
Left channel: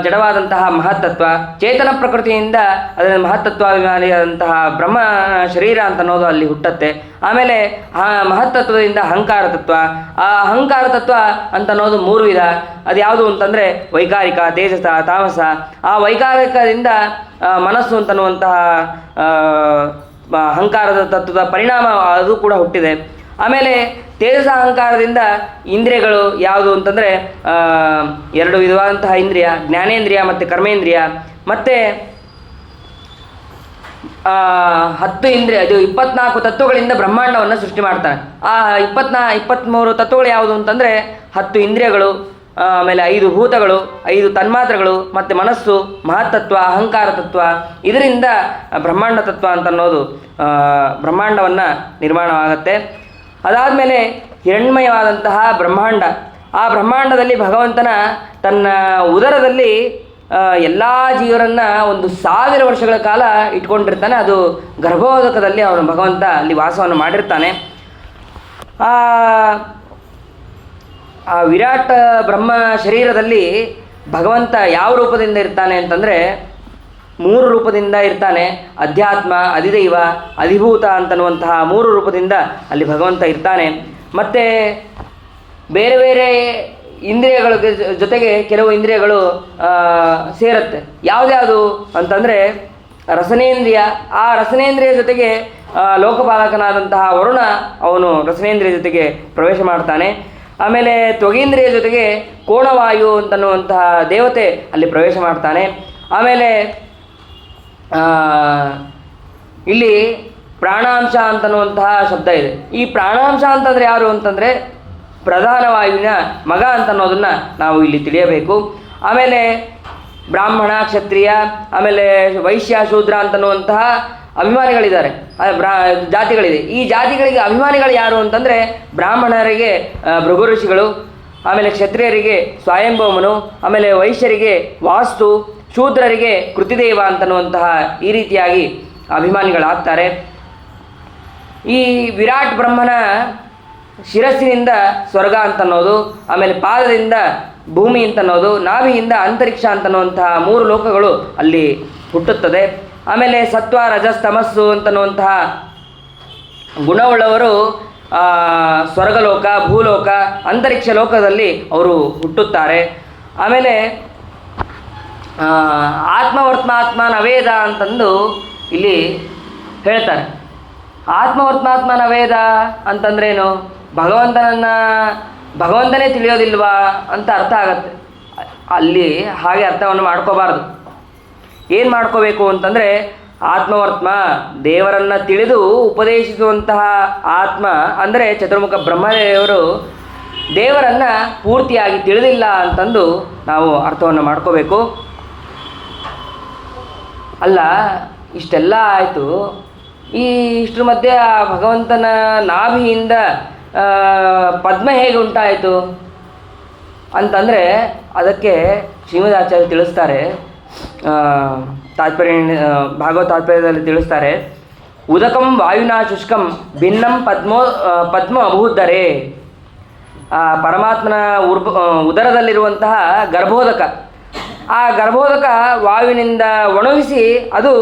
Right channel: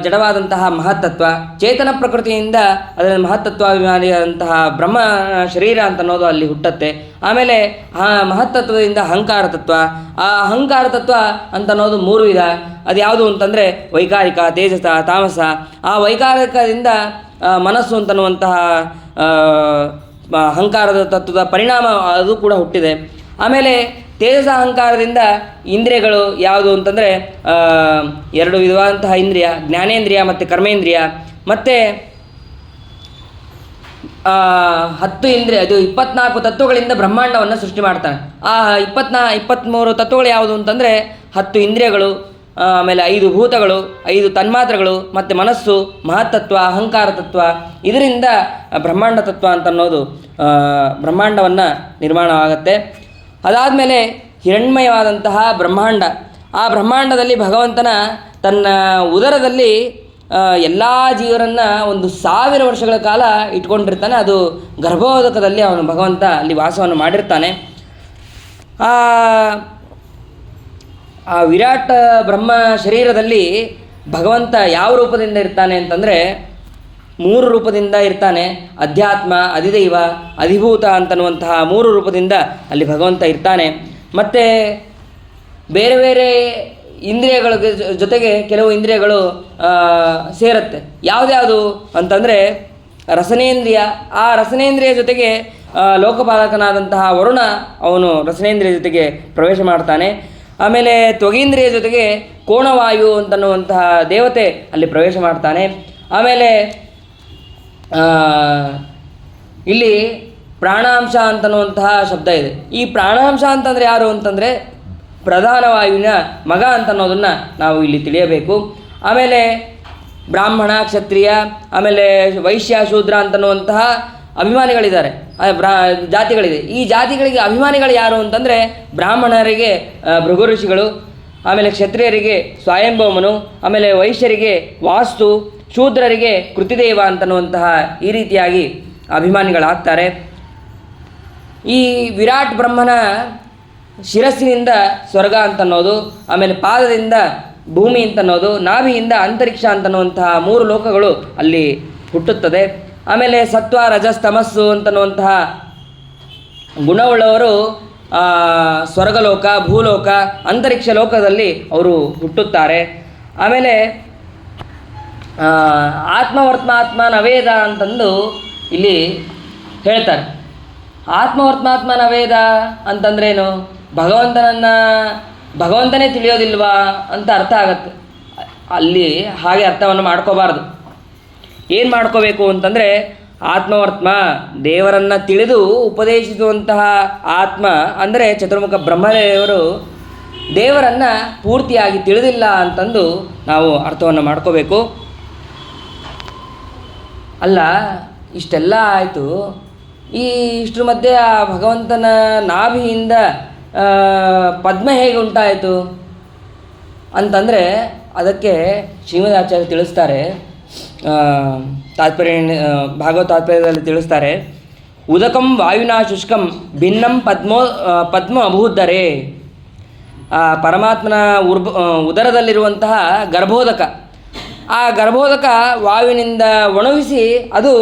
ಜಡವಾದಂತಹ ಮಹತ್ತತ್ವ, ಚೇತನ ಪ್ರಕೃತಿಯಿಂದ ಅದರ ಮಹತ್ತತ್ವಾಭಿಮಾನಿಯಾದಂತಹ ಬ್ರಹ್ಮ ಶರೀರ ಅಂತ ಅನ್ನೋದು ಅಲ್ಲಿ ಹುಟ್ಟತ್ತೆ. ಆಮೇಲೆ ಆ ಮಹತ್ತತ್ವದಿಂದ ಅಹಂಕಾರ ತತ್ವ, ಆ ಅಹಂಕಾರ ತತ್ವ ಅಂತ ಅನ್ನೋದು 3 ವಿಧ. ಅದು ಯಾವುದು ಅಂತಂದರೆ ವೈಕಾರಿಕ, ತೇಜಸ, ತಾಮಸ. ಆ ವೈಕಾರಿಕದಿಂದ ಮನಸ್ಸು ಅಂತನ್ನುವಂತಹ ಅಹಂಕಾರದ ತತ್ವದ ಪರಿಣಾಮ ಅದು ಕೂಡ ಹುಟ್ಟಿದೆ. ಆಮೇಲೆ ತೇಜಸ ಅಹಂಕಾರದಿಂದ ಇಂದ್ರಿಯಗಳು ಯಾವುದು ಅಂತಂದರೆ 2 ವಿಧವಾದಂತಹ ಇಂದ್ರಿಯ, ಜ್ಞಾನೇಂದ್ರಿಯ ಮತ್ತು ಕರ್ಮೇಂದ್ರಿಯ. ಮತ್ತು 10 ಇಂದ್ರಿಯ, ಇದು 24 ತತ್ವಗಳಿಂದ ಬ್ರಹ್ಮಾಂಡವನ್ನು ಸೃಷ್ಟಿ ಮಾಡ್ತಾನೆ. ಆ 23 ತತ್ವಗಳು ಯಾವುದು ಅಂತಂದರೆ 10 ಇಂದ್ರಿಯಗಳು, ಆಮೇಲೆ 5 ಭೂತಗಳು, 5 ತನ್ಮಾತ್ರಗಳು, ಮತ್ತು ಮನಸ್ಸು, ಮಹತ್ತತ್ವ, ಅಹಂಕಾರ ತತ್ವ. ಇದರಿಂದ ಬ್ರಹ್ಮಾಂಡ ತತ್ವ ಅಂತ ಅನ್ನೋದು ಬ್ರಹ್ಮಾಂಡವನ್ನು ನಿರ್ಮಾಣವಾಗುತ್ತೆ. ಅದಾದಮೇಲೆ ಹಿರಣ್ಮಯವಾದಂತಹ ಬ್ರಹ್ಮಾಂಡ, ಆ ಬ್ರಹ್ಮಾಂಡದಲ್ಲಿ ಭಗವಂತನ ತನ್ನ ಉದರದಲ್ಲಿ ಎಲ್ಲ ಜೀವರನ್ನು 1000 ವರ್ಷಗಳ ಕಾಲ ಇಟ್ಕೊಂಡಿರ್ತಾನೆ. ಅದು ಗರ್ಭೋದಕದಲ್ಲಿ ಅವನು ಭಗವಂತ ಅಲ್ಲಿ ವಾಸವನ್ನು ಮಾಡಿರ್ತಾನೆ. ಆ ವಿರಾಟ್ ಬ್ರಹ್ಮ ಶರೀರದಲ್ಲಿ ಭಗವಂತ ಯಾವ ರೂಪದಿಂದ ಇರ್ತಾನೆ ಅಂತಂದರೆ 3 ರೂಪದಿಂದ ಇರ್ತಾನೆ. ಅಧ್ಯಾತ್ಮ, ಅಧಿದೈವ, ಅಧಿಭೂತ ಅಂತನ್ನುವಂತಹ 3 ರೂಪದಿಂದ ಅಲ್ಲಿ ಭಗವಂತ ಇರ್ತಾನೆ. ಮತ್ತು ಬೇರೆ ಬೇರೆ ಇಂದ್ರಿಯಗಳ ಜೊತೆಗೆ ಕೆಲವು ಇಂದ್ರಿಯಗಳು ಸೇರುತ್ತೆ. ಯಾವುದ್ಯಾವುದು ಅಂತಂದರೆ ರಸನೇಂದ್ರಿಯ. ಆ ರಸನೇಂದ್ರಿಯ ಜೊತೆಗೆ ಲೋಕಪಾಲಕನಾದಂತಹ ವರುಣ ಅವನು ರಸನೇಂದ್ರಿಯ ಜೊತೆಗೆ ಪ್ರವೇಶ ಮಾಡ್ತಾನೆ. ಆಮೇಲೆ ತ್ವಗೇಂದ್ರಿಯ ಜೊತೆಗೆ ಕೋಣವಾಯು ಅಂತನ್ನುವಂತಹ ದೇವತೆ ಅಲ್ಲಿ ಪ್ರವೇಶ ಮಾಡ್ತಾನೆ. ಆಮೇಲೆ ಇಲ್ಲಿ ಪ್ರಾಣಾಂಶ ಅಂತನ್ನುವಂತಹ ಶಬ್ದ ಇದೆ. ಈ ಪ್ರಾಣಾಂಶ ಅಂತಂದರೆ ಯಾರು ಅಂತಂದರೆ ಪ್ರಧಾನ ವಾಯುವಿನ ಮಗ ಅಂತನ್ನೋದನ್ನು ನಾವು ಇಲ್ಲಿ ತಿಳಿಯಬೇಕು. ಆಮೇಲೆ ಬ್ರಾಹ್ಮಣ, ಕ್ಷತ್ರಿಯ, ಆಮೇಲೆ ವೈಶ್ಯ, ಶೂದ್ರ ಅಂತನ್ನುವಂತಹ ಅಭಿಮಾನಿಗಳಿದ್ದಾರೆ, ಜಾತಿಗಳಿದೆ. ಈ ಜಾತಿಗಳಿಗೆ ಅಭಿಮಾನಿಗಳು ಯಾರು ಅಂತಂದರೆ ಬ್ರಾಹ್ಮಣರಿಗೆ ಭೃಗು ಋಷಿಗಳು, ಆಮೇಲೆ ಕ್ಷತ್ರಿಯರಿಗೆ ಸ್ವಯಂಭೌಮನು, ಆಮೇಲೆ ವೈಶ್ಯರಿಗೆ ವಾಸ್ತು, ಶೂದ್ರರಿಗೆ ಕೃತಿದೇವ ಅಂತನ್ನುವಂತಹ ಈ ರೀತಿಯಾಗಿ ಅಭಿಮಾನಿಗಳಾಗ್ತಾರೆ. ಈ ವಿರಾಟ್ ಬ್ರಹ್ಮನ ಶಿರಸ್ಸಿನಿಂದ ಸ್ವರ್ಗ ಅಂತನ್ನೋದು, ಆಮೇಲೆ ಪಾದದಿಂದ ಭೂಮಿ ಅಂತನ್ನೋದು, ನಾಭಿಯಿಂದ ಅಂತರಿಕ್ಷ ಅಂತನ್ನುವಂತಹ 3 ಲೋಕಗಳು ಅಲ್ಲಿ ಹುಟ್ಟುತ್ತದೆ. ಆಮೇಲೆ ಸತ್ವ ರಜಸ್ ತಮಸ್ಸು ಅಂತನ್ನುವಂತಹ ಗುಣವುಳ್ಳವರು ಸ್ವರ್ಗಲೋಕ, ಭೂಲೋಕ, ಅಂತರಿಕ್ಷ ಲೋಕದಲ್ಲಿ ಅವರು ಹುಟ್ಟುತ್ತಾರೆ. ಆಮೇಲೆ ಆತ್ಮವರ್ತ್ಮಾತ್ಮ ನವೇದ ಅಂತಂದು ಇಲ್ಲಿ ಹೇಳ್ತಾರೆ. ಆತ್ಮವರ್ತ್ಮಾತ್ಮ ನವೇದ ಅಂತಂದ್ರೇನು? ಭಗವಂತನೇ ತಿಳಿಯೋದಿಲ್ವಾ ಅಂತ ಅರ್ಥ ಆಗತ್ತೆ. ಅಲ್ಲಿ ಹಾಗೆ ಅರ್ಥವನ್ನು ಮಾಡ್ಕೋಬಾರ್ದು. ಏನು ಮಾಡ್ಕೋಬೇಕು ಅಂತಂದರೆ, ಆತ್ಮವರ್ತ್ಮ ದೇವರನ್ನು ತಿಳಿದು ಉಪದೇಶಿಸುವಂತಹ ಆತ್ಮ ಅಂದರೆ ಚತುರ್ಮುಖ ಬ್ರಹ್ಮದೇವರು ದೇವರನ್ನು ಪೂರ್ತಿಯಾಗಿ ತಿಳಿದಿಲ್ಲ ಅಂತಂದು ನಾವು ಅರ್ಥವನ್ನು ಮಾಡ್ಕೋಬೇಕು. ಅಲ್ಲ, ಇಷ್ಟೆಲ್ಲ ಆಯಿತು, ಇಷ್ಟರ ಮಧ್ಯೆ ಆ ಭಗವಂತನ ನಾಭಿಯಿಂದ ಪದ್ಮ ಹೇಗೆ ಉಂಟಾಯಿತು ಅಂತಂದರೆ ಅದಕ್ಕೆ ಶ್ರೀಮದಾಚಾರ್ಯ ತಿಳಿಸ್ತಾರೆ. ತಾತ್ಪರ್ಯ ಭಾಗವತ ತಾತ್ಪರ್ಯದಲ್ಲಿ ತಿಳಿಸ್ತಾರೆ, ಉದಕಂ ವಾಯುನಾ ಶುಷ್ಕಂ ಭಿನ್ನಂ ಪದ್ಮ ಅಭೂದ್ದರೆ. ಆ ಪರಮಾತ್ಮನ ಉದರದಲ್ಲಿರುವಂತಹ ಗರ್ಭೋದಕ, ಆ ಗರ್ಭೋದಕ ವಾಯುವಿನಿಂದ ಒಣಗಿಸಿ ಅದು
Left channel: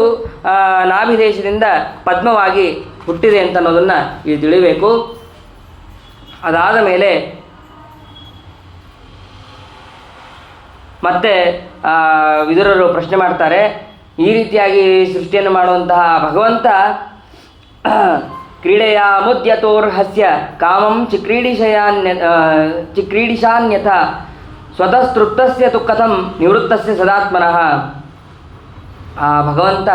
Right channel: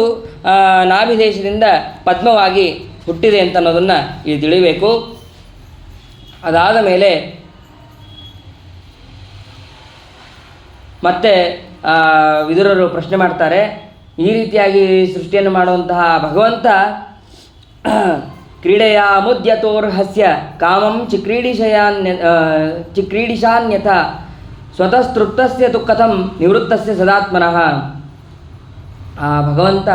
ನಾಭಿದೇಶದಿಂದ ಪದ್ಮವಾಗಿ ಹುಟ್ಟಿದೆ ಅಂತ ಅನ್ನೋದನ್ನು ಇಲ್ಲಿ ತಿಳಿಬೇಕು. ಅದಾದ ಮೇಲೆ ಮತ್ತೆ ವಿದುರರು ಪ್ರಶ್ನೆ ಮಾಡ್ತಾರೆ, ಈ ರೀತಿಯಾಗಿ ಸೃಷ್ಟಿಯನ್ನು ಮಾಡುವಂತಹ ಭಗವಂತ ಕ್ರೀಡೆಯ ಮುದ್ಯತೋರ್ಹಸ್ಯ ಕಾಮಂ ಚಿಕ್ರೀಡಿಶಾನ್ಯಥ ಸ್ವತಸ್ತೃಪ್ತಸ್ಯ ತು ಕಥಂ ನಿವೃತ್ತಸ್ಯ ಸದಾತ್ಮನಃ. ಆ ಭಗವಂತ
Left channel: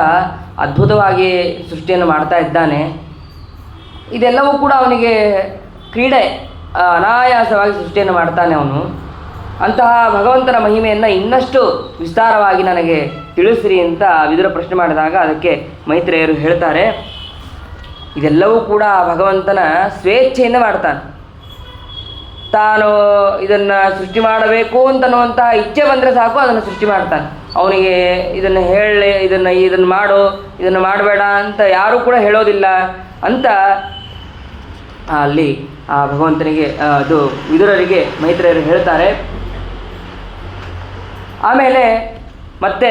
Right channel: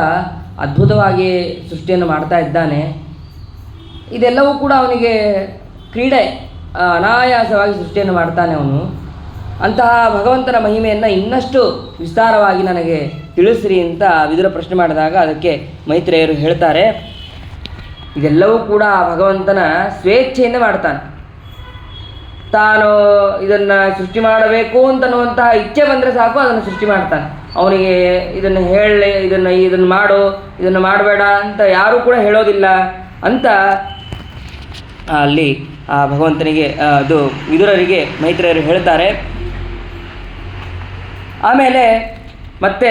ಅದ್ಭುತವಾಗಿ ಸೃಷ್ಟಿಯನ್ನು ಮಾಡ್ತಾ ಇದ್ದಾನೆ. ಇದೆಲ್ಲವೂ ಕೂಡ ಅವನಿಗೆ ಕ್ರೀಡೆ, ಅನಾಯಾಸವಾಗಿ ಸೃಷ್ಟಿಯನ್ನು ಮಾಡ್ತಾನೆ ಅವನು. ಅಂತಹ ಭಗವಂತನ ಮಹಿಮೆಯನ್ನು ಇನ್ನಷ್ಟು ವಿಸ್ತಾರವಾಗಿ ನನಗೆ ತಿಳಿಸ್ರಿ ಅಂತ ವಿದುರ ಪ್ರಶ್ನೆ ಮಾಡಿದಾಗ ಅದಕ್ಕೆ ಮೈತ್ರೇಯರು ಹೇಳ್ತಾರೆ, ಇದೆಲ್ಲವೂ ಕೂಡ ಭಗವಂತನ ಸ್ವೇಚ್ಛೆಯಿಂದ ಮಾಡ್ತಾನೆ. ತಾನು ಇದನ್ನು ಸೃಷ್ಟಿ ಮಾಡಬೇಕು ಅಂತನ್ನುವಂತಹ ಇಚ್ಛೆ ಬಂದರೆ ಸಾಕು, ಅದನ್ನು ಸೃಷ್ಟಿ ಮಾಡ್ತಾನೆ. ಅವನಿಗೆ ಇದನ್ನು ಹೇಳಿ, ಇದನ್ನು ಮಾಡು, ಇದನ್ನು ಮಾಡಬೇಡ ಅಂತ ಯಾರೂ ಕೂಡ ಹೇಳೋದಿಲ್ಲ ಅಂತ ಅಲ್ಲಿ ಆ ಭಗವಂತನಿಗೆ ಅದು ವಿದುರರಿಗೆ ಮೈತ್ರೇಯರು ಹೇಳ್ತಾರೆ. ಆಮೇಲೆ ಮತ್ತೆ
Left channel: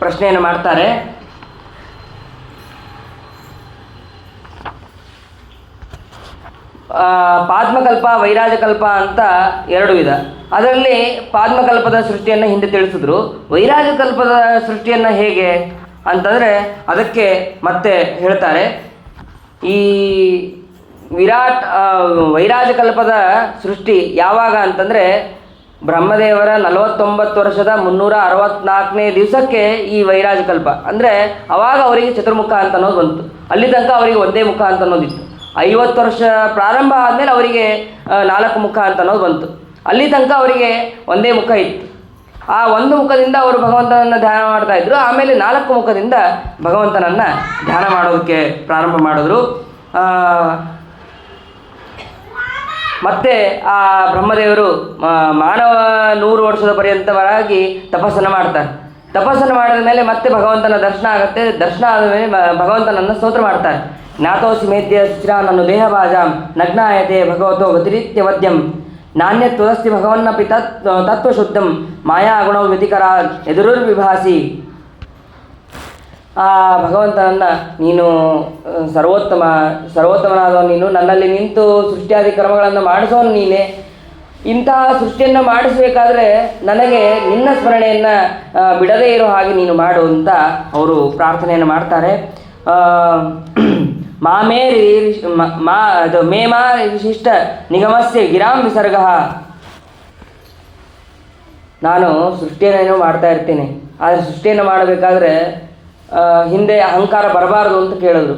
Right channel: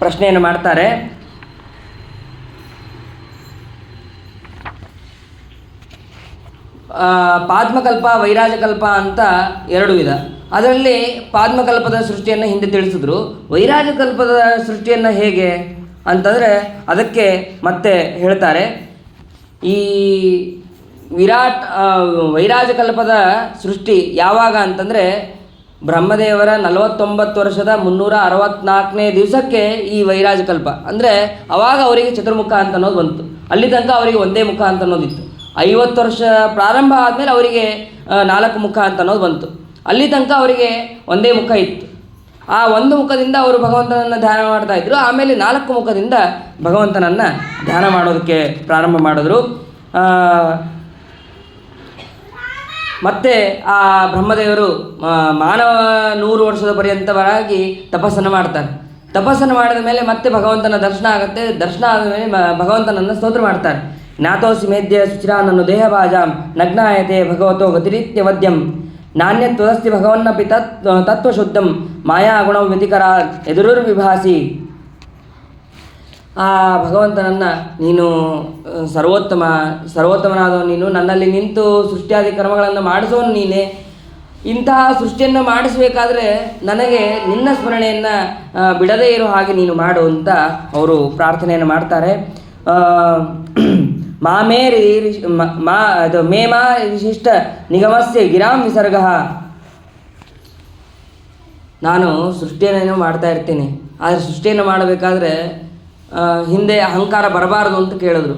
ಪ್ರಶ್ನೆಯನ್ನು ಮಾಡ್ತಾರೆ, ಪಾದ್ಮಕಲ್ಪ ವೈರಾಜಕಲ್ಪ ಅಂತ 2 ವಿಧ. ಅದರಲ್ಲಿ ಪಾದ್ಮಕಲ್ಪದ ಸೃಷ್ಟಿಯನ್ನು ಹಿಂದೆ ತಿಳಿಸಿದ್ರು. ವೈರಾಜಕಲ್ಪದ ಸೃಷ್ಟಿಯನ್ನು ಹೇಗೆ ಅಂತಂದರೆ ಅದಕ್ಕೆ ಮತ್ತೆ ಹೇಳ್ತಾರೆ, ಈ ವೈರಾಜಕಲ್ಪದ ಸೃಷ್ಟಿ ಯಾವಾಗ ಅಂತಂದರೆ ಬ್ರಹ್ಮದೇವರ 49 ವರ್ಷದ 364ನೇ ದಿವಸಕ್ಕೆ ಈ ವೈರಾಜಕಲ್ಪ ಅಂದರೆ ಅವಾಗ ಅವರಿಗೆ ಚತುರ್ಮುಖ ಅಂತ ಅನ್ನೋದು ಬಂತು. ಅಲ್ಲಿ ತನಕ ಅವರಿಗೆ ಒಂದೇ ಮುಖ ಅಂತ ಅನ್ನೋದಿತ್ತು. 50 ವರ್ಷ ಪ್ರಾರಂಭ ಆದಮೇಲೆ ಅವರಿಗೆ 4 ಮುಖ ಅಂತ ಅನ್ನೋದು ಬಂತು. ಅಲ್ಲಿ ತನಕ ಅವರಿಗೆ ಒಂದೇ ಮುಖ ಇತ್ತು. ಆ ಒಂದು ಮುಖದಿಂದ ಅವರು ಭಗವಂತನನ್ನು ಧ್ಯಾನ ಮಾಡ್ತಾ ಇದ್ರು. ಆಮೇಲೆ 4 ಮುಖದಿಂದ ಭಗವಂತನನ್ನು ಧ್ಯಾನ ಮಾಡೋದಕ್ಕೆ ಪ್ರಾರಂಭ ಮಾಡಿದ್ರು. ಮತ್ತೆ ಆ ಬ್ರಹ್ಮದೇವರು ಮಾನವ 100 ವರ್ಷದ ಪರ್ಯಂತವಾಗಿ ತಪಸ್ಸನ್ನು ಮಾಡ್ತಾರೆ. ತಪಸ್ಸನ್ನು ಮಾಡಿದ ಮೇಲೆ ಮತ್ತೆ ಭಗವಂತನ ದರ್ಶನ ಆಗುತ್ತೆ. ದರ್ಶನ ಆದ ಮೇಲೆ ಭಗವಂತನನ್ನು ಸ್ತೋತ್ರ ಮಾಡ್ತಾರೆ. ಜ್ಞಾತೋಸಿ ಮೇದ್ಯ ಶುಚಿರ ನನ್ನ ದೇಹಭಾಜಾಂ ನಗ್ನಾಯತೆ ಭಗವತೋ ಗತಿರಿತ್ಯವದ್ಯಂ ನಾಣ್ಯತ್ವದಸ್ತಿ ಭಗವನ್ನಪಿ ತತ್ವಶುದ್ಧಂ ಮಾಯಾಗುಣಂ ವ್ಯತಿಕರ ಎದುರುರ್ವಿಭಾಸಿ. ಆ ಭಗವಂತನನ್ನು ನೀನು ಸರ್ವೋತ್ತಮನಾದವ ನೀನು, ನನ್ನಲ್ಲಿ ನಿಂತು ಸೃಷ್ಟಿಯಾದಿ ಕರ್ಮಗಳನ್ನು ಮಾಡಿಸೋನು ನೀನೇ. ಇಂತಹ ಸೃಷ್ಟಿಯನ್ನು ಮಾಡಿಸಬೇಕಾದ್ರೆ ನನಗೆ ನಿನ್ನ ಸ್ಮರಣೆಯನ್ನು ಬಿಡದೇ ಇರೋ ಹಾಗೆ ನೀನು ಮಾಡು ಅಂತ ಅವರು ಪ್ರಾರ್ಥನೆಯನ್ನು ಮಾಡ್ತಾರೆ. ಮೇಮಾ ವಿಶಿಷ್ಟ ನಿಗಮಸ್ಯ ಗಿರಾಂ ವಿಸರ್ಗ. ನಾನು ಸೃಷ್ಟಿಯನ್ನೇನೋ ಮಾಡ್ತಾ ಇರ್ತೀನಿ, ಆದರೆ ಸೃಷ್ಟಿಯನ್ನು ಮಾಡಬೇಕಾದ್ರೆ ಹಿಂದೆ ಅಹಂಕಾರ ಬರಬಾರದು ಅಂತ ಕೇಳಿದ್ರು.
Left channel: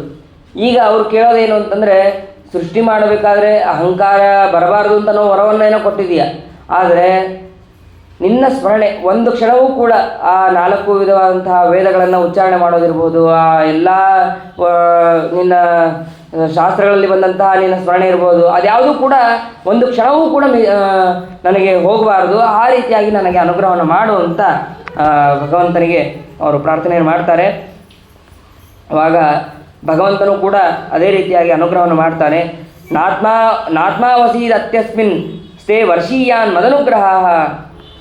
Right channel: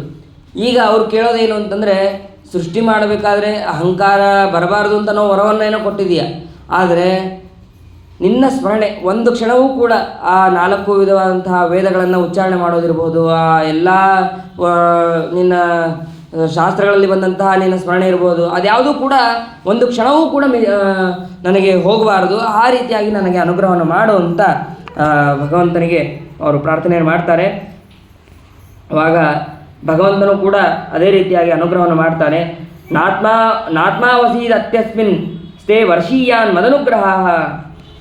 ಈಗ ಅವ್ರು ಕೇಳೋದೇನು ಅಂತಂದರೆ, ಸೃಷ್ಟಿ ಮಾಡಬೇಕಾದ್ರೆ ಅಹಂಕಾರ ಬರಬಾರ್ದು ಅಂತ ನಾವು ವರವನ್ನೇನೋ ಕೊಟ್ಟಿದೆಯಾ, ಆದರೆ ನಿನ್ನ ಸ್ಮರಣೆ ಒಂದು ಕ್ಷಣವೂ ಕೂಡ ಆ 4 ವಿಧವಾದಂತಹ ವೇದಗಳನ್ನು ಉಚ್ಚಾರಣೆ ಮಾಡೋದಿರ್ಬೋದು, ಆ ಎಲ್ಲ ನಿನ್ನ ಶಾಸ್ತ್ರಗಳಲ್ಲಿ ಬಂದಂತಹ ನಿನ್ನ ಸ್ಮರಣೆ ಇರ್ಬೋದು, ಅದ್ಯಾವುದೂ ಕೂಡ ಒಂದು ಕ್ಷಣವೂ ಕೂಡ ನನಗೆ ಹೋಗಬಾರ್ದು. ಆ ರೀತಿಯಾಗಿ ನನಗೆ ಅನುಗ್ರಹವನ್ನು ಮಾಡು ಅಂತ ಭಗವಂತನಿಗೆ ಅವರು ಪ್ರಾರ್ಥನೆಯನ್ನು ಮಾಡ್ತಾರೆ. ಆವಾಗ ಭಗವಂತನು ಕೂಡ ಅದೇ ರೀತಿಯಾಗಿ ಅನುಗ್ರಹವನ್ನು ಮಾಡ್ತಾನೆ. ನಾತ್ಮಾವಸೀದ್ ಅತ್ಯಸ್ಮಿನ್ ಸ್ಥೇ ವರ್ಷೀಯಾನ್ ಮದನುಗ್ರಹ.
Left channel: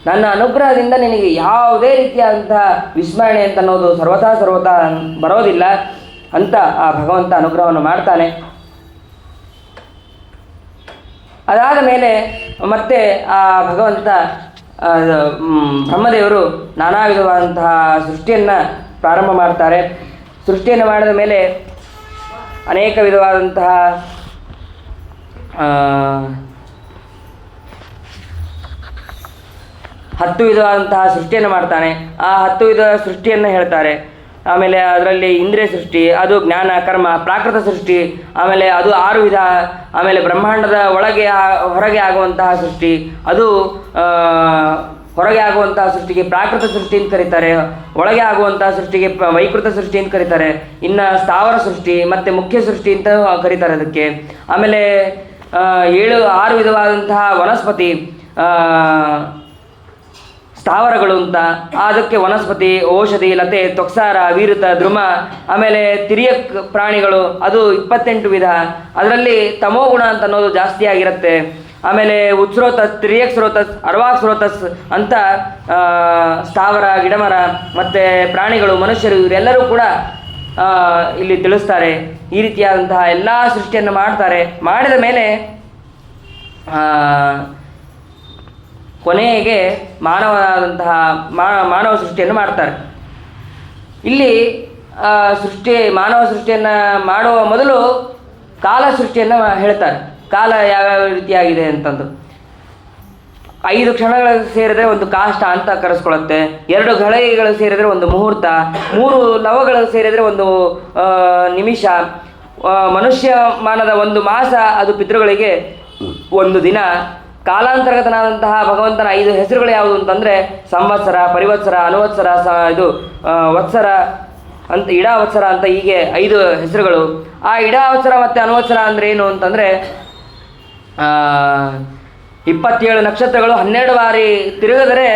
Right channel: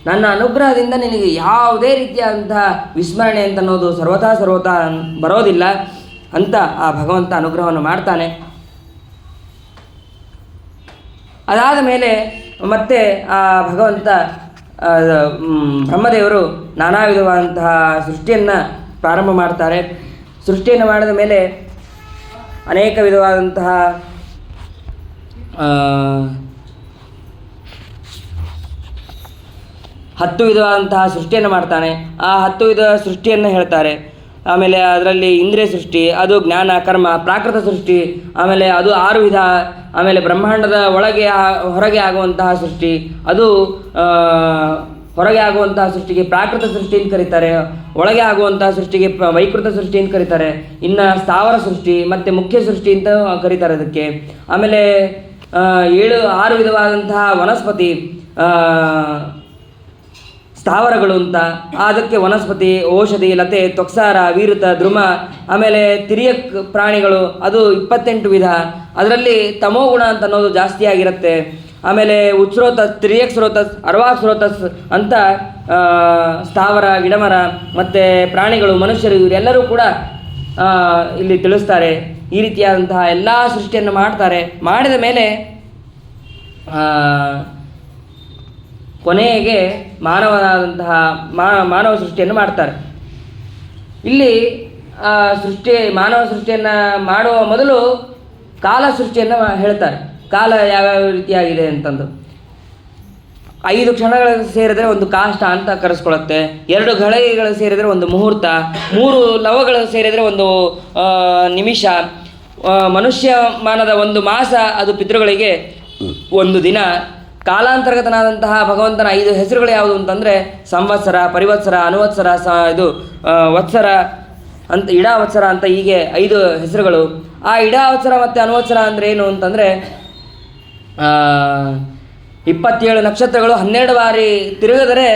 ನನ್ನ ಅನುಗ್ರಹದಿಂದ ನಿನಗೆ ಯಾವುದೇ ರೀತಿಯಾದಂತಹ ವಿಸ್ಮರಣೆ ಅಂತ ಅನ್ನೋದು ಸರ್ವತಾ ಬರೋದಿಲ್ಲ ಅಂತ ಆ ಭಗವಂತ ಅನುಗ್ರಹವನ್ನು ಮಾಡ್ತಾನೆ. ಅದಾದ ಮೇಲೆ ಮತ್ತೆ ಆ ಭಗವಂತ ಬ್ರಹ್ಮದೇವರು ನಾನಾ ವಿಧವಾದಂತಹ ಸೃಷ್ಟಿಯನ್ನು ಪ್ರಾರಂಭ ಮಾಡ್ತಾರೆ. ಸೃಷ್ಟಿಯನ್ನು ಮಾಡಿದ ಮೇಲೆ ಅನೇಕ ವಿಧವಾದಂತಹ 10 ವಿಧವಾದಂತಹ ಸೃಷ್ಟಿಯನ್ನು ಮಾಡ್ತಾನೆ. ಆ 10 ವಿಧ ಸೃಷ್ಟಿಯನ್ನು ಹೇಳ್ತಾರೆ. ಆಮೇಲೆ ಅದರಲ್ಲಿ ಇಂದ್ರಿಯ ಸೃಷ್ಟಿ, ಅದು ಜ್ಞಾನ ಕರ್ಮ ಪ್ರಾಕೃತ ಸೃಷ್ಟಿ, ಆಮೇಲೆ ಅದು 6 ವಿಧ. ಆಮೇಲೆ ಬ್ರಹ್ಮಾಂಡದ ಒಳಗೆ ಹೊರಗೆ ಆಗುವಂತಹ ಸೃಷ್ಟಿ, ಅದು ಹೊರಗೆ ಆಗುವಂತಹ ಸೃಷ್ಟಿಗೆ ಪ್ರಾಕೃತ ಸೃಷ್ಟಿ ಅಂತ ಕರೀತಾರೆ. ಒಳಗೆ ಆಗುವಂತಹ ಸೃಷ್ಟಿಗೆ ವೈಕೃತ ಸೃಷ್ಟಿ ಅಂತ ಕರೀತಾರೆ. ಇನ್ನು ಸ್ಥಾವರ ಸೃಷ್ಟಿ ಮತ್ತು ಮುಖ್ಯ ಸೃಷ್ಟಿ ಅಂತ ಕರೀತಾರೆ ಅದಕ್ಕೆ. ಆಮೇಲೆ 6 ವಿಧವಾದಂತಹ ವನಸ್ಪತಿ ಸ್ಥಾವರಗಳು ಅಂತ, ಅದಕ್ಕೆ ವನಸ್ಪತಿ, ಔಷಧಿ, ಲತೆ, ತೊಕ್ಸಾರ, ವೀರುತ, ದ್ರುಮ. ಆಮೇಲೆ ತಿರಿಯಕ್ ಪ್ರಾಣಿಗಳು, ಅದು 28 ವಿಧ. ಅದರಲ್ಲಿ ತಮೋಗುಣ ಅಂತ ಅನ್ನೋದು ಜಾಸ್ತಿ ಆಗಿರುತ್ತೆ. ಆಮೇಲೆ ಉಚ್ಸ್ರೋತಸ್, ತಿರಿಯಕ್ ಸ್ರೋತಸ್, ಅರ್ವಾಕ್ ಸ್ರೋತಸ್ ಅಂತ ಸ್ಥಾವರ, ಗಿಡಮರ ಮತ್ತು ಪ್ರಾಣಿಗಳು, ಮನುಷ್ಯರು ಇವರೆಲ್ಲರೂ ಕೂಡ ಇಲ್ಲಿ ತಿಳಿಸ್ತಾರೆ. ಈ ರೀತಿಯಾದಂತಹ ಎಲ್ಲ ಸೃಷ್ಟಿಯನ್ನು ಮಾಡ್ತಾರೆ. ಮಾಡಿದ ಮೇಲೆ ಕೊನೆಗೆ ಮಾನವ ಸೃಷ್ಟಿಯನ್ನು ಮಾಡ್ತಾರೆ. ಇಲ್ಲಿ ಮಾನವ ಸೃಷ್ಟಿಯನ್ನು ಮಾಡುವ ಮೊದಲು ಕಾಲ ಸೃಷ್ಟಿಯನ್ನು ಹೇಳ್ತಾರೆ. ಕಾಲ ಯಾವ್ಯಾವ ರೀತಿಯಾಗಿದೆ ಅಂತಂದು 5 ಕ್ಷಣಗಳು ಸೇರಿದರೆ ಒಂದು ಕಾಷ್ಟ ಅಂತ ಕರೆಸ್ಕೊಳ್ಳುತ್ತೆ. 2 ಘಳಿಗೆಗಳು ಸೇರಿದರೆ ಒಂದು ಮುಹೂರ್ತ, 3 ಲವಗಳು ಸೇರಿದರೆ ಒಂದು ನಿಮಿಷ. ಮನುಷ್ಯ ಮಾನದ 1 ಮಾಸ, ಅದು ಪಿತೃಗಳಿಗೆ 1 ದಿನ. ಕಾಲಾಂತರ್ಗತನಾದಂತಹ ಭಗವಂತನ 5 ಹೆಸರುಗಳು ಯಾವುದು ಅಂತಂದರೆ ಸಂವತ್ಸರ, ಪರಿವತ್ಸರ, ಅನುವತ್ಸರ, ವತ್ಸರ ಅಂತ, ಇಡಾವತ್ಸರ ಅಂತ, ಹೀಗೆ 5 ಹೆಸರುಗಳು. ಆ ಇಡಾವತ್ಸರ ಮತ್ತು ಅನುವತ್ಸರ ಅಂದರೆ ಏನು ಅಂತಂದರೆ 27 ನಕ್ಷತ್ರಗಳು 12 ಬಾರಿ ತಿರುಗಿದರೆ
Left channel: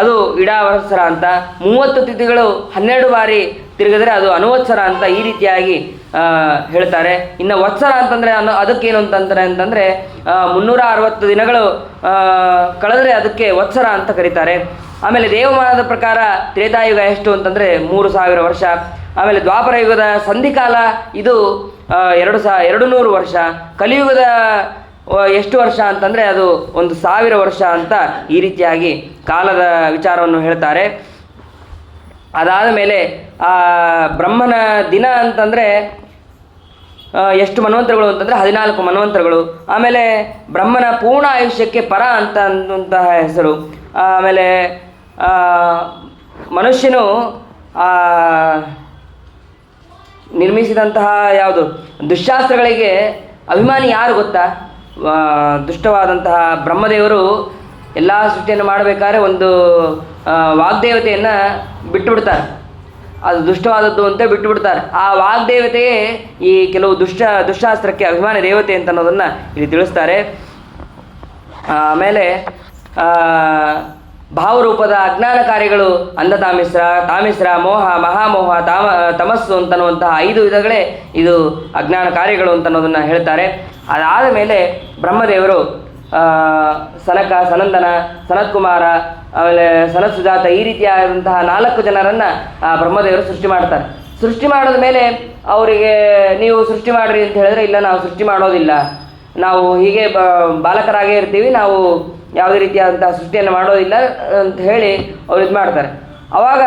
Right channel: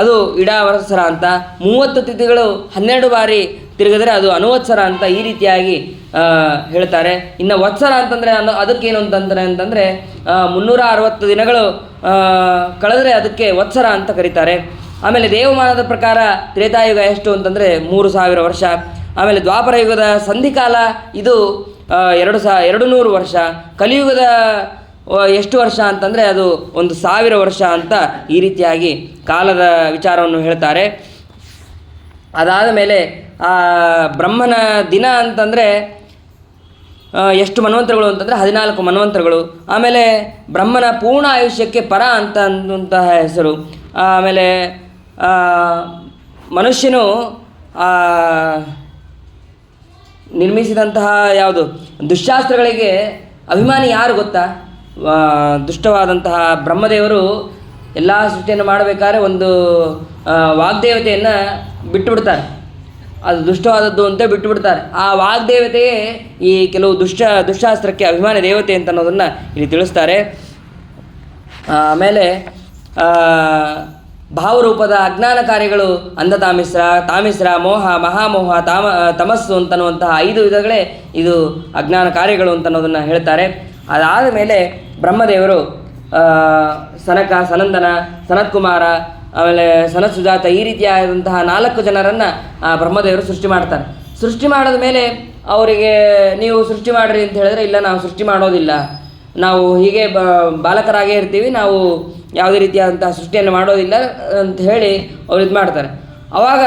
ಅದು ಇಡಾವತ್ಸರ ಅಂತ, 30 ತಿಥಿಗಳು 12 ಬಾರಿ ತಿರುಗಿದರೆ ಅದು ಅನುವತ್ಸರ ಅಂತ, ಈ ರೀತಿಯಾಗಿ ಹೇಳ್ತಾರೆ. ಇನ್ನು ವತ್ಸರ ಅಂತಂದರೆ ಅದಕ್ಕೇನು ಅಂತಂದರೆ 360 ದಿನಗಳು ಕಳೆದರೆ ಅದಕ್ಕೆ ವತ್ಸರ ಅಂತ ಕರೀತಾರೆ. ಆಮೇಲೆ ದೇವಮಾನದ ಪ್ರಕಾರ ತ್ರೇತಾಯುಗ ಎಷ್ಟು ಅಂತಂದರೆ 3000 ವರ್ಷ. ಆಮೇಲೆ ದ್ವಾಪರ ಯುಗದ ಸಂಧಿಕಾಲ ಇದು 200 ವರ್ಷ. ಕಲಿಯುಗದ ಎಷ್ಟು ವರ್ಷ ಅಂತಂದರೆ ಅದು 1000 ವರ್ಷ ಅಂತ, ಈ ರೀತಿಯಾಗಿ ಕಾಲದ ವಿಚಾರವನ್ನು ಹೇಳ್ತಾರೆ. ಅದಾದ ಮೇಲೆ ಬ್ರಹ್ಮನ ದಿನ ಅಂತಂದರೆ ಎಷ್ಟು ಮನ್ವಂತರಗಳು ಅಂತಂದರೆ 14 ಮನ್ವಂತರಗಳು. ಆಮೇಲೆ ಬ್ರಹ್ಮನ ಪೂರ್ಣ ಆಯುಷ್ಯಕ್ಕೆ ಪರ ಅಂತಂತಹ ಹೆಸರು. ಆಮೇಲೆ ಮನುಷ್ಯನು ನಿರ್ಮಿಸಿದಂತಹ ಯಾವುದು ದುಶ್ಶಾಸ್ತ್ರಗಳಿಗೆ ಅಭಿಮಾನಿ ಯಾರು ಗೊತ್ತಾ? ದುಷ್ಟವಾದಂತಹ ಬ್ರಹ್ಮದೇವರು ಎಲ್ಲ ಸೃಷ್ಟಿಯನ್ನು ಮಾಡಬೇಕಾದ್ರೆ ಒಂದು ವಾಗ್ದೇವತೆಯನ್ನು ಬಿಟ್ಟುಬಿಡ್ತಾರೆ. ಅದು ದುಷ್ಟವಾದದ್ದು ಅಂತ ಬಿಟ್ಟುಬಿಡ್ತಾರೆ. ಆ ವಾಗ್ದೇವತೆಯೇ ಈ ಕೆಲವು ದುಶ್ಶಾಸ್ತ್ರಕ್ಕೆ ಅಭಿಮಾನಿ ದೇವತೆ ಅಂತ ಅನ್ನೋದನ್ನು ಇಲ್ಲಿ ತಿಳಿಸ್ತಾರೆ. ಆಮೇಲೆ ಭಾವರೂಪದ ಅಜ್ಞಾನ ಕಾರ್ಯಗಳು ತಾಮಿಸ್ರ, ಮೋಹ, ಮಹಾಮೋಹ, ತಮಸ್ಸು ಅಂತನ್ನುವಂತಹ 5 ವಿಧಗಳೇ ಇದು ಅಜ್ಞಾನ ಕಾರ್ಯಗಳು ಅಂತ ಅನ್ನೋದನ್ನು ಹೇಳ್ತಾರೆ. ಅದಾದ ಮೇಲೆ ಬ್ರಹ್ಮದೇವರು ಸನಕ, ಸನಂದನ, ಸನತ್ಕುಮಾರ, ಆಮೇಲೆ ಸನತ್ ಸುಜಾತ, ಈ ರೀತಿಯಾದಂತಹ 4 ಜನರನ್ನು ಬ್ರಹ್ಮದೇವರು ಸೃಷ್ಟಿ ಮಾಡ್ತಾರೆ. ಸೃಷ್ಟಿ ಮಾಡಿದ ಮೇಲೆ ಅವರಿಗೆ ನೀವು ಸೃಷ್ಟಿ ಮಾಡಿರಿ ಅಂತ ಹೇಳಿದ್ರೆ, ಇಲ್ಲ ನಾವು ಸೃಷ್ಟಿ ಮಾಡೋದಿಲ್ಲ, ನಾವು ಹೀಗೆ ಬಾಲಕರಾಗೇ ಇರ್ತೀವಿ, ನಾವು ಯಾವುದೇ ರೀತಿಯಾದಂತಹ ಸೃಷ್ಟಿಯನ್ನು ಮಾಡೋದಿಲ್ಲ ಅಂತ ಹೇಳಿ ಅವ್ರು ಇದು ಮಾಡ್ತಾರೆ. ಆವಾಗ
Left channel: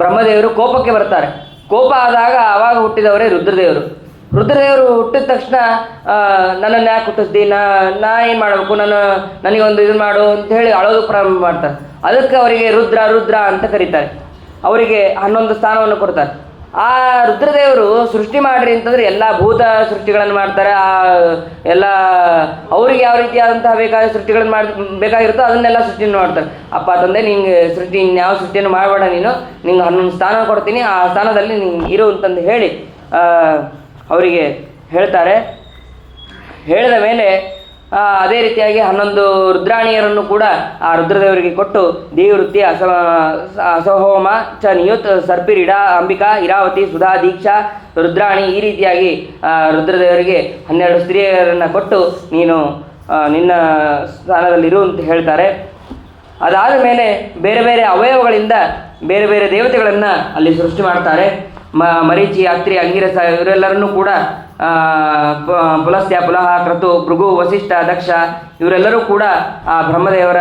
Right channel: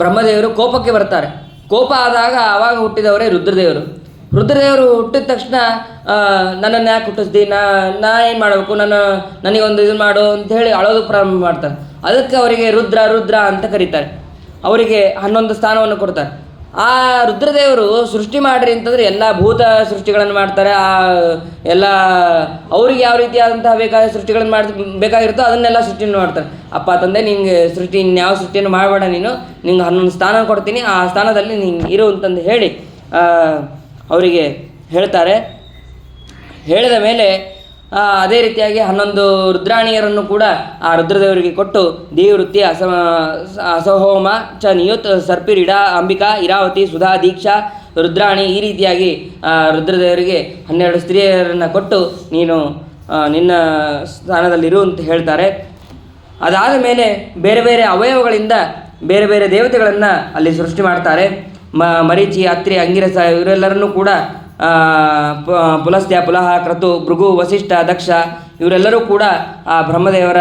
ಬ್ರಹ್ಮದೇವರು ಕೋಪಕ್ಕೆ ಬರ್ತಾರೆ. ಕೋಪ ಆದಾಗ ಆವಾಗ ಹುಟ್ಟಿದವರೇ ರುದ್ರದೇವರು. ರುದ್ರದೇವರು ಹುಟ್ಟಿದ ತಕ್ಷಣ ನನ್ನನ್ನು ಯಾಕೆ ಹುಟ್ಟಿಸ್ದಿ, ನಾ ಏನು ಮಾಡಬೇಕು, ನನಗೊಂದು ಇದು ಮಾಡು ಅಂತ ಹೇಳಿ ಅಳೋದು ಪ್ರಾರಂಭ ಮಾಡ್ತಾರೆ. ಅದಕ್ಕೆ ಅವರಿಗೆ ರುದ್ರ ಅಂತ ಕರೀತಾರೆ. ಅವರಿಗೆ 11 ಸ್ಥಾನವನ್ನು ಕೊಡ್ತಾರೆ. ಆ ರುದ್ರದೇವರು ಸೃಷ್ಟಿ ಮಾಡಿರಿ ಅಂತಂದರೆ ಎಲ್ಲ ಭೂತ ಸೃಷ್ಟಿಗಳನ್ನು ಮಾಡ್ತಾರೆ. ಎಲ್ಲ ಅವ್ರಿಗೆ ಯಾವ ರೀತಿಯಾದಂತಹ ಬೇಕಾದ ಸೃಷ್ಟಿಗಳನ್ನು ಬೇಕಾಗಿರುತ್ತೋ ಅದನ್ನೆಲ್ಲ ಸೃಷ್ಟಿಯನ್ನು ಮಾಡ್ತಾರೆ. ಅಪ್ಪ ತಂದೆ ನಿಂಗೆ ಇನ್ಯಾವ ಸೃಷ್ಟಿಯನ್ನು ಮಾಡಬೇಡ, ನಿಂಗೆ 11 ಸ್ಥಾನ ಕೊಡ್ತೀನಿ, ಆ ಸ್ಥಾನದಲ್ಲಿ ನೀನು ಇರು ಅಂತಂದು ಹೇಳಿ ಅವರಿಗೆ ಹೇಳ್ತಾರೆ. ಹೇಳಿದ ಮೇಲೆ ಅದೇ ರೀತಿಯಾಗಿ 11 ರುದ್ರಾಣಿಯರನ್ನು ಕೂಡ ಆ ರುದ್ರದೇವರಿಗೆ ಕೊಟ್ಟು ದೇವವೃತ್ತಿ ಅಸಹೋಮ ಚ ನಿಯುತ್ ಸರ್ಪಿರಿಡಾ ಅಂಬಿಕಾ ಇರಾವತಿ ಸುಧಾ ದೀಕ್ಷಾ ರುದ್ರಾಣಿ ಈ ರೀತಿಯಾಗಿ ರುದ್ರದೇವರಿಗೆ 12 ಸ್ತ್ರೀಯರನ್ನು ಕೊಟ್ಟು ನೀನು ನಿನ್ನ ಸ್ಥಾನದಲ್ಲಿರು ಅಂತ ಹೇಳ್ತಾರೆ. ಅದಾದ ಮೇಲೆ ಬೇರೆ ಬೇರೆ ಅವಯವಗಳಿಂದ ಬೇರೆ ಬೇರೆ ದೇವತೆಗಳನ್ನು ಅಲ್ಲಿ ಸೃಷ್ಟಿ ಮಾಡ್ತಾರೆ. ಮರೀಚಿ, ಅತ್ರಿ, ಅಂಗಿರಸ ಇವರೆಲ್ಲರನ್ನೂ ಕೂಡ ಪುಲಸ್ತ್ಯ, ಪುಲಹ, ಕ್ರತು, ಭೃಗು, ವಸಿಷ್ಠ, ದಕ್ಷ ಇವರೆಲ್ಲರೂ ಕೂಡ ಆ ಬ್ರಹ್ಮದೇವರ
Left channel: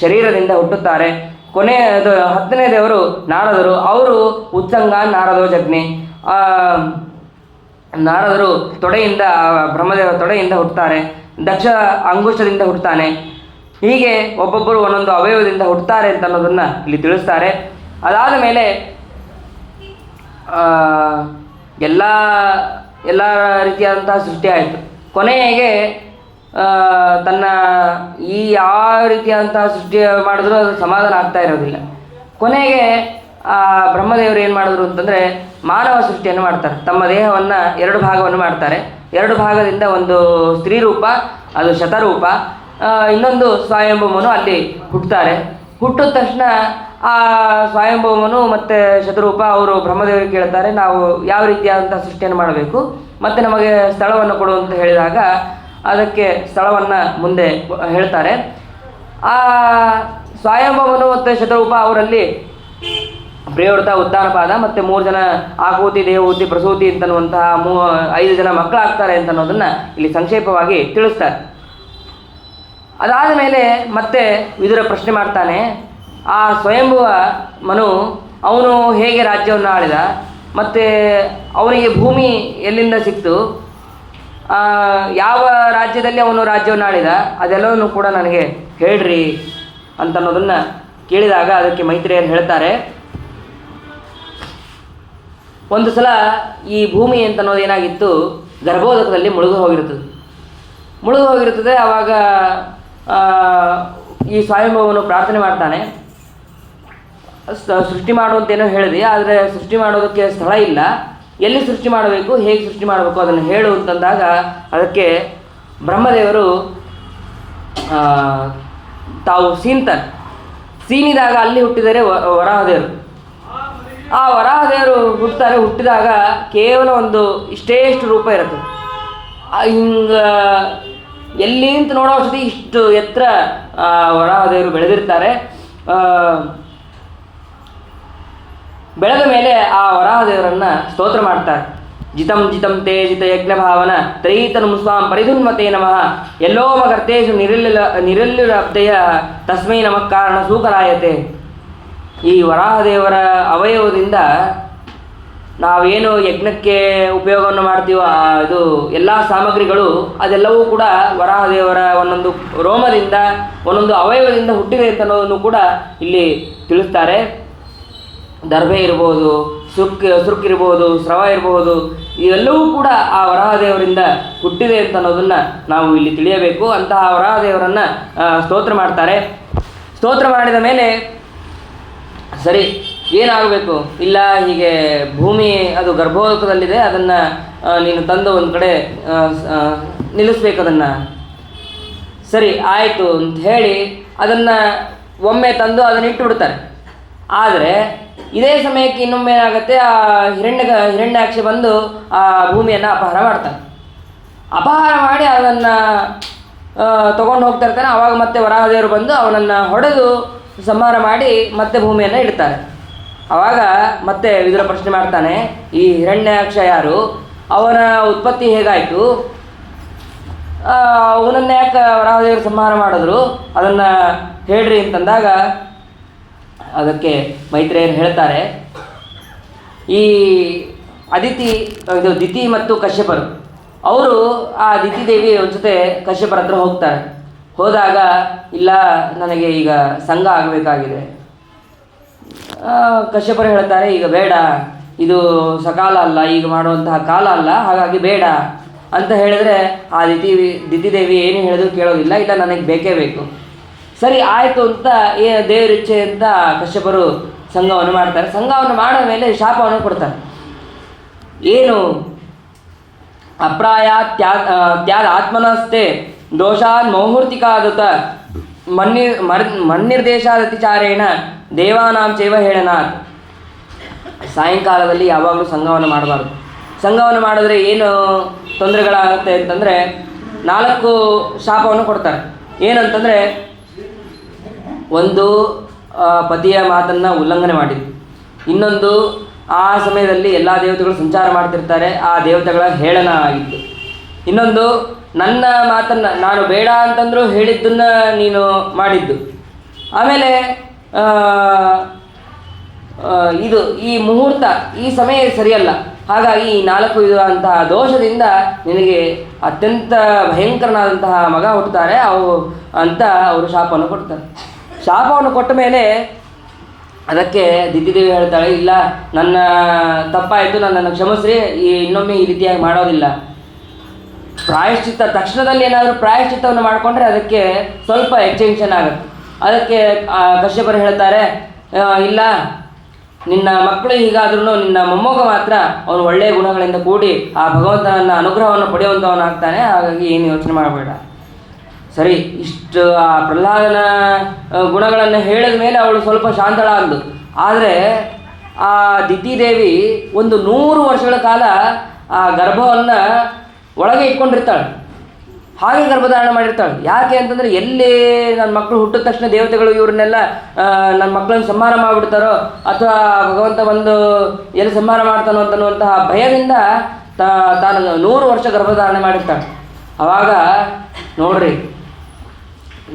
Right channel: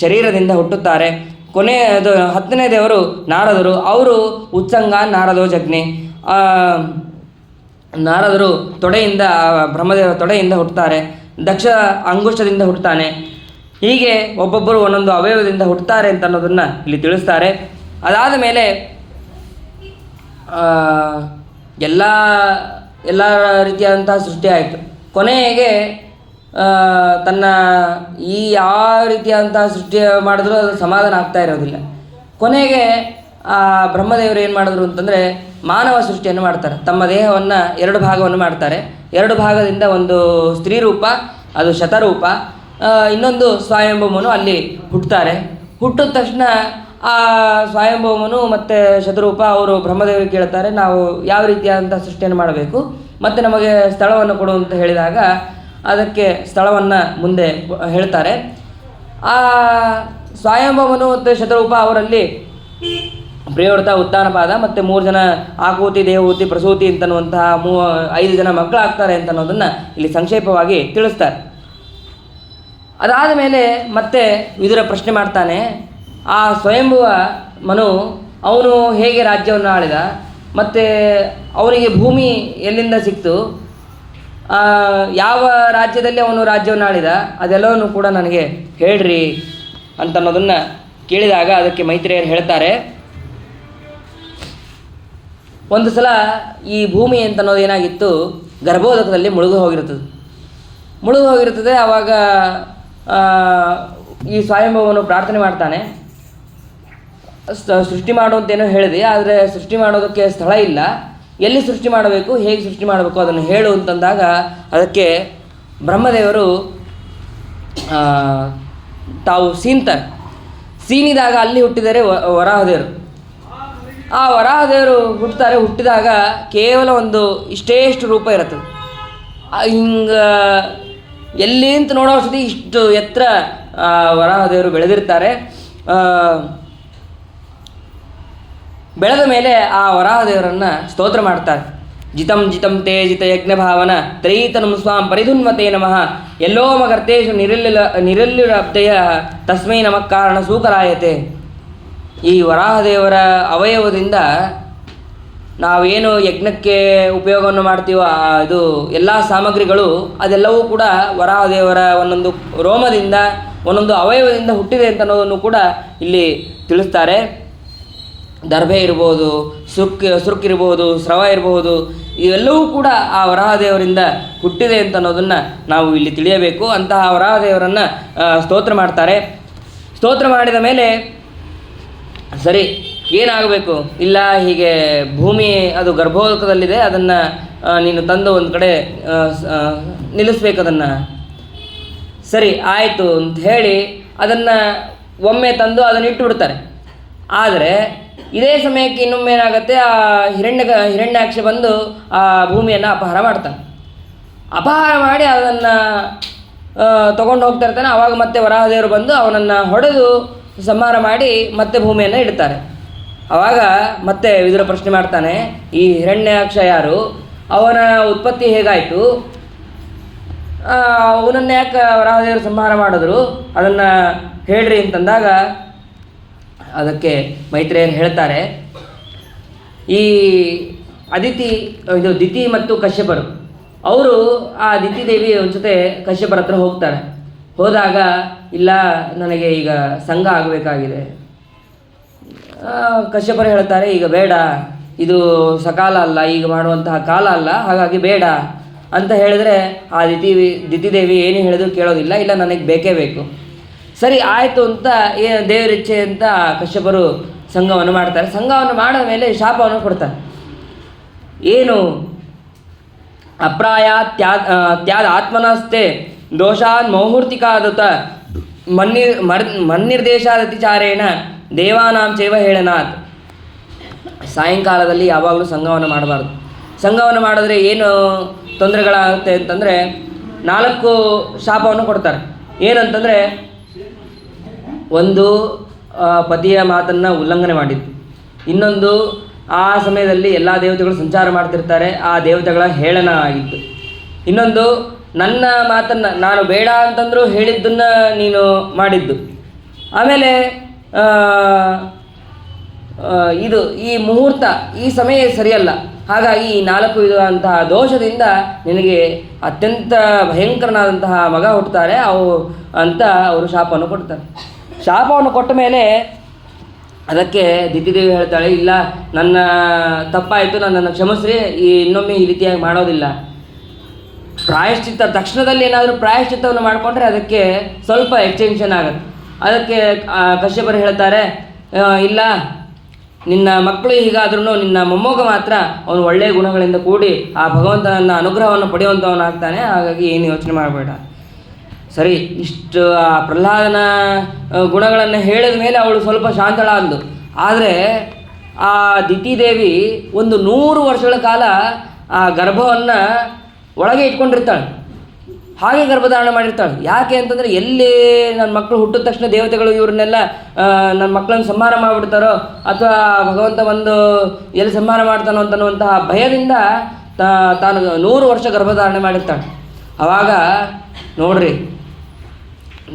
ಶರೀರದಿಂದ ಹುಟ್ಟುತ್ತಾರೆ. ಕೊನೆಯದು 10ನೇ ದೇವರು ನಾರದರು. ಅವರು ಉತ್ಸಂಗ ನಾರದೋ ಜಗ್ನಿ. ನಾರದರು ತೊಡೆಯಿಂದ ಬ್ರಹ್ಮದೇವರ ತೊಡೆಯಿಂದ ಹುಟ್ಟುತ್ತಾರೆ. ದಕ್ಷ ಅಂಗುಷ್ಟದಿಂದ ಹುಟ್ಟುತ್ತಾನೆ. ಹೀಗೆ ಒಬ್ಬೊಬ್ಬರು ಒಂದೊಂದು ಅವಯವದಿಂದ ಹುಟ್ಟುತ್ತಾರೆ ಅಂತ ಅನ್ನೋದನ್ನು ಇಲ್ಲಿ ತಿಳಿಸ್ತಾರೆ. ಅದಾದ ಮೇಲೆ ಎಲ್ಲ ರೀತಿಯಾದಂತಹ ಸೃಷ್ಟಿ ಆಯಿತು. ಕೊನೆಗೆ ತನ್ನ ಯಾವ ರೀತಿಯಾದಂತಹ ಸೃಷ್ಟಿ ಮಾಡಿದ್ರೂ ಅದು ಸಮಾಧಾನ ಆಗ್ತಾ ಇರೋದಿಲ್ಲ. ಕೊನೆಗೆ ಬ್ರಹ್ಮದೇವರು ಏನು ಮಾಡಿದ್ರು ಅಂತಂದರೆ ಮಾನವ ಸೃಷ್ಟಿಯನ್ನು ಮಾಡ್ತಾರೆ. ತಮ್ಮ ದೇಹವನ್ನು 2 ಭಾಗವನ್ನು ಮಾಡ್ತಾರೆ. 2 ಭಾಗದಿಂದ ಒಂದು ಸ್ತ್ರೀ ರೂಪ, ಅದು ಶತರೂಪ, ಇನ್ನೊಂದು ಸ್ವಯಂಭೂಮನು ಅಲ್ಲಿ ಹುಟ್ಟುತ್ತಾರೆ. ಹುಟ್ಟಿದ ತಕ್ಷಣ ಆ ಸ್ವಯಂಭೂಮನು ಮತ್ತು ಶತರೂಪ ಅವರು ಬ್ರಹ್ಮದೇವರಿಗೆ ಕೇಳ್ತಾರೆ, ನಾವು ಯಾವ ರೀತಿಯಾದಂಥ ಸೃಷ್ಟಿಯನ್ನು ಮಾಡಬೇಕು ಮತ್ತು ನಮಗೆ ಸ್ಥಳವನ್ನು ಕೊಡು ಅಂತ ಹೇಳಿದಾಗ ಅದಕ್ಕೆ ಸ್ಥಳವನ್ನು ಮುಂದೆ ಹೇಳ್ತಾರೆ. ಆ ಸ್ವಯಂಭೂಮನು ಮತ್ತು ಶತರೂಪ ಅವರಲ್ಲಿ ಪ್ರಿಯವೃತ, ಉತ್ಥಾನಪಾದ ಮತ್ತು 3 ಜನ ಆಕೂತಿ, ದೇವಹೂತಿ, ಪ್ರಸೂತಿ ಅಂತನ್ನುವಂತಹ 5 ಜನ ಮಕ್ಕಳಾಗ್ತಾರೆ ಅಂತ ಅನ್ನೋದನ್ನು ಇಲ್ಲಿ ಸಂಕ್ಷೇಪವಾಗಿ ತಿಳಿಸ್ತಾರೆ. ಅದಾದ ಮೇಲೆ ಮತ್ತೆ ವಿದುರ ಪ್ರಶ್ನೆ ಮಾಡ್ತಾನೆ, ಆ ಸ್ವಯಂಭುವ ಮನು ಅವನು ಹೇಗೆ ರಾಜ್ಯವನ್ನು ಆಳಿದ ಮತ್ತು ಅವನಿಗೆ ಭೂಮಿ ಎಲ್ಲಿಂದ ಸಿಕ್ತು, ಯಾವ ರಾಜ್ಯದಲ್ಲಿ ಅವನು ರಾಜ್ಯವನ್ನು ಆಳಿದ, ಅದೆಲ್ಲವನ್ನು ಕೂಡ ನನಗೆ ಹೇಳ್ರಿ ಅಂತನ್ನೋದನ್ನು ಕೇಳಿದಾಗ ಅದಕ್ಕೆ ಮೈತ್ರೇಯರು ಹೇಳ್ತಾರೆ, ಒಂದು ಸಲ ಈ ಭೂಮಿ ಅಂತನ್ನೋದು ಏನಾಗಿತ್ತು, ಗರ್ಭೋದಕದಲ್ಲಿ ಮುಳುಗು ಹೋಗಿರುತ್ತದೆ. ಆವಾಗ ಈ ಸ್ವಯಂಭವನು ಪ್ರಾರ್ಥನೆ ಮಾಡ್ತಾನೆ, ಸೃಷ್ಟಿ ಮಾಡುವಂತೇನೋ ಹೇಳಿದೆ, ಆದರೆ ಸೃಷ್ಟಿ ಮಾಡೋದಕ್ಕೆ ಸ್ಥಳ ಇಲ್ಲ, ಎಲ್ಲಿ ಸೃಷ್ಟಿ ಮಾಡಬೇಕು, ಹೇಗೆ ಸೃಷ್ಟಿ ಮಾಡಬೇಕು ಅದನ್ನು ಹೇಳು ಅಂತಂದಾಗ ಅದಕ್ಕೆ ಬ್ರಹ್ಮದೇವರು ತಾವು ಸೀನಿದಾಗ ಅಲ್ಲಿ ಹುಟ್ಟಿದರೆ ವರಾಹದೇವರು. ಆ ವರಾಹದೇವರು ಹುಟ್ಟಿದಾಗ ಕೇವಲ ಒಂದು ಇಷ್ಟೇಷ್ಟು ರೂಪ ಇರುತ್ತೆ. ಹಿಂಗೆ ಎಲ್ಲಿ ಅಂತ ನೋಡೋ ಸತಿ ಇಷ್ಟು ಎತ್ತರ ವರಾಹದೇವರು ಬೆಳೆದಿರ್ತಾರೆ. ಬೆಳೆದ ಮೇಲೆ ಆ ವರಾಹದೇವರನ್ನು ಸ್ತೋತ್ರ ಮಾಡ್ತಾರೆ. ಜಿತಂ ಜಿತಂ ತೇ ಜಿತ ಯಜ್ಞ ಭಾವನ ತ್ರೈತನು ಸ್ವಾಂ ಪರಿಧುನ್ವತೆ ನಮಃ ಎಲ್ಲೋ ಮಗರ್ತೇಶು ನಿರಲ್ಲುರಬ್ಧಯ ತಸ್ಮೈ ನಮಃ ಕಾರಣ ಸೂಕರಾಯತೆ. ಈ ವರಾಹದೇವರ ಅವಯವದಿಂದ ನಾವೇನು ಯಜ್ಞಕ್ಕೆ ಉಪಯೋಗವನ್ನು ಮಾಡ್ತೀವೋ ಇದು ಎಲ್ಲ ಸಾಮಗ್ರಿಗಳು ಅದೆಲ್ಲವೂ ಕೂಡ ವರಾಹದೇವರ ಒಂದೊಂದು ರೋಮದಿಂದ ಒಂದೊಂದು ಅವಯವದಿಂದ ಹುಟ್ಟಿದೆ ಅಂತ ಅನ್ನೋದನ್ನು ಕೂಡ ಇಲ್ಲಿ ತಿಳಿಸ್ತಾರೆ. ದರ್ಭೆ ಇರ್ಬೋದು, ಸುರುಕಿರ್ಬೋದು, ಸ್ರವ ಇರಬಹುದು, ಇವೆಲ್ಲವೂ ಕೂಡ ಆ ವರಾಹದೇವರಿಂದ ಹುಟ್ಟಿದೆ ಅಂತ ಅನ್ನೋದನ್ನು ನಾವು ಇಲ್ಲಿ ತಿಳಿಯಬೇಕು. ಅಂತಹ ವರಾಹದೇವರನ್ನು ಸ್ತೋತ್ರ ಮಾಡ್ತಾರೆ. ಸ್ತೋತ್ರ ಮಾಡಿದ ಮೇಲೆ ಸರಿ ಏನಾಗಬೇಕು, ಇಲ್ಲ ಹೀಗೆ ಭೂಮಿ ಅದು ಗರ್ಭೋದಕದಲ್ಲಿದೆ, ಅದನ್ನು ನೀನು ತಂದು ಒಂದು ಕಡೆ ನಿಲ್ಲಿಸ್ಬೇಕು, ಅದನ್ನು ಸರಿ ಆಯಿತು ಅಂತ ಹೇಳಿ ಅದನ್ನು ಒಮ್ಮೆ ತಂದು ಅದನ್ನು ಇಟ್ಟು ಬಿಡ್ತಾರೆ. ಆದರೆ ಇದೇ ಸಮಯಕ್ಕೆ ಇನ್ನೊಮ್ಮೆ ಏನಾಗುತ್ತೆ, ಆ ಹಿರಣ್ಯಾಕ್ಷ ಬಂದು ಆ ಭೂಮಿಯನ್ನು ಅಪಹಾರ ಮಾಡ್ತಾನೆ. ಅಪಹಾರ ಮಾಡಿ ಅದನ್ನು ತೊಗೊಂಡು ಹೋಗ್ತಾ ಇರ್ತಾನೆ. ಆವಾಗ ಮತ್ತೆ ವರಾಹದೇವರು ಬಂದು ಅವನನ್ನು ಹೊಡೆದು ಸಂಹಾರ ಮಾಡಿ ಮತ್ತೆ ಭೂಮಿಯನ್ನು ಇಡ್ತಾರೆ. ಆವಾಗ ಮತ್ತೆ ವಿದುರ ಪ್ರಶ್ನೆ ಮಾಡ್ತಾನೆ, ಈ ಹಿರಣ್ಯಾಕ್ಷ ಯಾರು, ಅವನ ಉತ್ಪತ್ತಿ ಹೇಗಾಯಿತು, ಅವನನ್ನು ಯಾಕೆ ವರಾಹದೇವರು ಸಂಹಾರ ಮಾಡಿದ್ರು, ಅದನ್ನು ಹೇಳ್ರಿ ಅಂತಂದಾಗ ಅದಕ್ಕೆ ಮೈತ್ರೇಯರು ಹೇಳ್ತಾರೆ, ಈ ದಿತಿ ಮತ್ತು ಕಶ್ಯಪರು ಅವರು ಆ ದಿತಿ ದೇವಿ ಒಂದು ಜೊತೆ ಕಶ್ಯಪರ ಹತ್ರ ಹೋಗ್ತಾರೆ. ಹೋದಾಗ ಇಲ್ಲ ನನಗೆ ಈಗ ಸಂಘ ಆಗಬೇಕಾಗಿದೆ. ಕಶ್ಯಪರು ಹೇಳ್ತಾರೆ, ಈಗ ಬೇಡ, ಇದು ಸಕಾಲ ಅಲ್ಲ, ಈಗ ಮಾಡುವಂತಹ ಕಾಲ ಅಲ್ಲ, ಹಾಗಾಗಿ ಬೇಡ ಅಂತ ಹೇಳಿದರೆ ಆ ದಿತಿದೇವಿ ಏನು ಹೇಳಿದ್ರು ಕೇಳೋದಿಲ್ಲ, ಇಲ್ಲ ನನಗೆ ಬೇಕೇ ಬೇಕು. ಸರಿ ಆಯಿತು ಅಂತ ದೇವರಿಚ್ಛೆ ಅಂತ ಕಶ್ಯಪರು ಸಂಘವನ್ನು ಮಾಡ್ತಾರೆ. ಸಂಘವನ್ನು ಮಾಡೋ ಮೇಲೆ ಶಾಪವನ್ನು ಕೊಡ್ತಾರೆ. ಏನು ಅಪ್ರಾಯ ತ್ಯಾದ ಆತ್ಮನಸ್ತೆ ದೋಷಾನ್ ಮೌಹೂರ್ತಿಕಾದುತ ಮನ್ನಿರ್ದೇಶಾದತಿಚಾರೇಣ ದೇವಾನಾಂ ಚೈವ ಹೇಳನಾಥ್. ಸಾಯಂಕಾಲದಲ್ಲಿ ಯಾವಾಗಲೂ ಸಂಘವನ್ನು ಮಾಡಬಾರ್ದು. ಸಂಘವನ್ನು ಮಾಡಿದ್ರೆ ಏನು ತೊಂದರೆಗಳಾಗುತ್ತೆ ಅಂತಂದರೆ 4 ಶಾಪವನ್ನು ಕೊಡ್ತಾರೆ. ಏನಂತಂದರೆ, ಒಂದು ಪತಿಯ ಮಾತನ್ನು ಉಲ್ಲಂಘನೆ ಮಾಡಿದ್ದು, ಇನ್ನೊಂದು ಆ ಸಮಯದಲ್ಲಿ ಎಲ್ಲ ದೇವತೆಗಳು ಸಂಚಾರ ಮಾಡ್ತಿರ್ತಾರೆ, ಆ ದೇವತೆಗಳ ಹೇಳನ ಆಗಿತ್ತು, ಇನ್ನೊಂದು ನನ್ನ ಮಾತನ್ನು ನಾನು ಬೇಡ ಅಂತಂದರೂ ಹೇಳಿದ್ದನ್ನು ನೀನು ಮಾಡಿದ್ದು, ಆಮೇಲೆ ಈ ಮುಹೂರ್ತ ಈ ಸಮಯ ಸರಿಯಲ್ಲ. ಹಾಗಾಗಿ ಈ 4 ವಿಧವಾದಂತಹ ದೋಷದಿಂದ ನಿನಗೆ ಅತ್ಯಂತ ಭಯಂಕರನಾದಂತಹ ಮಗ ಹುಟ್ಟುತ್ತಾರೆ ಅಂತ ಅವರು ಶಾಪವನ್ನು ಕೊಡ್ತಾರೆ. ಶಾಪವನ್ನು ಕೊಟ್ಟ ಮೇಲೆ ಅದಕ್ಕೆ ದಿತಿದೇವಿ ಹೇಳ್ತಾಳೆ, ಇಲ್ಲ ನನ್ನ ತಪ್ಪಾಯಿತು, ನನ್ನನ್ನು ಕ್ಷಮಿಸ್ರಿ, ಇನ್ನೊಮ್ಮೆ ಈ ರೀತಿಯಾಗಿ ಮಾಡೋದಿಲ್ಲ. ಪ್ರಾಯಶ್ಚಿತ್ತ ತಕ್ಷಣದಲ್ಲಿ ಏನಾದರೂ ಪ್ರಾಯಶ್ಚಿತ್ತವನ್ನು ಮಾಡಿಕೊಂಡ್ರೆ ಅದಕ್ಕೆ ಸ್ವಲ್ಪ ಎಕ್ಸ್ಟೆನ್ಷನ್ ಆಗುತ್ತೆ. ಅದಕ್ಕೆ ಕಶ್ಯಪರು ಹೇಳ್ತಾರೆ, ಇಲ್ಲ ನಿನ್ನ ಮಕ್ಕಳು ಹೀಗಾದ್ರೂ ನಿನ್ನ ಮೊಮ್ಮಗ ಮಾತ್ರ ಅವನು ಒಳ್ಳೆಯ ಗುಣಗಳಿಂದ ಕೂಡಿ ಆ ಭಗವಂತನ ಅನುಗ್ರಹವನ್ನು ಪಡೆಯುವಂಥವನು ಆಗ್ತಾನೆ, ಹಾಗಾಗಿ ಏನು ಯೋಚನೆ ಮಾಡಬೇಡ. ಸರಿ, ಇಷ್ಟು ಆ ಪ್ರಹ್ಲಾದನ ಗುಣಗಳನ್ನು ಹೇಳಿದ ಮೇಲೆ ಅವಳು ಸ್ವಲ್ಪ ಶಾಂತಳಾದ್ಲು. ಆದರೆ ಆ ದಿತಿದೇವಿ ಒಂದು 100 ವರ್ಷಗಳ ಕಾಲ ಆ ಗರ್ಭವನ್ನು ಒಳಗೆ ಇಟ್ಕೊಂಡಿರ್ತಾಳೆ, ಹಾಗೆ ಗರ್ಭಧಾರಣ ಮಾಡಿರ್ತಾಳೆ. ಯಾಕೆ ಅಂತಂದರೆ, ಎಲ್ಲಿ ನನ್ನ ಮಕ್ಕಳು ಹುಟ್ಟಿದ ತಕ್ಷಣ ದೇವತೆಗಳು ಇವ್ರನ್ನೆಲ್ಲ ನನ್ನ ಮಕ್ಕಳನ್ನು ಸಂಹಾರ ಮಾಡಿಬಿಡ್ತಾರೋ ಅಥವಾ ಭಗವಂತ ಬಂದು ಎಲ್ಲಿ ಸಂಹಾರ ಮಾಡ್ತಾನೋ ಅಂತನ್ನುವಂತಹ ಭಯದಿಂದ ತಾನು 100 ವರ್ಷ ಗರ್ಭಧಾರಣೆ ಮಾಡಿರ್ತಾಳೆ. ಆವಾಗ ನೋಡ್ರಿ,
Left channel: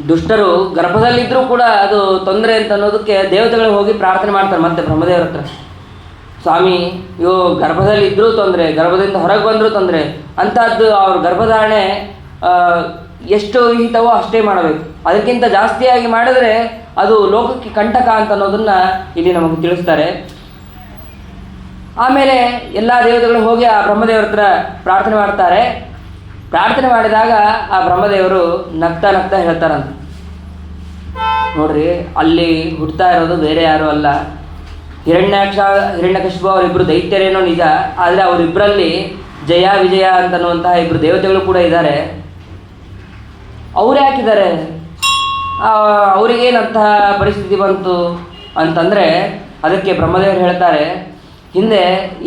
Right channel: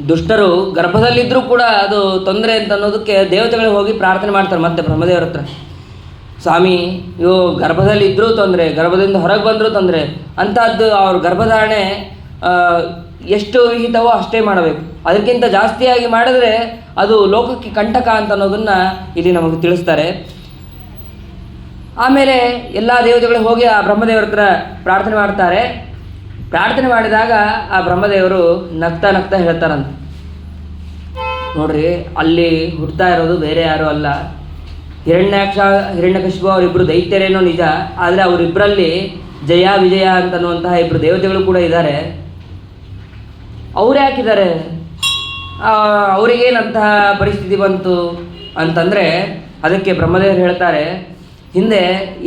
ದುಷ್ಟರು ಗರ್ಭದಲ್ಲಿದ್ದರೂ ಕೂಡ ಅದು ತೊಂದರೆ ಅಂತ ಅನ್ನೋದಕ್ಕೆ ದೇವತೆಗಳು ಹೋಗಿ ಪ್ರಾರ್ಥನೆ ಮಾಡ್ತಾರೆ ಮತ್ತೆ ಬ್ರಹ್ಮದೇವರ ಹತ್ರ. ಸ್ವಾಮಿ, ಇವು ಗರ್ಭದಲ್ಲಿದ್ದರೂ ತೊಂದರೆ, ಗರ್ಭದಿಂದ ಹೊರಗೆ ಬಂದರೂ ತೊಂದರೆ, ಅಂಥದ್ದು ಅವ್ರ ಗರ್ಭಧಾರಣೆ ಎಷ್ಟು ವಿಹಿತವೋ ಅಷ್ಟೇ ಮಾಡಬೇಕು, ಅದಕ್ಕಿಂತ ಜಾಸ್ತಿಯಾಗಿ ಮಾಡಿದರೆ ಅದು ಲೋಕಕ್ಕೆ ಕಂಟಕ ಅಂತ ಅನ್ನೋದನ್ನು ಇಲ್ಲಿ ನಮಗೆ ತಿಳಿಸ್ತಾರೆ. ಆಮೇಲೆ ಎಲ್ಲ ದೇವತೆಗಳು ಹೋಗಿ ಆ ಬ್ರಹ್ಮದೇವರ ಹತ್ರ ಪ್ರಾರ್ಥನೆ ಮಾಡ್ತಾರೆ. ಪ್ರಾರ್ಥನೆ ಮಾಡಿದಾಗ ಆ ಬ್ರಹ್ಮದೇವರು ನಗ್ತಾ ನಗ್ತಾ ಹೇಳ್ತಾರಂತ, ನೋಡ್ರಿ, ಅಲ್ಲಿ ಹುಡ್ತಾ ಇರೋದು ಬೇರೆ ಯಾರೂ ಅಲ್ಲ, ಹಿರಣ್ಯಕಶಿಪು ಅವರಿಬ್ಬರು ದೈತ್ಯರೇನೋ ನಿಜ, ಆದರೆ ಅವರಿಬ್ಬರಲ್ಲಿ ಜಯ ವಿಜಯ ಅಂತನ್ನುವಂತಹ 2 ದೇವತೆಗಳು ಕೂಡ ಇದ್ದಾರೆ. ಅವ್ರು ಯಾಕಿದ್ದಾರೆ, ಅವರಿಗೇನಂತಹ ಪರಿಸ್ಥಿತಿ ಬಂತು ಅಂತಂದರೆ ಅದಕ್ಕೆ ಬ್ರಹ್ಮದೇವರು ಹೇಳ್ತಾರೆ, ಹಿಂದೆ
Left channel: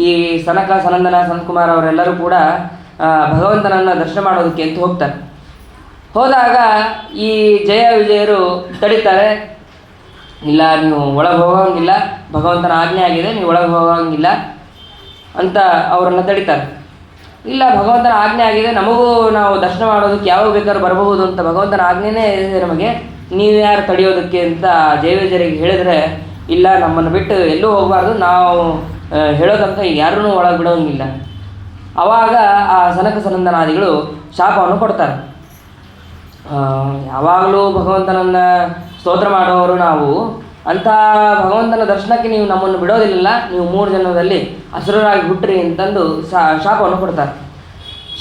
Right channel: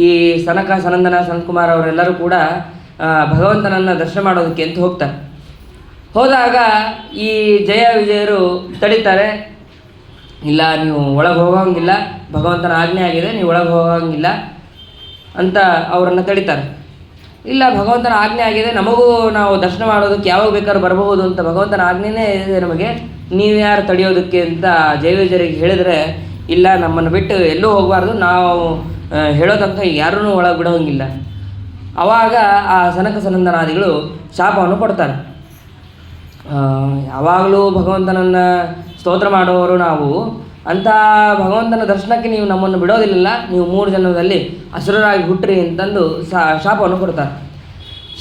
ಈ ಸನಕ ಸನಂದನ ಸನತ್ಕುಮಾರ್ ಅವರೆಲ್ಲರೂ ಕೂಡ ಭಗವಂತನನ್ನು ದರ್ಶನ ಮಾಡೋದಕ್ಕೆ ಅಂತ ಹೋಗ್ತಾರೆ. ಹೋದಾಗ ಈ ಜಯ ವಿಜಯರು ತಡೀತಾರೆ, ಇಲ್ಲ ನೀವು ಒಳಗೆ ಹೋಗೋಂಗಿಲ್ಲ, ಭಗವಂತನ ಆಜ್ಞೆ ಆಗಿದೆ, ನೀವು ಒಳಗೆ ಹೋಗೋಂಗಿಲ್ಲ ಅಂತ ಅವರನ್ನು ತಡೀತಾರೆ. ಇಲ್ಲ, ಭಗವಂತನ ಆಜ್ಞೆ ಆಗಿದೆ, ನಮಗೂ ನಾವು ದರ್ಶನ ಮಾಡೋದಕ್ಕೆ ಯಾವಾಗ ಬೇಕಾದ್ರೂ ಬರಬಹುದು ಅಂತ ಭಗವಂತನ ಆಜ್ಞೆನೇ ಇದೆ ನಮಗೆ, ನೀವು ಯಾರು ತಡೆಯೋದಕ್ಕೆ ಅಂತ ಜಯ ವಿಜಯರಿಗೆ ಹೇಳಿದರೆ, ಇಲ್ಲ ನಮ್ಮನ್ನು ಬಿಟ್ಟು ಎಲ್ಲೂ ಹೋಗಬಾರ್ದು, ನಾವು ಹೇಳೋದಂತ ಯಾರೂ ಒಳಗೆ ಬಿಡೋಂಗಿಲ್ಲ. ಆವಾಗ ಆ ಸನಕ ಸನಂದನಾದಿಗಳು ಶಾಪವನ್ನು ಕೊಡ್ತಾರೆ. ಯಾವಾಗಲೂ ಭಗವಂತನನ್ನು ಸ್ತೋತ್ರ ಮಾಡೋರು ನಾವು, ಅಂಥ ಭಗವಂತನ ದರ್ಶನಕ್ಕೆ ನೀವು ನಮ್ಮನ್ನು ಬಿಡೋದಿಲ್ಲ, ನೀವು 3 ಜನ್ಮದಲ್ಲಿ ಅಸುರರಾಗಿ ಹುಟ್ಟ್ರಿ ಅಂತಂದು ಶಾಪವನ್ನು ಕೊಡ್ತಾರೆ.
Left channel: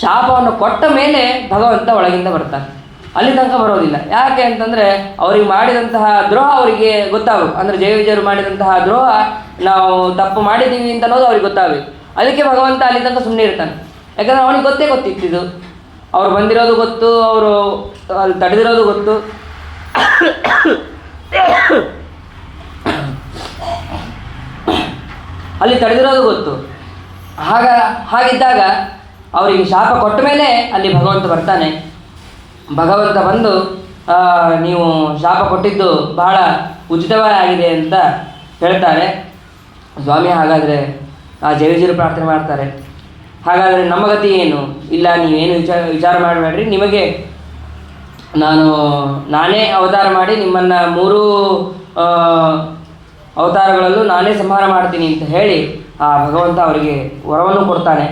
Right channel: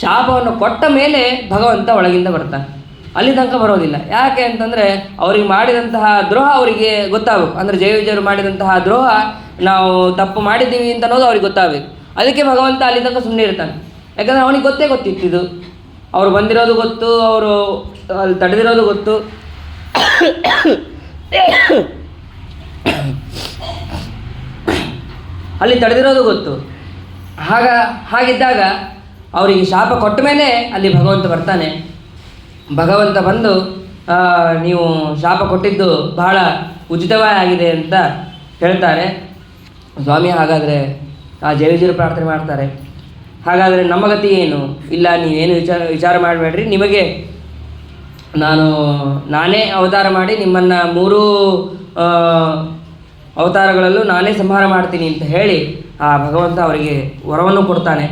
ಶಾಪವನ್ನು ಕೊಟ್ಟ ಮೇಲೆ ಭಗವಂತ ಒಳಗಿಂದ ಬರ್ತಾನೆ, ಅಲ್ಲಿ ತನಕ ಬರೋದಿಲ್ಲ. ಯಾಕೆ ಅಂತಂದರೆ ಅವ್ರಿಗೆ ಮಾಡಿದಂತಹ ದ್ರೋಹ ಅವರಿಗೆ ಗೊತ್ತಾಗಬೇಕು. ಅಂದರೆ ಜಯ ವಿಜಯರು ಮಾಡಿದಂತಹ ದ್ರೋಹ ನಾವು ತಪ್ಪು ಮಾಡಿದ್ದೀವಿ ಅಂತ ಅನ್ನೋದು ಅವ್ರಿಗೆ ಗೊತ್ತಾಗಬೇಕು. ಅದಕ್ಕೆ ಭಗವಂತ ಅಲ್ಲಿ ತನಕ ಸುಮ್ಮನೆ ಇರ್ತಾನೆ. ಯಾಕಂದರೆ ಅವನಿಗೆ ಗೊತ್ತಿತ್ತಿದ್ದು, ಅವರು ಬಂದಿರೋದು ಗೊತ್ತು, ಅವರು ಅಲ್ಲಿ ತಡೆದಿರೋದು ಗೊತ್ತು. ಅಲ್ಲಿ ತಡೆದಿರೋದು ಗೊತ್ತು. ಹಾಗಿದ್ದಾಗ ಅವರಿಗೆ ಶಾಪ ಕೊಟ್ಟ ಮೇಲೆ ಅಲ್ಲಿ ಭಗವಂತ ಬರ್ತಾನೆ. ಭಗವಂತ ಬಂದು ನೀವು ಶಾಪ ಕೊಟ್ಟಿದ್ದು ಬಹಳ ಉಚಿತವೇ ಆಗಿದೆ ಅಂತ ಹೇಳ್ತಾರೆ. ಸ್ವಾಮಿ, ಹಾಗಾದರೆ ಆ ಜಯವಿಜಯರು ಪ್ರಾರ್ಥನೆ ಮಾಡ್ತಾರೆ, ಹಾಗಾದರೆ ನಮ್ಮ ಗತಿ ಏನು? ಇಲ್ಲ, ನೀವೇನು ವಿಚಾರ ಮಾಡಬೇಡ್ರಿ, ನಿಮಗೆ ನಾನೇ ಅವತಾರ ಮಾಡಿ ನಿಮ್ಮನ್ನು 3 ಅವತಾರಗಳಲ್ಲೂ ನಾನೇ ಸಂಹಾರ ಮಾಡ್ತೀನಿ ಅಂತ ಹೇಳಿ ಆ ಭಗವಂತ ಅವರಿಗೆ ವರವನ್ನು ಕೊಡ್ತಾನೆ.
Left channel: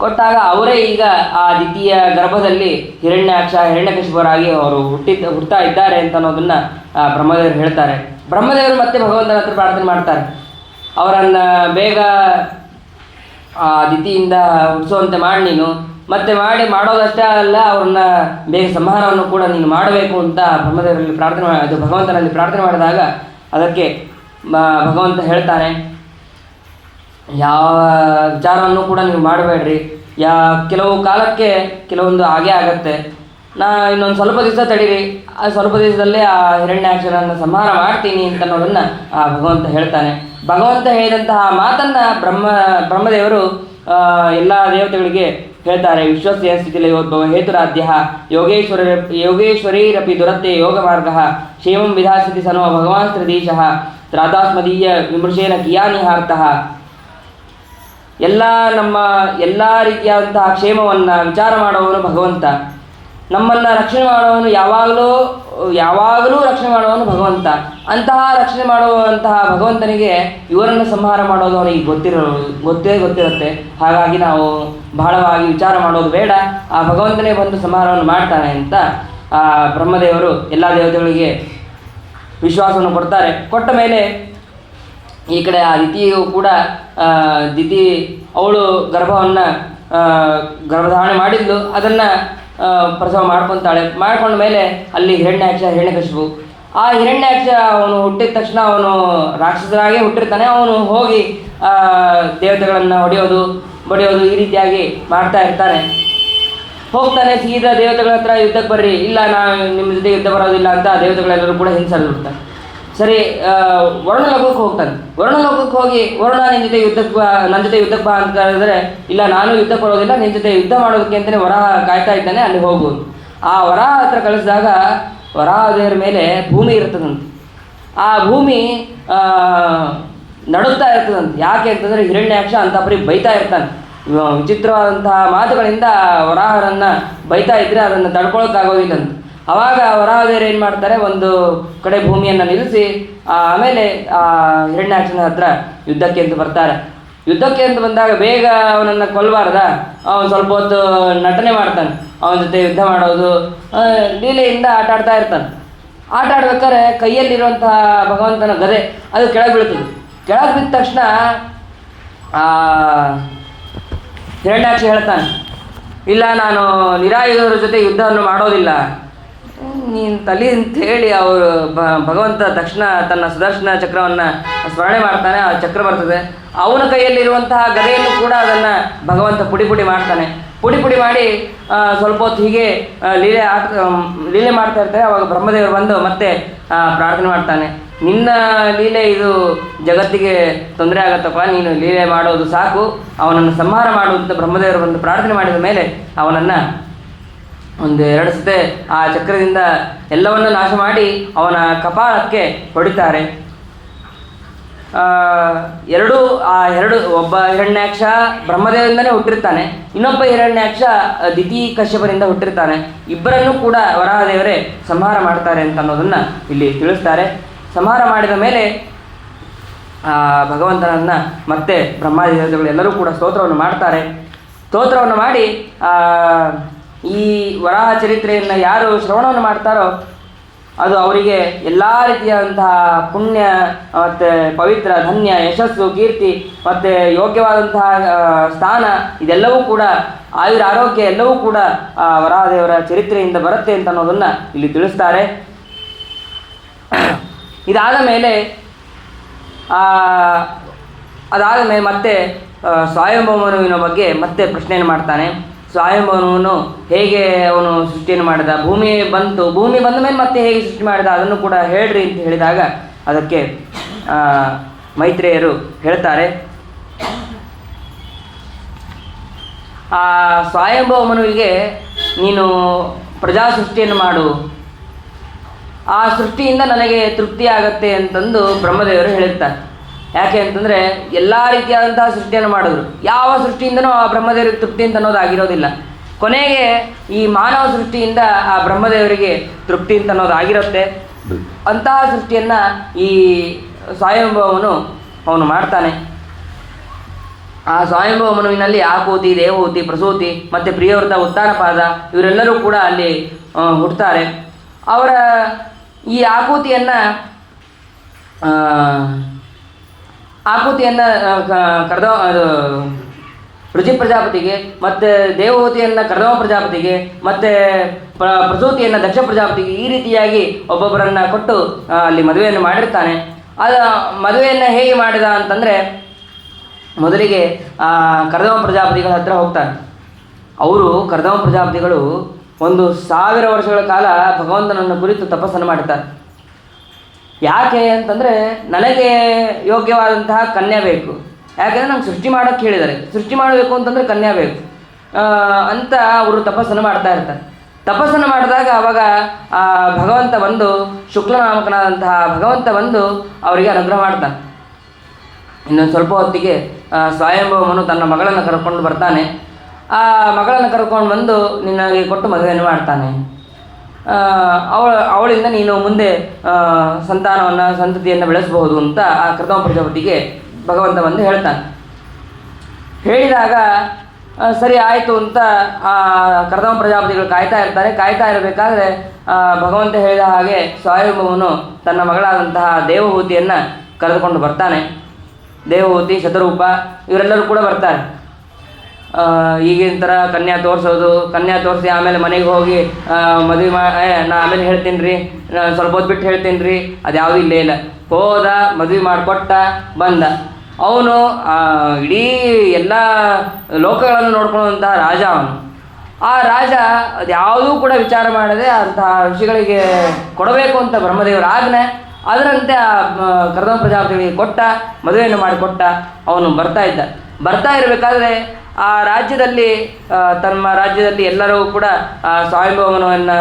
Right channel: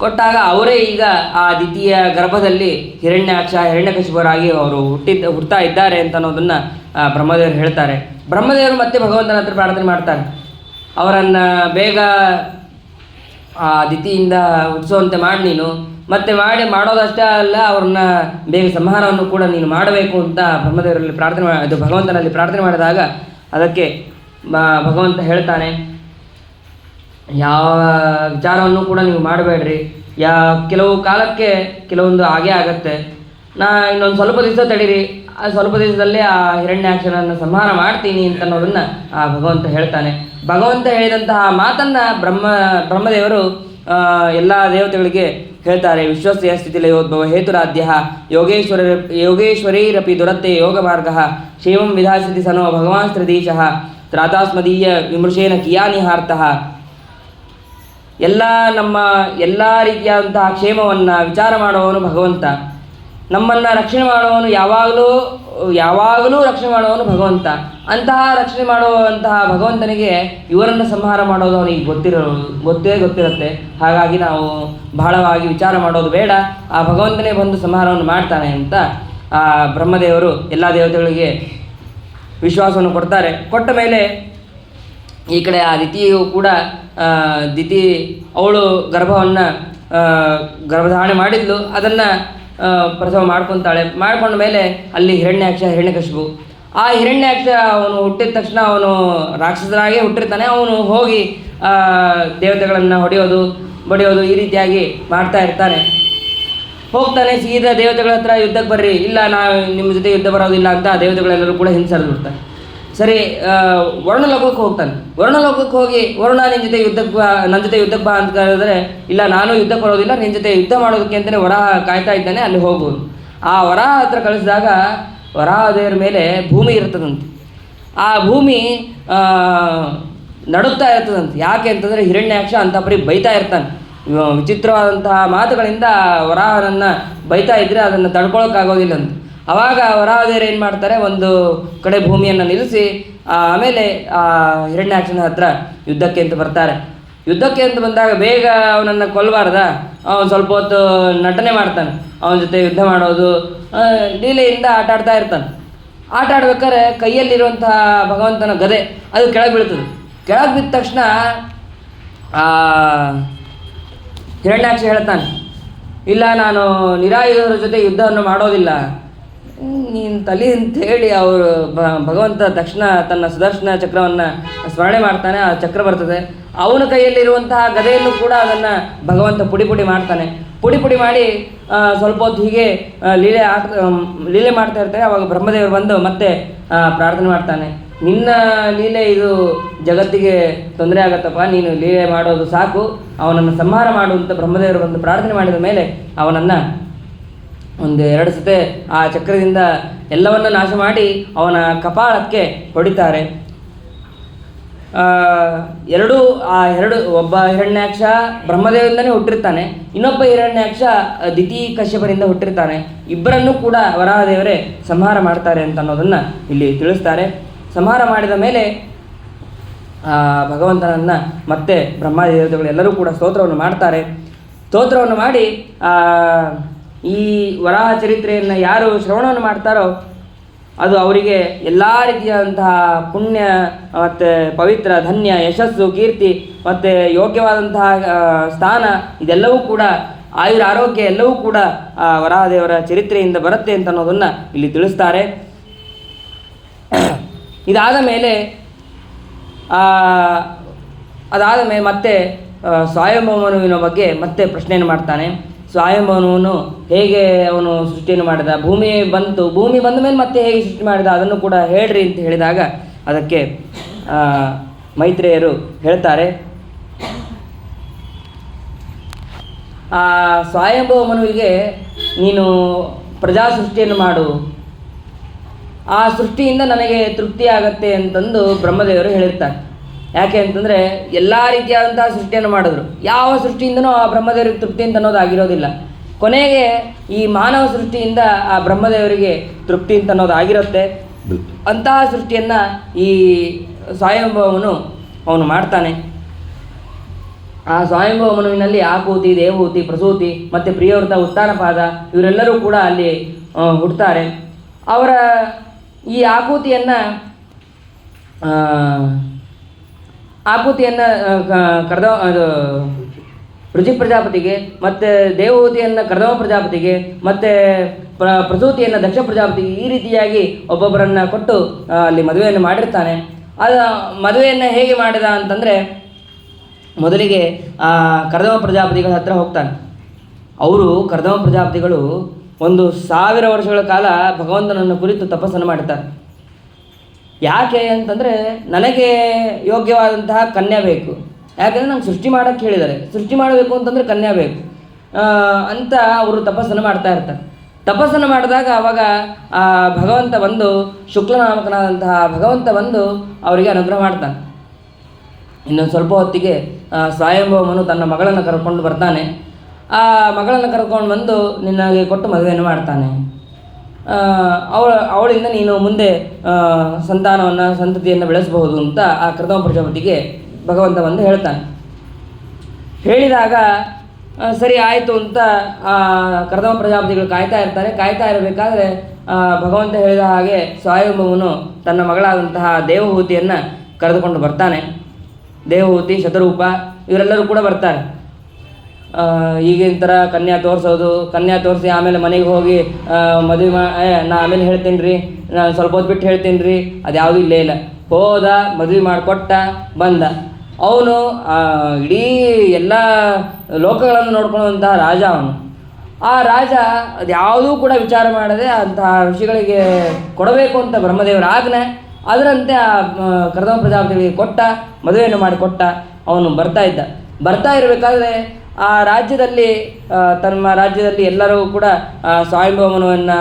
ಕೊಟ್ಟಾಗ ಅವರೇ ಈಗ ಆ ದ್ವಿತೀಯ ಗರ್ಭದಲ್ಲಿ ಹಿರಣ್ಯಕಶಿಪರಾಗಿ ಅವರು ಹುಟ್ಟುತ್ತಾ ಇದ್ದಾರೆ ಅಂತ ಅನ್ನೋದನ್ನು ಬ್ರಹ್ಮದೇವರು ಹೇಳ್ತಾರೆ. ಬ್ರಹ್ಮದೇವರು ಮತ್ತೆ ಭಗವಂತನ ಹತ್ರ ಪ್ರಾರ್ಥನೆ ಮಾಡ್ತಾರೆ, ಅವರನ್ನು ಬೇಗ ಆ ದಿತಿಯಿಂದ ಹುಟ್ಟಿಸುವಂತೆ ಮಾಡಿ ನೀನು, ಮತ್ತೆ ಮಾಡೋದಷ್ಟೇ ಅಲ್ಲ, ಅವ್ರನ್ನ ಬೇಗ ಸಂಹಾರವನ್ನು ಕೂಡ ನೀನು ಮಾಡಬೇಕು ಅಂತ ಬ್ರಹ್ಮದೇವರಲ್ಲಿ ಭಗವಂತನಲ್ಲಿ ಪ್ರಾರ್ಥನೆ ಮಾಡಿದಾಗ ಅದಕ್ಕೆ ಭಗವಂತ ಹೇಳ್ತಾನೆ, ಯಾವ ವಿಚಾರವನ್ನು ಕೂಡ ನೀವು ಮಾಡಬೇಡ್ರಿ, ಕೆಲವು ಕಾಲಕ್ಕೆ ಕೆಲವೊಂದು ಹಾಗೇ ಆಗತ್ತೆ, ಇನ್ನೊಂದು ಸ್ವಲ್ಪ ದಿವಸ ತಡೀರಿ, ಆ ಸ್ವಲ್ಪ ದಿವಸದಲ್ಲೇ ಆ ಹಿರಣ್ಯಾಕ್ಷನನ್ನು ಸಂಹಾರ ಮಾಡ್ತೀನಿ ಅಂತ ಅನ್ನೋದನ್ನು ಆ ಭಗವಂತ ಹೇಳ್ತಾನೆ. ಭಗವಂತ ಹೇಳಿದಂತಹ ಮಾತನ್ನು ಬ್ರಹ್ಮದೇವರು ಎಲ್ಲ ದೇವತೆಗಳಿಗೆ ಹೇಳ್ತಾರೆ. ವಿಶ್ವಸ್ಯ ಸ್ಥಿತಿಲಯೋದ್ಭವ ಹೇತುರಾಧ್ಯ ಯೋಗೇಶ್ವರೈರಪಿ ದುರತ್ತೆ ಯೋಗ ಮಾರ್ಗ ಕ್ಷೇಮಂ ವಿಧಾಸ್ಯತಿ ಸನೋ ಭಗವಾನ್ ಶ್ರೀಧೀಶಃ ತ್ರಾತಾಸ್ಮದೀಯ ವಿಮೃಶೇನ ಕಿಯಾನಿಹಾರ್ತಃ. ಎಲ್ಲ ರೀತಿಯಾದಂತಹ ಕ್ಷೇಮವನ್ನು ವಿಚಾರ ಮಾಡುವವನು ಭಗವಂತ. ನಮ್ಮನ್ನು ರಕ್ಷಣೆ ಮಾಡುವವನು ಯಾವಾಗಲೂ ರಕ್ಷಣೆ ಮಾಡುವವನು ಭಗವಂತ. ಅಂತಹ ರಕ್ಷಣೆ ಮಾಡುವಂತಹ ಭಗವಂತನಿಗೆ ಇವರನ್ನು ಸಂಹಾರ ಮಾಡೋದು ಅವನಿಗೆ ಗೊತ್ತಿರುತ್ತೆ. ಹಾಗಾಗಿ ನಾವು ಬಹಳವಾಗಿ ವಿಚಾರ ಮಾಡೋದು ಬೇಡ, ಆ ಭಗವಂತನೇ ಬಂದು ಸಂಹಾರವನ್ನು ಮಾಡ್ತಾನೆ ಅಂತ ಬ್ರಹ್ಮದೇವರು ಎಲ್ಲ ದೇವತೆಗಳಿಗೆ ವಿಶ್ವಾಸವನ್ನು ಕೊಡ್ತಾರೆ. ಕೊಟ್ಟ ಮೇಲೆ ಈ ಕಡೆ ಆ ದಿತಿಯು ಕೂಡ ದಿತಿ ಅವಳು ಗರ್ಭಧಾರಣೆ ಮಾಡಿದ್ಲು, ಅದನ್ನು ಪ್ರಸವ ಮಾಡ್ಕೊತಾಳೆ. ಮಾಡ್ಕೊಂಡ ಮೇಲೆ ಅಲ್ಲಿ ಹಿರಣ್ಯಕಶಿಪು. ಆ ಹಿರಣ್ಯಾಕ್ಷ ಅವನು ಹುಟ್ಟಿದ ತಕ್ಷಣ ಅವನು ರಾಕ್ಷಸನಾಗೇ ಹುಟ್ಟಿರ್ತಾನೆ. ಅವನು ಹೋಗಿ ದೇವತೆಗಳನ್ನು ಬಡಿಯೋದು ಈ ರೀತಿಯಾಗಿ ಮಾಡ್ತಾ ಇರ್ತಾನೆ. ಹೋಗ್ತಾನೆ ಸೀದಾ ದೇವತೆಗಳ ಹತ್ರ ಯುದ್ಧಕ್ಕೆ ಬರ್ರಿ, ಇಲ್ಲ ನಾವು ನಿಮ್ಮ ಜೊತೆ ಯುದ್ಧ ಬರೋದಿಲ್ಲ ಅಂತ ದೇವತೆಗಳೆಲ್ಲರೂ ಕೂಡ ಹಿಂಸರಿದು ಬಿಡ್ತಾರೆ. ಸರಿ, ವರ್ಣಲೋಕಕ್ಕೆ ಹೋಗ್ತಾನೆ. ವರ್ಣಲೋಕಕ್ಕೆ ಹೋಗಿ ವರುಣ ನನ್ನ ಜೊತೆ ಯುದ್ಧಕ್ಕೆ ಬಾ ಅಂತ ಹೇಳಿದ್ರೆ, ಇಲ್ಲ ನಾನು ಯುದ್ಧಕ್ಕೆ ಬರೋದಿಲ್ಲ, ನಿನ್ನ ಜೊತೆ ಯುದ್ಧ ಮಾಡೋದಕ್ಕೆ ಅಂತಲೇ ವರಾಹ ಕಾಯ್ತಾ ಇದ್ದಾನೆ, ಅಲ್ಲಿ ಹೋಗು. ಆ ವರಾಹ ಹತ್ರ ಕಳಿಸಿದಾಗ ವರಾಹ ದೇವರ ಮೇಲೆ ಭೂಮಿ ಇರ್ತದಂತೆ. ಆ ಭೂಮಿ ನಡುತ್ತಾ ಇರ್ತದಂತೆ. ಯಾಕೆ ಅಂತಂದರೆ ಹಿರಣ್ಯಾಕ್ಷ ಅಂತ ಬರೀ ಬೈತಾ ಇರ್ತಾನೆ. ವಿಚಿತ್ರವಾದಂತಹ ಮಾತುಗಳಿಂದ ವರಾಹನನ್ನು ಬೈತಾ ಇದ್ದರೆ ಅದನ್ನು ತಡ್ಕೊಳಕ್ಕಾಗೋದಿಲ್ಲ ಅಂತ. ಆವಾಗ ವರಾಹದೇವರು ಏನು ಮಾಡ್ತಾರೆ, ಒಂದು ಕಡೆ ಭೂಮಿಯನ್ನು ನಿಲ್ಲಿಸಿ ಆಮೇಲೆ ಹಿರಣ್ಯಾಕ್ಷನ ಹತ್ರ ಯುದ್ಧಕ್ಕೆ ಅಂತ ಬರ್ತಾರೆ. ಯುದ್ಧಕ್ಕೆ ಅಂತ ಬಂದಾಗ ಬೇಗ ಅವನನ್ನು ಕೊಲ್ಲಬಾರ್ದ, ಅವನು ಸ್ವಲ್ಪ ಹೊತ್ತು ನಟನೆ ಮಾಡ್ತಾನೆ. ಅವನ ಜೊತೆ ಯುದ್ಧ ಮಾಡೋದು, ಲೀಲೆಯಿಂದ ಆಟ ಆಡ್ತಾ ಇರ್ತಾನೆ. ಆಟ ಆಡ್ಬೇಕಾದ್ರೆ ಕೈಯಲ್ಲಿರುವಂತಹ ಭಗವಂತನ ಗದೆ ಅದು ಕೆಳಗೆ ಬೀಳ್ತದೆ. ಕೆಳಗೆ ಬಿದ್ದ ತಕ್ಷಣ ಹಿರಣ್ಯಾಕ್ಷ ಹೇಳ್ತಾನೆ, ಇಲ್ಲ ನಾನು ನಿರಾಯುಧರ ಜೊತೆ ಯುದ್ಧವನ್ನು ಮಾಡೋದಿಲ್ಲ. ನೀನು ತಲೆ ಅಂತೇಳಿ ಅವರು ಭಗವಂತ ತಕ್ಷಣ ತನ್ನ ಸುದರ್ಶನ ಚಕ್ರವನ್ನು ಸ್ಮರಣೆ ಮಾಡ್ತಾನೆ. ಆ ಚಕ್ರ ಬರ್ತದೆ. ಅವನ ಕೈಯಲ್ಲಿರುವಂತಹ ಗದೆಯನ್ನು ಕೂಡ ಅದನ್ನು ಭಗವಂತ ಪುಡಿ ಮಾಡ್ತಾನೆ. ಪುಡಿ ಮಾಡಿ ಸ್ವಲ್ಪ ಹೊತ್ತು ಹೀಗೆ ಲೀಲೆ ಮಾಡ್ತಾ ಇರ್ತಾರೆ. ಅವಾಗ ಬ್ರಹ್ಮದೇವರು ಬಂದು ಮತ್ತೆ ಪ್ರಾರ್ಥನೆ ಮಾಡ್ತಾನೆ, ನಿನ್ನ ಲೀಲೆ ಇದು ಜಗತ್ತಿಗೆ ತೊಂದರೆ ಆಗತ್ತಪ್ಪ, ನೀನು ಲೀಲೆ ಮಾಡೋದು ಸಾಕು, ಅವನನ್ನು ಸಂಹಾರ ಮಾಡುವಂಥ ಬ್ರಹ್ಮದೇವರು ಬಂದು ಪ್ರಾರ್ಥನೆ ಮಾಡಿದ ಮೇಲೆ ಅವನನ್ನು 1-2 ಸತೆ ಆ ಚಕ್ರದಿಂದ ಎಲ್ಲವನ್ನು ನಾಶ ಮಾಡಿ ಅವನ ಕಪಾಳಕ್ಕೆ ಹೊಡಿತಾರೆ. ಒಬ್ಬ ಹಿರಣ್ಯಾಕ್ಷ ಬ್ರಹ್ಮದೇವರಿಂದನೇ ಹುಟ್ಟಿರ್ತಾನೆ, ಇನ್ನೊಬ್ಬ ಹಿರಣ್ಯಾಕ್ಷ ದಿತಿ ಕಶ್ಯಪನಿಂದ ಹುಟ್ಟಿರ್ತಾನೆ. ಇಬ್ಬರನ್ನೂ ಕೂಡ ವರಾಹದೇವರೇ ಸಂಹಾರ ಮಾಡ್ತಾರೆ ಅಂತ ಅನ್ನೋದನ್ನು ಇಲ್ಲಿ ತಿಳಿಸ್ತಾರೆ. ಸಂಹಾರ ಮಾಡಿದ ಮೇಲೆ ಭಗವಂತನನ್ನು ಮತ್ತೆ ಬ್ರಹ್ಮಾದೇವತೆಗಳು ಎಲ್ಲರೂ ಕೂಡ ಸ್ತೋತ್ರವನ್ನು ಮಾಡ್ತಾರೆ. ಸ್ತೋತ್ರವನ್ನು ಮಾಡಿ ಈ ವರಾಹ ಚರಿತ್ರೆಯನ್ನು ಯಾರು ಶ್ರವಣವನ್ನು ಮಾಡ್ತಾರೋ ಅದು ಅವರಿಗೆ ಎಲ್ಲ ರೀತಿಯಾದಂತಹ ಪುಣ್ಯ ಮತ್ತು ಪವಿತ್ರ ಧನ್ಯ ಯಶಸ್ಸು ಕೀರ್ತಿ ಮತ್ತು ಯೋಗ್ಯವಾದಂತಹ ಸ್ಥಾನ ಇದೆಲ್ಲವೂ ಕೂಡ ಆಯುರ ಆರೋಗ್ಯ ಎಲ್ಲವೂ ಕೂಡ ವರಾಹದೇವರ ಚರಿತ್ರೆಯಿಂದ ಬರುತ್ತೆ ಅಂತ ಅನ್ನೋದನ್ನು ಇಲ್ಲಿ ತಿಳಿಸ್ತಾರೆ. ಇದಾದ ಮೇಲೆ ಮತ್ತೆ ಸ್ವಯಂಭವಮನುವಿನ ಬಗ್ಗೆ ಮತ್ತೆ ಪ್ರಶ್ನೆಯನ್ನು ಮಾಡ್ತಾನೆ. ಸ್ವಯಂಭವನು ಹೇಗೆ ಅವನು ಸೃಷ್ಟಿಯನ್ನು ಮಾಡಿದ, ಭೂಮಿ ಬಂದ ಮೇಲೆ ಮತ್ತೆ ಹೇಗೆ ಸೃಷ್ಟಿ ಮಾಡಿದ ಅದನ್ನು ಕೂಡ ಹೇಳ್ರಿ ಅಂತ ಹೇಳಿದಾಗ ಅದಕ್ಕೆ ಮೈತ್ರೇಯರು ಹೇಳ್ತಾರೆ, ಆ ಸ್ವಯಂಭವಮನುವಿಗೆ ನೀನು ಪ್ರಜಾ ಸೃಷ್ಟಿಯನ್ನು ಮಾಡು, ಆ ಸೃಷ್ಟಿಯಿಂದ ನನಗೆ ತೃಪ್ತಿ ಆಗತ್ತೆ ಅಂತಂದು ಬ್ರಹ್ಮದೇವರು ಹೇಳಿರ್ತಾರೆ. ಯಾಕೆ ಅಂತಂದರೆ ಎಲ್ಲ ರೀತಿಯಾದಂತಹ ಸೃಷ್ಟಿಯನ್ನು ಮಾಡಿದ್ರು, ಯಾವ ಸೃಷ್ಟಿಯಿಂದನೂ ಆ ಬ್ರಹ್ಮದೇವರಿಗೆ ತೃಪ್ತಿ ಅಂತ ಅನ್ನೋದು ಆಗಿರೋದಿಲ್ಲ. ಕೊನೆಗೆ ಈ ಮಾನವ ಸೃಷ್ಟಿಯಿಂದ ಆ ಬ್ರಹ್ಮದೇವರಿಗೆ ತೃಪ್ತಿ ಅಂತ ಅನ್ನೋದು ಆಗಿರುತ್ತೆ. ಅಂತಹ ಸೃಷ್ಟಿಯನ್ನು ಈ ಸ್ವಯಂಭವನು ಅವನು ಮಾಡ್ತಾನೆ. ಆ ಸ್ವಯಂಭವಮನುವಿನಲ್ಲಿ ಆಕೂತಿ, ದೇವಹೂತಿ, ಪ್ರಸೂತಿ ಮತ್ತು ಪ್ರಿಯವೃತ, ಉತ್ತಾನಪಾದ ಇವರೆಲ್ಲರೂ ಕೂಡ ಅಲ್ಲಿ ಹುಟ್ಟುತ್ತಾರೆ. ಅವರ ಈ ಆಕೂತಿಯನ್ನು ರುಚಿ ಪ್ರಜಾಪತಿಗೆ, ಮತ್ತು ದೇವಹೂತಿಯನ್ನು ಕರ್ದಮ ಪ್ರಜಾಪತಿಗೆ, ಮತ್ತು ಪ್ರಸೂತಿಯನ್ನು ದಕ್ಷ ಪ್ರಜಾಪತಿಗೆ, ಈ ರೀತಿಯಾಗಿ ಒಬ್ಬೊಬ್ಬರನ್ನು ಕೊಟ್ಟು ಅಲ್ಲಿ ಮದುವೆಯನ್ನು ಮಾಡಿರ್ತಾನೆ. ಮದುವೆಯನ್ನು ಹೇಗೆ ಮಾಡಿದ ಅಂತಂದರೆ, ಮೊದಲಿಗೆ ಕರ್ದಮ ಪ್ರಜಾಪತಿಗಳ ಹತ್ರ ಹೋಗ್ತಾನೆ. ಕರ್ದಮ ಪ್ರಜಾಪತಿಗಳು 1000 ವರ್ಷಗಳ ಕಾಲ ಭಗವಂತನನ್ನು ಕುರಿತು ತಪಸ್ಸನ್ನು ಮಾಡ್ತಾರೆ. ಯಾಕೆ ಅಂತಂದರೆ ನನಗೆ ಯೋಗ್ಯವಾದಂತಹ ಕನ್ಯಾ ಬೇಕು. ಯಾಕೆಂದರೆ ನಂಗೆ ಸೃಷ್ಟಿ ಮಾಡೋಕ್ಕೆ ಹೇಳಿದ್ದಾರೆ. ಸೃಷ್ಟಿ ಮಾಡಬೇಕು ಅಂತಂದರೆ ಕನ್ಯಾ ಬೇಕು ಅಂತ ಅವರು ತಪಸ್ಸನ್ನು ಮಾಡ್ತಾ ಇರ್ತಾರೆ. ತಪಸ್ಸನ್ನು ಮಾಡಿದಾಗ ಆವಾಗ ಭಗವಂತ ಬಂದು, ಶುಕ್ಲನಾಮಕನಾದಂತಹ ಭಗವಂತ ಬಂದು ಅವರಿಗೆ ಅನುಗ್ರಹ ಮಾಡ್ತಾನೆ. ಇನ್ನೊಂದು ಸ್ವಲ್ಪ ಹೊತ್ತಿಗೆ ಸ್ವಯಂಭವನು ತನ್ನ ಮಗಳನ್ನು ಕರ್ಕೊಂಡು ಬರ್ತಾನೆ. ಆ ಮಗಳನ್ನು ಕರ್ಕೊಂಡು ಬಂದು ನಿನಗೆ ಕೊಟ್ಟು ಮದುವೆಯನ್ನು ಮಾಡ್ತಾನೆ. ಅವಳಿಂದ ನೀನು ಮುಂದೆ ಸಂತತಿಯನ್ನು ಬೆಳೆಸಬಹುದು ಅಂತ ಆ ಕರ್ದಮ ಪ್ರಜಾಪತಿಗೆ ಭಗವಂತ ಬಂದು ಹೇಳ್ತಾನೆ. ಹೇಳಿದಾಗ ಸರಿ ಆಯಿತು ಅಂತ ಕರ್ದಮ ಪ್ರಜಾಪತಿಗಳು ಕಾಯ್ತಾ ಇರಬೇಕಾದ್ರೆ ಭಗವಂತ ಹೇಳಿದ ಹಾಗೆ ಸ್ವಯಂಭವನು ತನ್ನ ಮಗಳಾದಂತಹ ದೇವಹೂತಿಯನ್ನು ಕರೆದುಕೊಂಡು ಬರ್ತಾನೆ. ದೇವಹೂತಿ, ಶತರೂಪ ಇವರೆಲ್ಲರೂ ಕೂಡ ಬರ್ತಾರೆ. ಈಗಿನ ಥರ ಕನ್ಯಾ ತೋರಿಸಿ ಆಮೇಲೆ ಮನೆಗೆ ಹೋಗಿ ಮದುವೆ ನಾ ಆಮೇಲೆ ಹೇಳ್ತೀನಿ ರೀ, ನಾನು ಸ್ವಲ್ಪ ಹೊತ್ತು ಬಿಟ್ಟು ಹೇಳ್ತೀನಿ ರೀ, ಅದು ಯಾವುದೂ ಇಲ್ಲೇ ಇಲ್ಲ. ಹೋದ, ಮದುವೆ ಮಾಡಿಕೊಟ್ಟ, ಬಂದ. ಅವನು ಇಡೀ ಎಲ್ಲ ಲೋಕಗಳನ್ನು ನೋಡ್ಕೊಳ್ಳುವಂತಹ ರಾಜ ಅವನು. ಆ ರಾಜ ಅದ್ಯಾವುದೂ ಕೂಡ ವಿಚಾರ ಮಾಡದೆ ಅಂತಹ ಋಷಿಗಳಿಗೆ ಕೊಡಬೇಕು ಅಂತ ಬ್ರಹ್ಮದೇವರ ಆಜ್ಞೆ, ಅದರಂತೆ ಆ ಕರ್ದಮ ಪ್ರಜಾಪತಿಗಳಿಗೆ ಕೊಟ್ಟ, ಮದುವೆಯನ್ನು ಮಾಡಿಕೊಟ್ಟ. ಅವನು ಬರ್ತಾ ಇರಬೇಕಾದ್ರೆ ಆ ರಾಜ್ಯದಲ್ಲಿ ತಮ್ಮ ರಾಜ್ಯದಲ್ಲಿ ಎಲ್ಲರೂ ಕೂಡ ಸ್ವಯಂಭವನವನ್ನು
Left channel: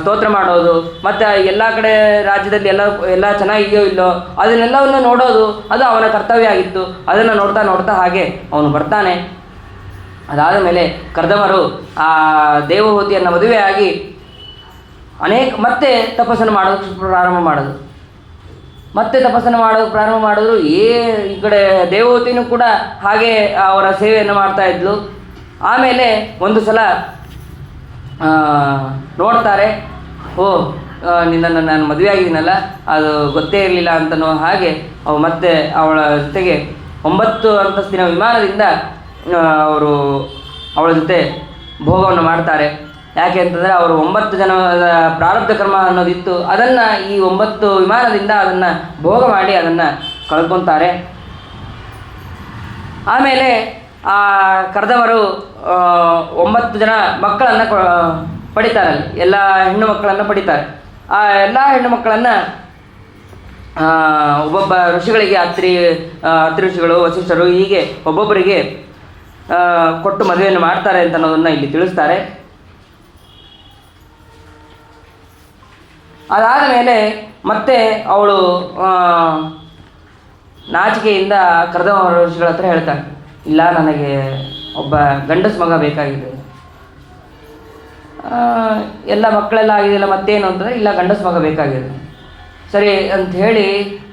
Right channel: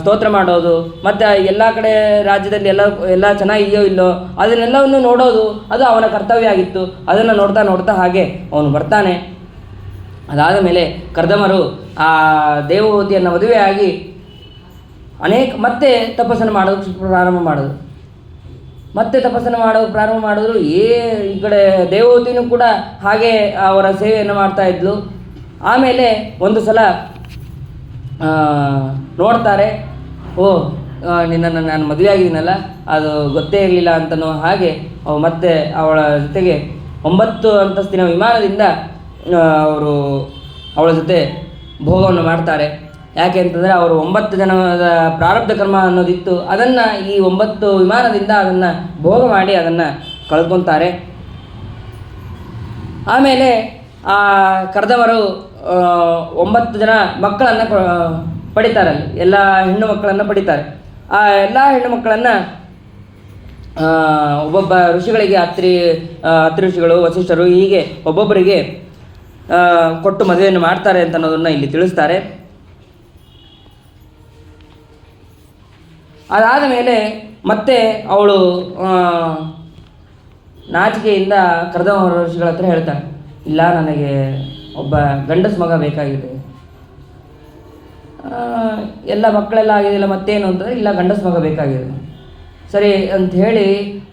ಸ್ತೋತ್ರ ಮಾಡೋದು, ಮತ್ತು ಎಲ್ಲ ಕಡೆ ರಾಜ್ಯದಲ್ಲಿ ಎಲ್ಲ ಚೆನ್ನಾಗಿದೆಯೋ ಇಲ್ಲೋ ಅದನ್ನೆಲ್ಲವನ್ನು ನೋಡೋದು, ಅದು ಅವನ ಕರ್ತವ್ಯ ಆಗಿತ್ತು. ಅದನ್ನು ನೋಡ್ತಾ ಹಾಗೆ ಅವನು ಬರ್ತಾನೆ. ಅದಾದ ಮೇಲೆ ಕರ್ದಮರು ಆ ದೇವಹೂತಿಯನ್ನು ಮದುವೆಯಾಗಿ ಮತ್ತೆ ತಪಸ್ಸನ್ನು ಮಾಡೋದಕ್ಕೆ ಪ್ರಾರಂಭ ಮಾಡಿದ್ರು. ಈ ಕಡೆ ದೇವಹೂತಿನೂ ಕೂಡ ಹಾಗೆ ಅವರ ಸೇವೆಯನ್ನು ಮಾಡ್ತಾಯಿದ್ಲು. ಆಮೇಲೆ ಒಂದು ಸಲ ನೋಡ್ತಾರೆ, ನಿನ್ನನ್ನು ನಾನು ಮದುವೆ ಆಗಿದ್ದೀನಲ್ಲ, ಅದು ಗೊತ್ತೇ ಇರಲಿಲ್ಲ ಅಂತನೋ ಹಾಗೆ ಮತ್ತೆ ಅವಳ ಜೊತೆಗೆ 9 ಅಂತಸ್ತಿನ ವಿಮಾನದಿಂದ ಅವರು ಅವಳ ಜೊತೆ ಭೋಗವನ್ನು ಮಾಡ್ತಾರೆ. ಯಾಕೆ ಅಂತಂದರೆ ಅವರು 9 ಜನದ ಪ್ರಾರಬ್ಧ ಕರ್ಮ ಅನ್ನೋದಿತ್ತು. ಅದನ್ನು ಈ 9 ವಿಮಾನದಿಂದ ಅದನ್ನು ಭೋಗ ಮಾಡಿ ಅದನ್ನು ಕಳ್ಕೊತಾರೆ. ಆಮೇಲೆ ಆ ಕರ್ದಮರು 9 ಜನ ಮಕ್ಕಳನ್ನು ಪಡಿತಾರೆ. ಎಲ್ಲ ಹೆಣ್ಣು ಮಕ್ಕಳನ್ನು ಪಡಿತಾರೆ. ಆ ಎಲ್ಲ ಹೆಣ್ಣು ಮಕ್ಕಳನ್ನು ಒಬ್ಬೊಬ್ಬ ಋಷಿಗಳಿಗೆ, ಅತ್ರಿ ಋಷಿಗಳು, ವಸಿಷ್ಠರು, ಹೀಗೆ ಒಬ್ಬೊಬ್ಬರಿಗೆ ಕೊಟ್ಟು ಮದುವೆಯನ್ನು ಮಾಡ್ತಾರೆ ಅಂತ ಅನ್ನೋದನ್ನು ಇಲ್ಲಿ ತಿಳಿಸ್ತಾರೆ. ಅದಾದ ಮೇಲೆ ಮತ್ತೆ ಅವಳು ನಾಚಿಕೆಯಿಂದ ಕರ್ದಮ ಋಷಿಗಳ ಹತ್ರ ಹೇಳ್ತಾಳೆ, ಇಲ್ಲ, ನನಗೆ ಒಬ್ಬ ಗಂಡಸು ಮಗ ಬೇಕಾಗಿದೆ. ಎಲ್ಲ ಮಕ್ಕಳೆಲ್ಲ ಆಗಿದೆಯಲ್ಲ, ಮತ್ತೇನು ಅಂತಂದರೆ, ಇಲ್ಲ, ಗಂಡಸು ಮಗ ಬೇಕಾಗಿದೆ. ಸರಿ ಅಂತ ಹೇಳಿ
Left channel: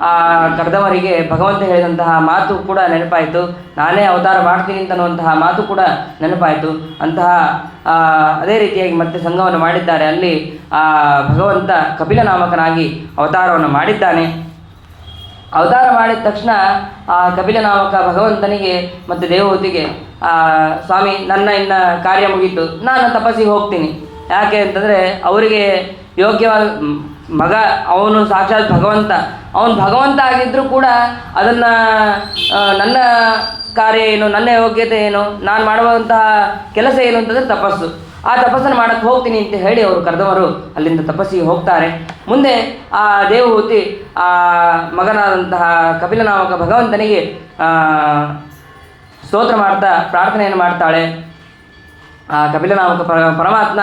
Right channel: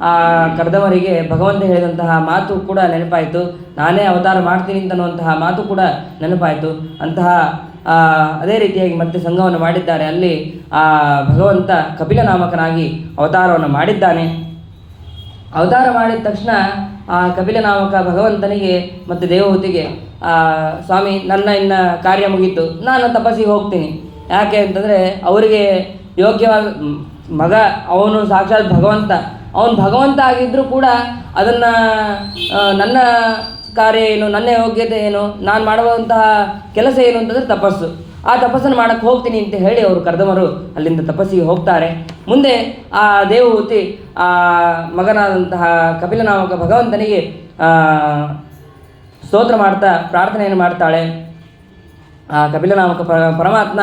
ಆ ಕರ್ದಮರಿಗೆ ಭಗವಂತ ಹೇಳಿದಂತಹ ಮಾತು ಕೂಡ ನೆನಪಾಯಿತು. ನಾನೇ ಅವತಾರ ಮಾಡ್ತೀನಿ ಅಂತನ್ನುವಂತಹ ಮಾತು ಕೂಡ ನೆನಪಾಯಿತು. ಅದೇ ರೀತಿಯಾಗಿ ಮತ್ತೆ ಸಂಘವನ್ನು ಮಾಡಿದ್ದಾರೆ. ಅಲ್ಲಿ ಭಗವಂತ ಕಪಿಲ ನಾಮಕನಾಗಿ ಅವತಾರವನ್ನು ಮಾಡಿದ್ದಾನೆ. ಅವತಾರ ಮಾಡಿದ ತಕ್ಷಣ ಆ ಕಪಿಲ ನಾಮಕ ಭಗವಂತನಿಗೆ ಮತ್ತು ದೇವಹೂತಿಗೆ, ಸ್ವಾಮಿ, ನನ್ನ ಇನ್ನು ಕಾರ್ಯ ಮುಗೀತು, ನಾನು ತಪಸ್ಸಿಗೆ ಹೋಗ್ತೀನಿ. ಯಾಕೆ ಅಂತಂದರೆ ಅವರಿಗೆ ಯೋಗ್ಯವಾದ ಮಗ ಅವನು ಸಾಕ್ಷಾತ್ ಭಗವಂತ. ಅವನು ಭಗವಂತ ಆಗಿದ್ದರೂ ಕೂಡ ಅದನ್ನು ನನ್ನ ಕಾರ್ಯ ಏನು, ನನ್ನ ಯೋಗ್ಯತೆ ಏನು, ನಾನು ಮಾಡುವಂತಹ ಕೆಲಸ ಏನು ಅಂತಂದರೆ ತಪಸ್ಸು. ಆ ತಪಸ್ಸನ್ನು ಮಾಡೋಕ್ಕೆ ಹೋಗ್ತೀನಿ ಅಂತ ಹೇಳಿ ಅವರು ಕರ್ದಮರು ಅಲ್ಲಿಂದ ತಪಸ್ಸಿಗೆ ಹೋಗ್ತಾರೆ. ಮುಂದೆ ಆ ದೇವಹೂತಿ ಆ ಮಗನಾದಂತಹ ಕಪಿಲನಾಮಕ ಭಗವಂತನಿಗೆ ಸ್ತೋತ್ರ ಮಾಡ್ತಾ ಪ್ರಾರ್ಥನೆಯನ್ನು ಮಾಡ್ತಾಳೆ. ಆ ಕಪಿಲನಾಮಕ ಪರಮಾತ್ಮ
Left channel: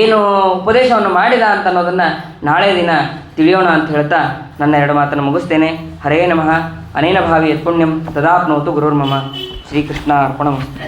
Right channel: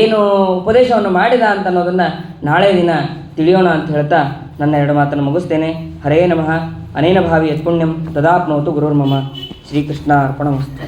ಏನು ಉಪದೇಶವನ್ನು ಮಾಡಿದ ಅಂತ ಅನ್ನೋದನ್ನು ನಾಳೆ ದಿನ ತಿಳಿಯೋಣ ಅಂತ ಹೇಳ್ತಾ ನನ್ನ 2 ಮಾತನ್ನು ಮುಗಿಸ್ತೇನೆ. ಹರೇ ನಮಃ. ಅನೇನ ಭಾವಿ ಯತ್ಪುಣ್ಯಂ ತದಾಪ್ನೋತು ಗುರುರ್ಮಮ. ಶ್ರೀಕೃಷ್ಣ ಅರ್ಪಣಮಸ್ತು.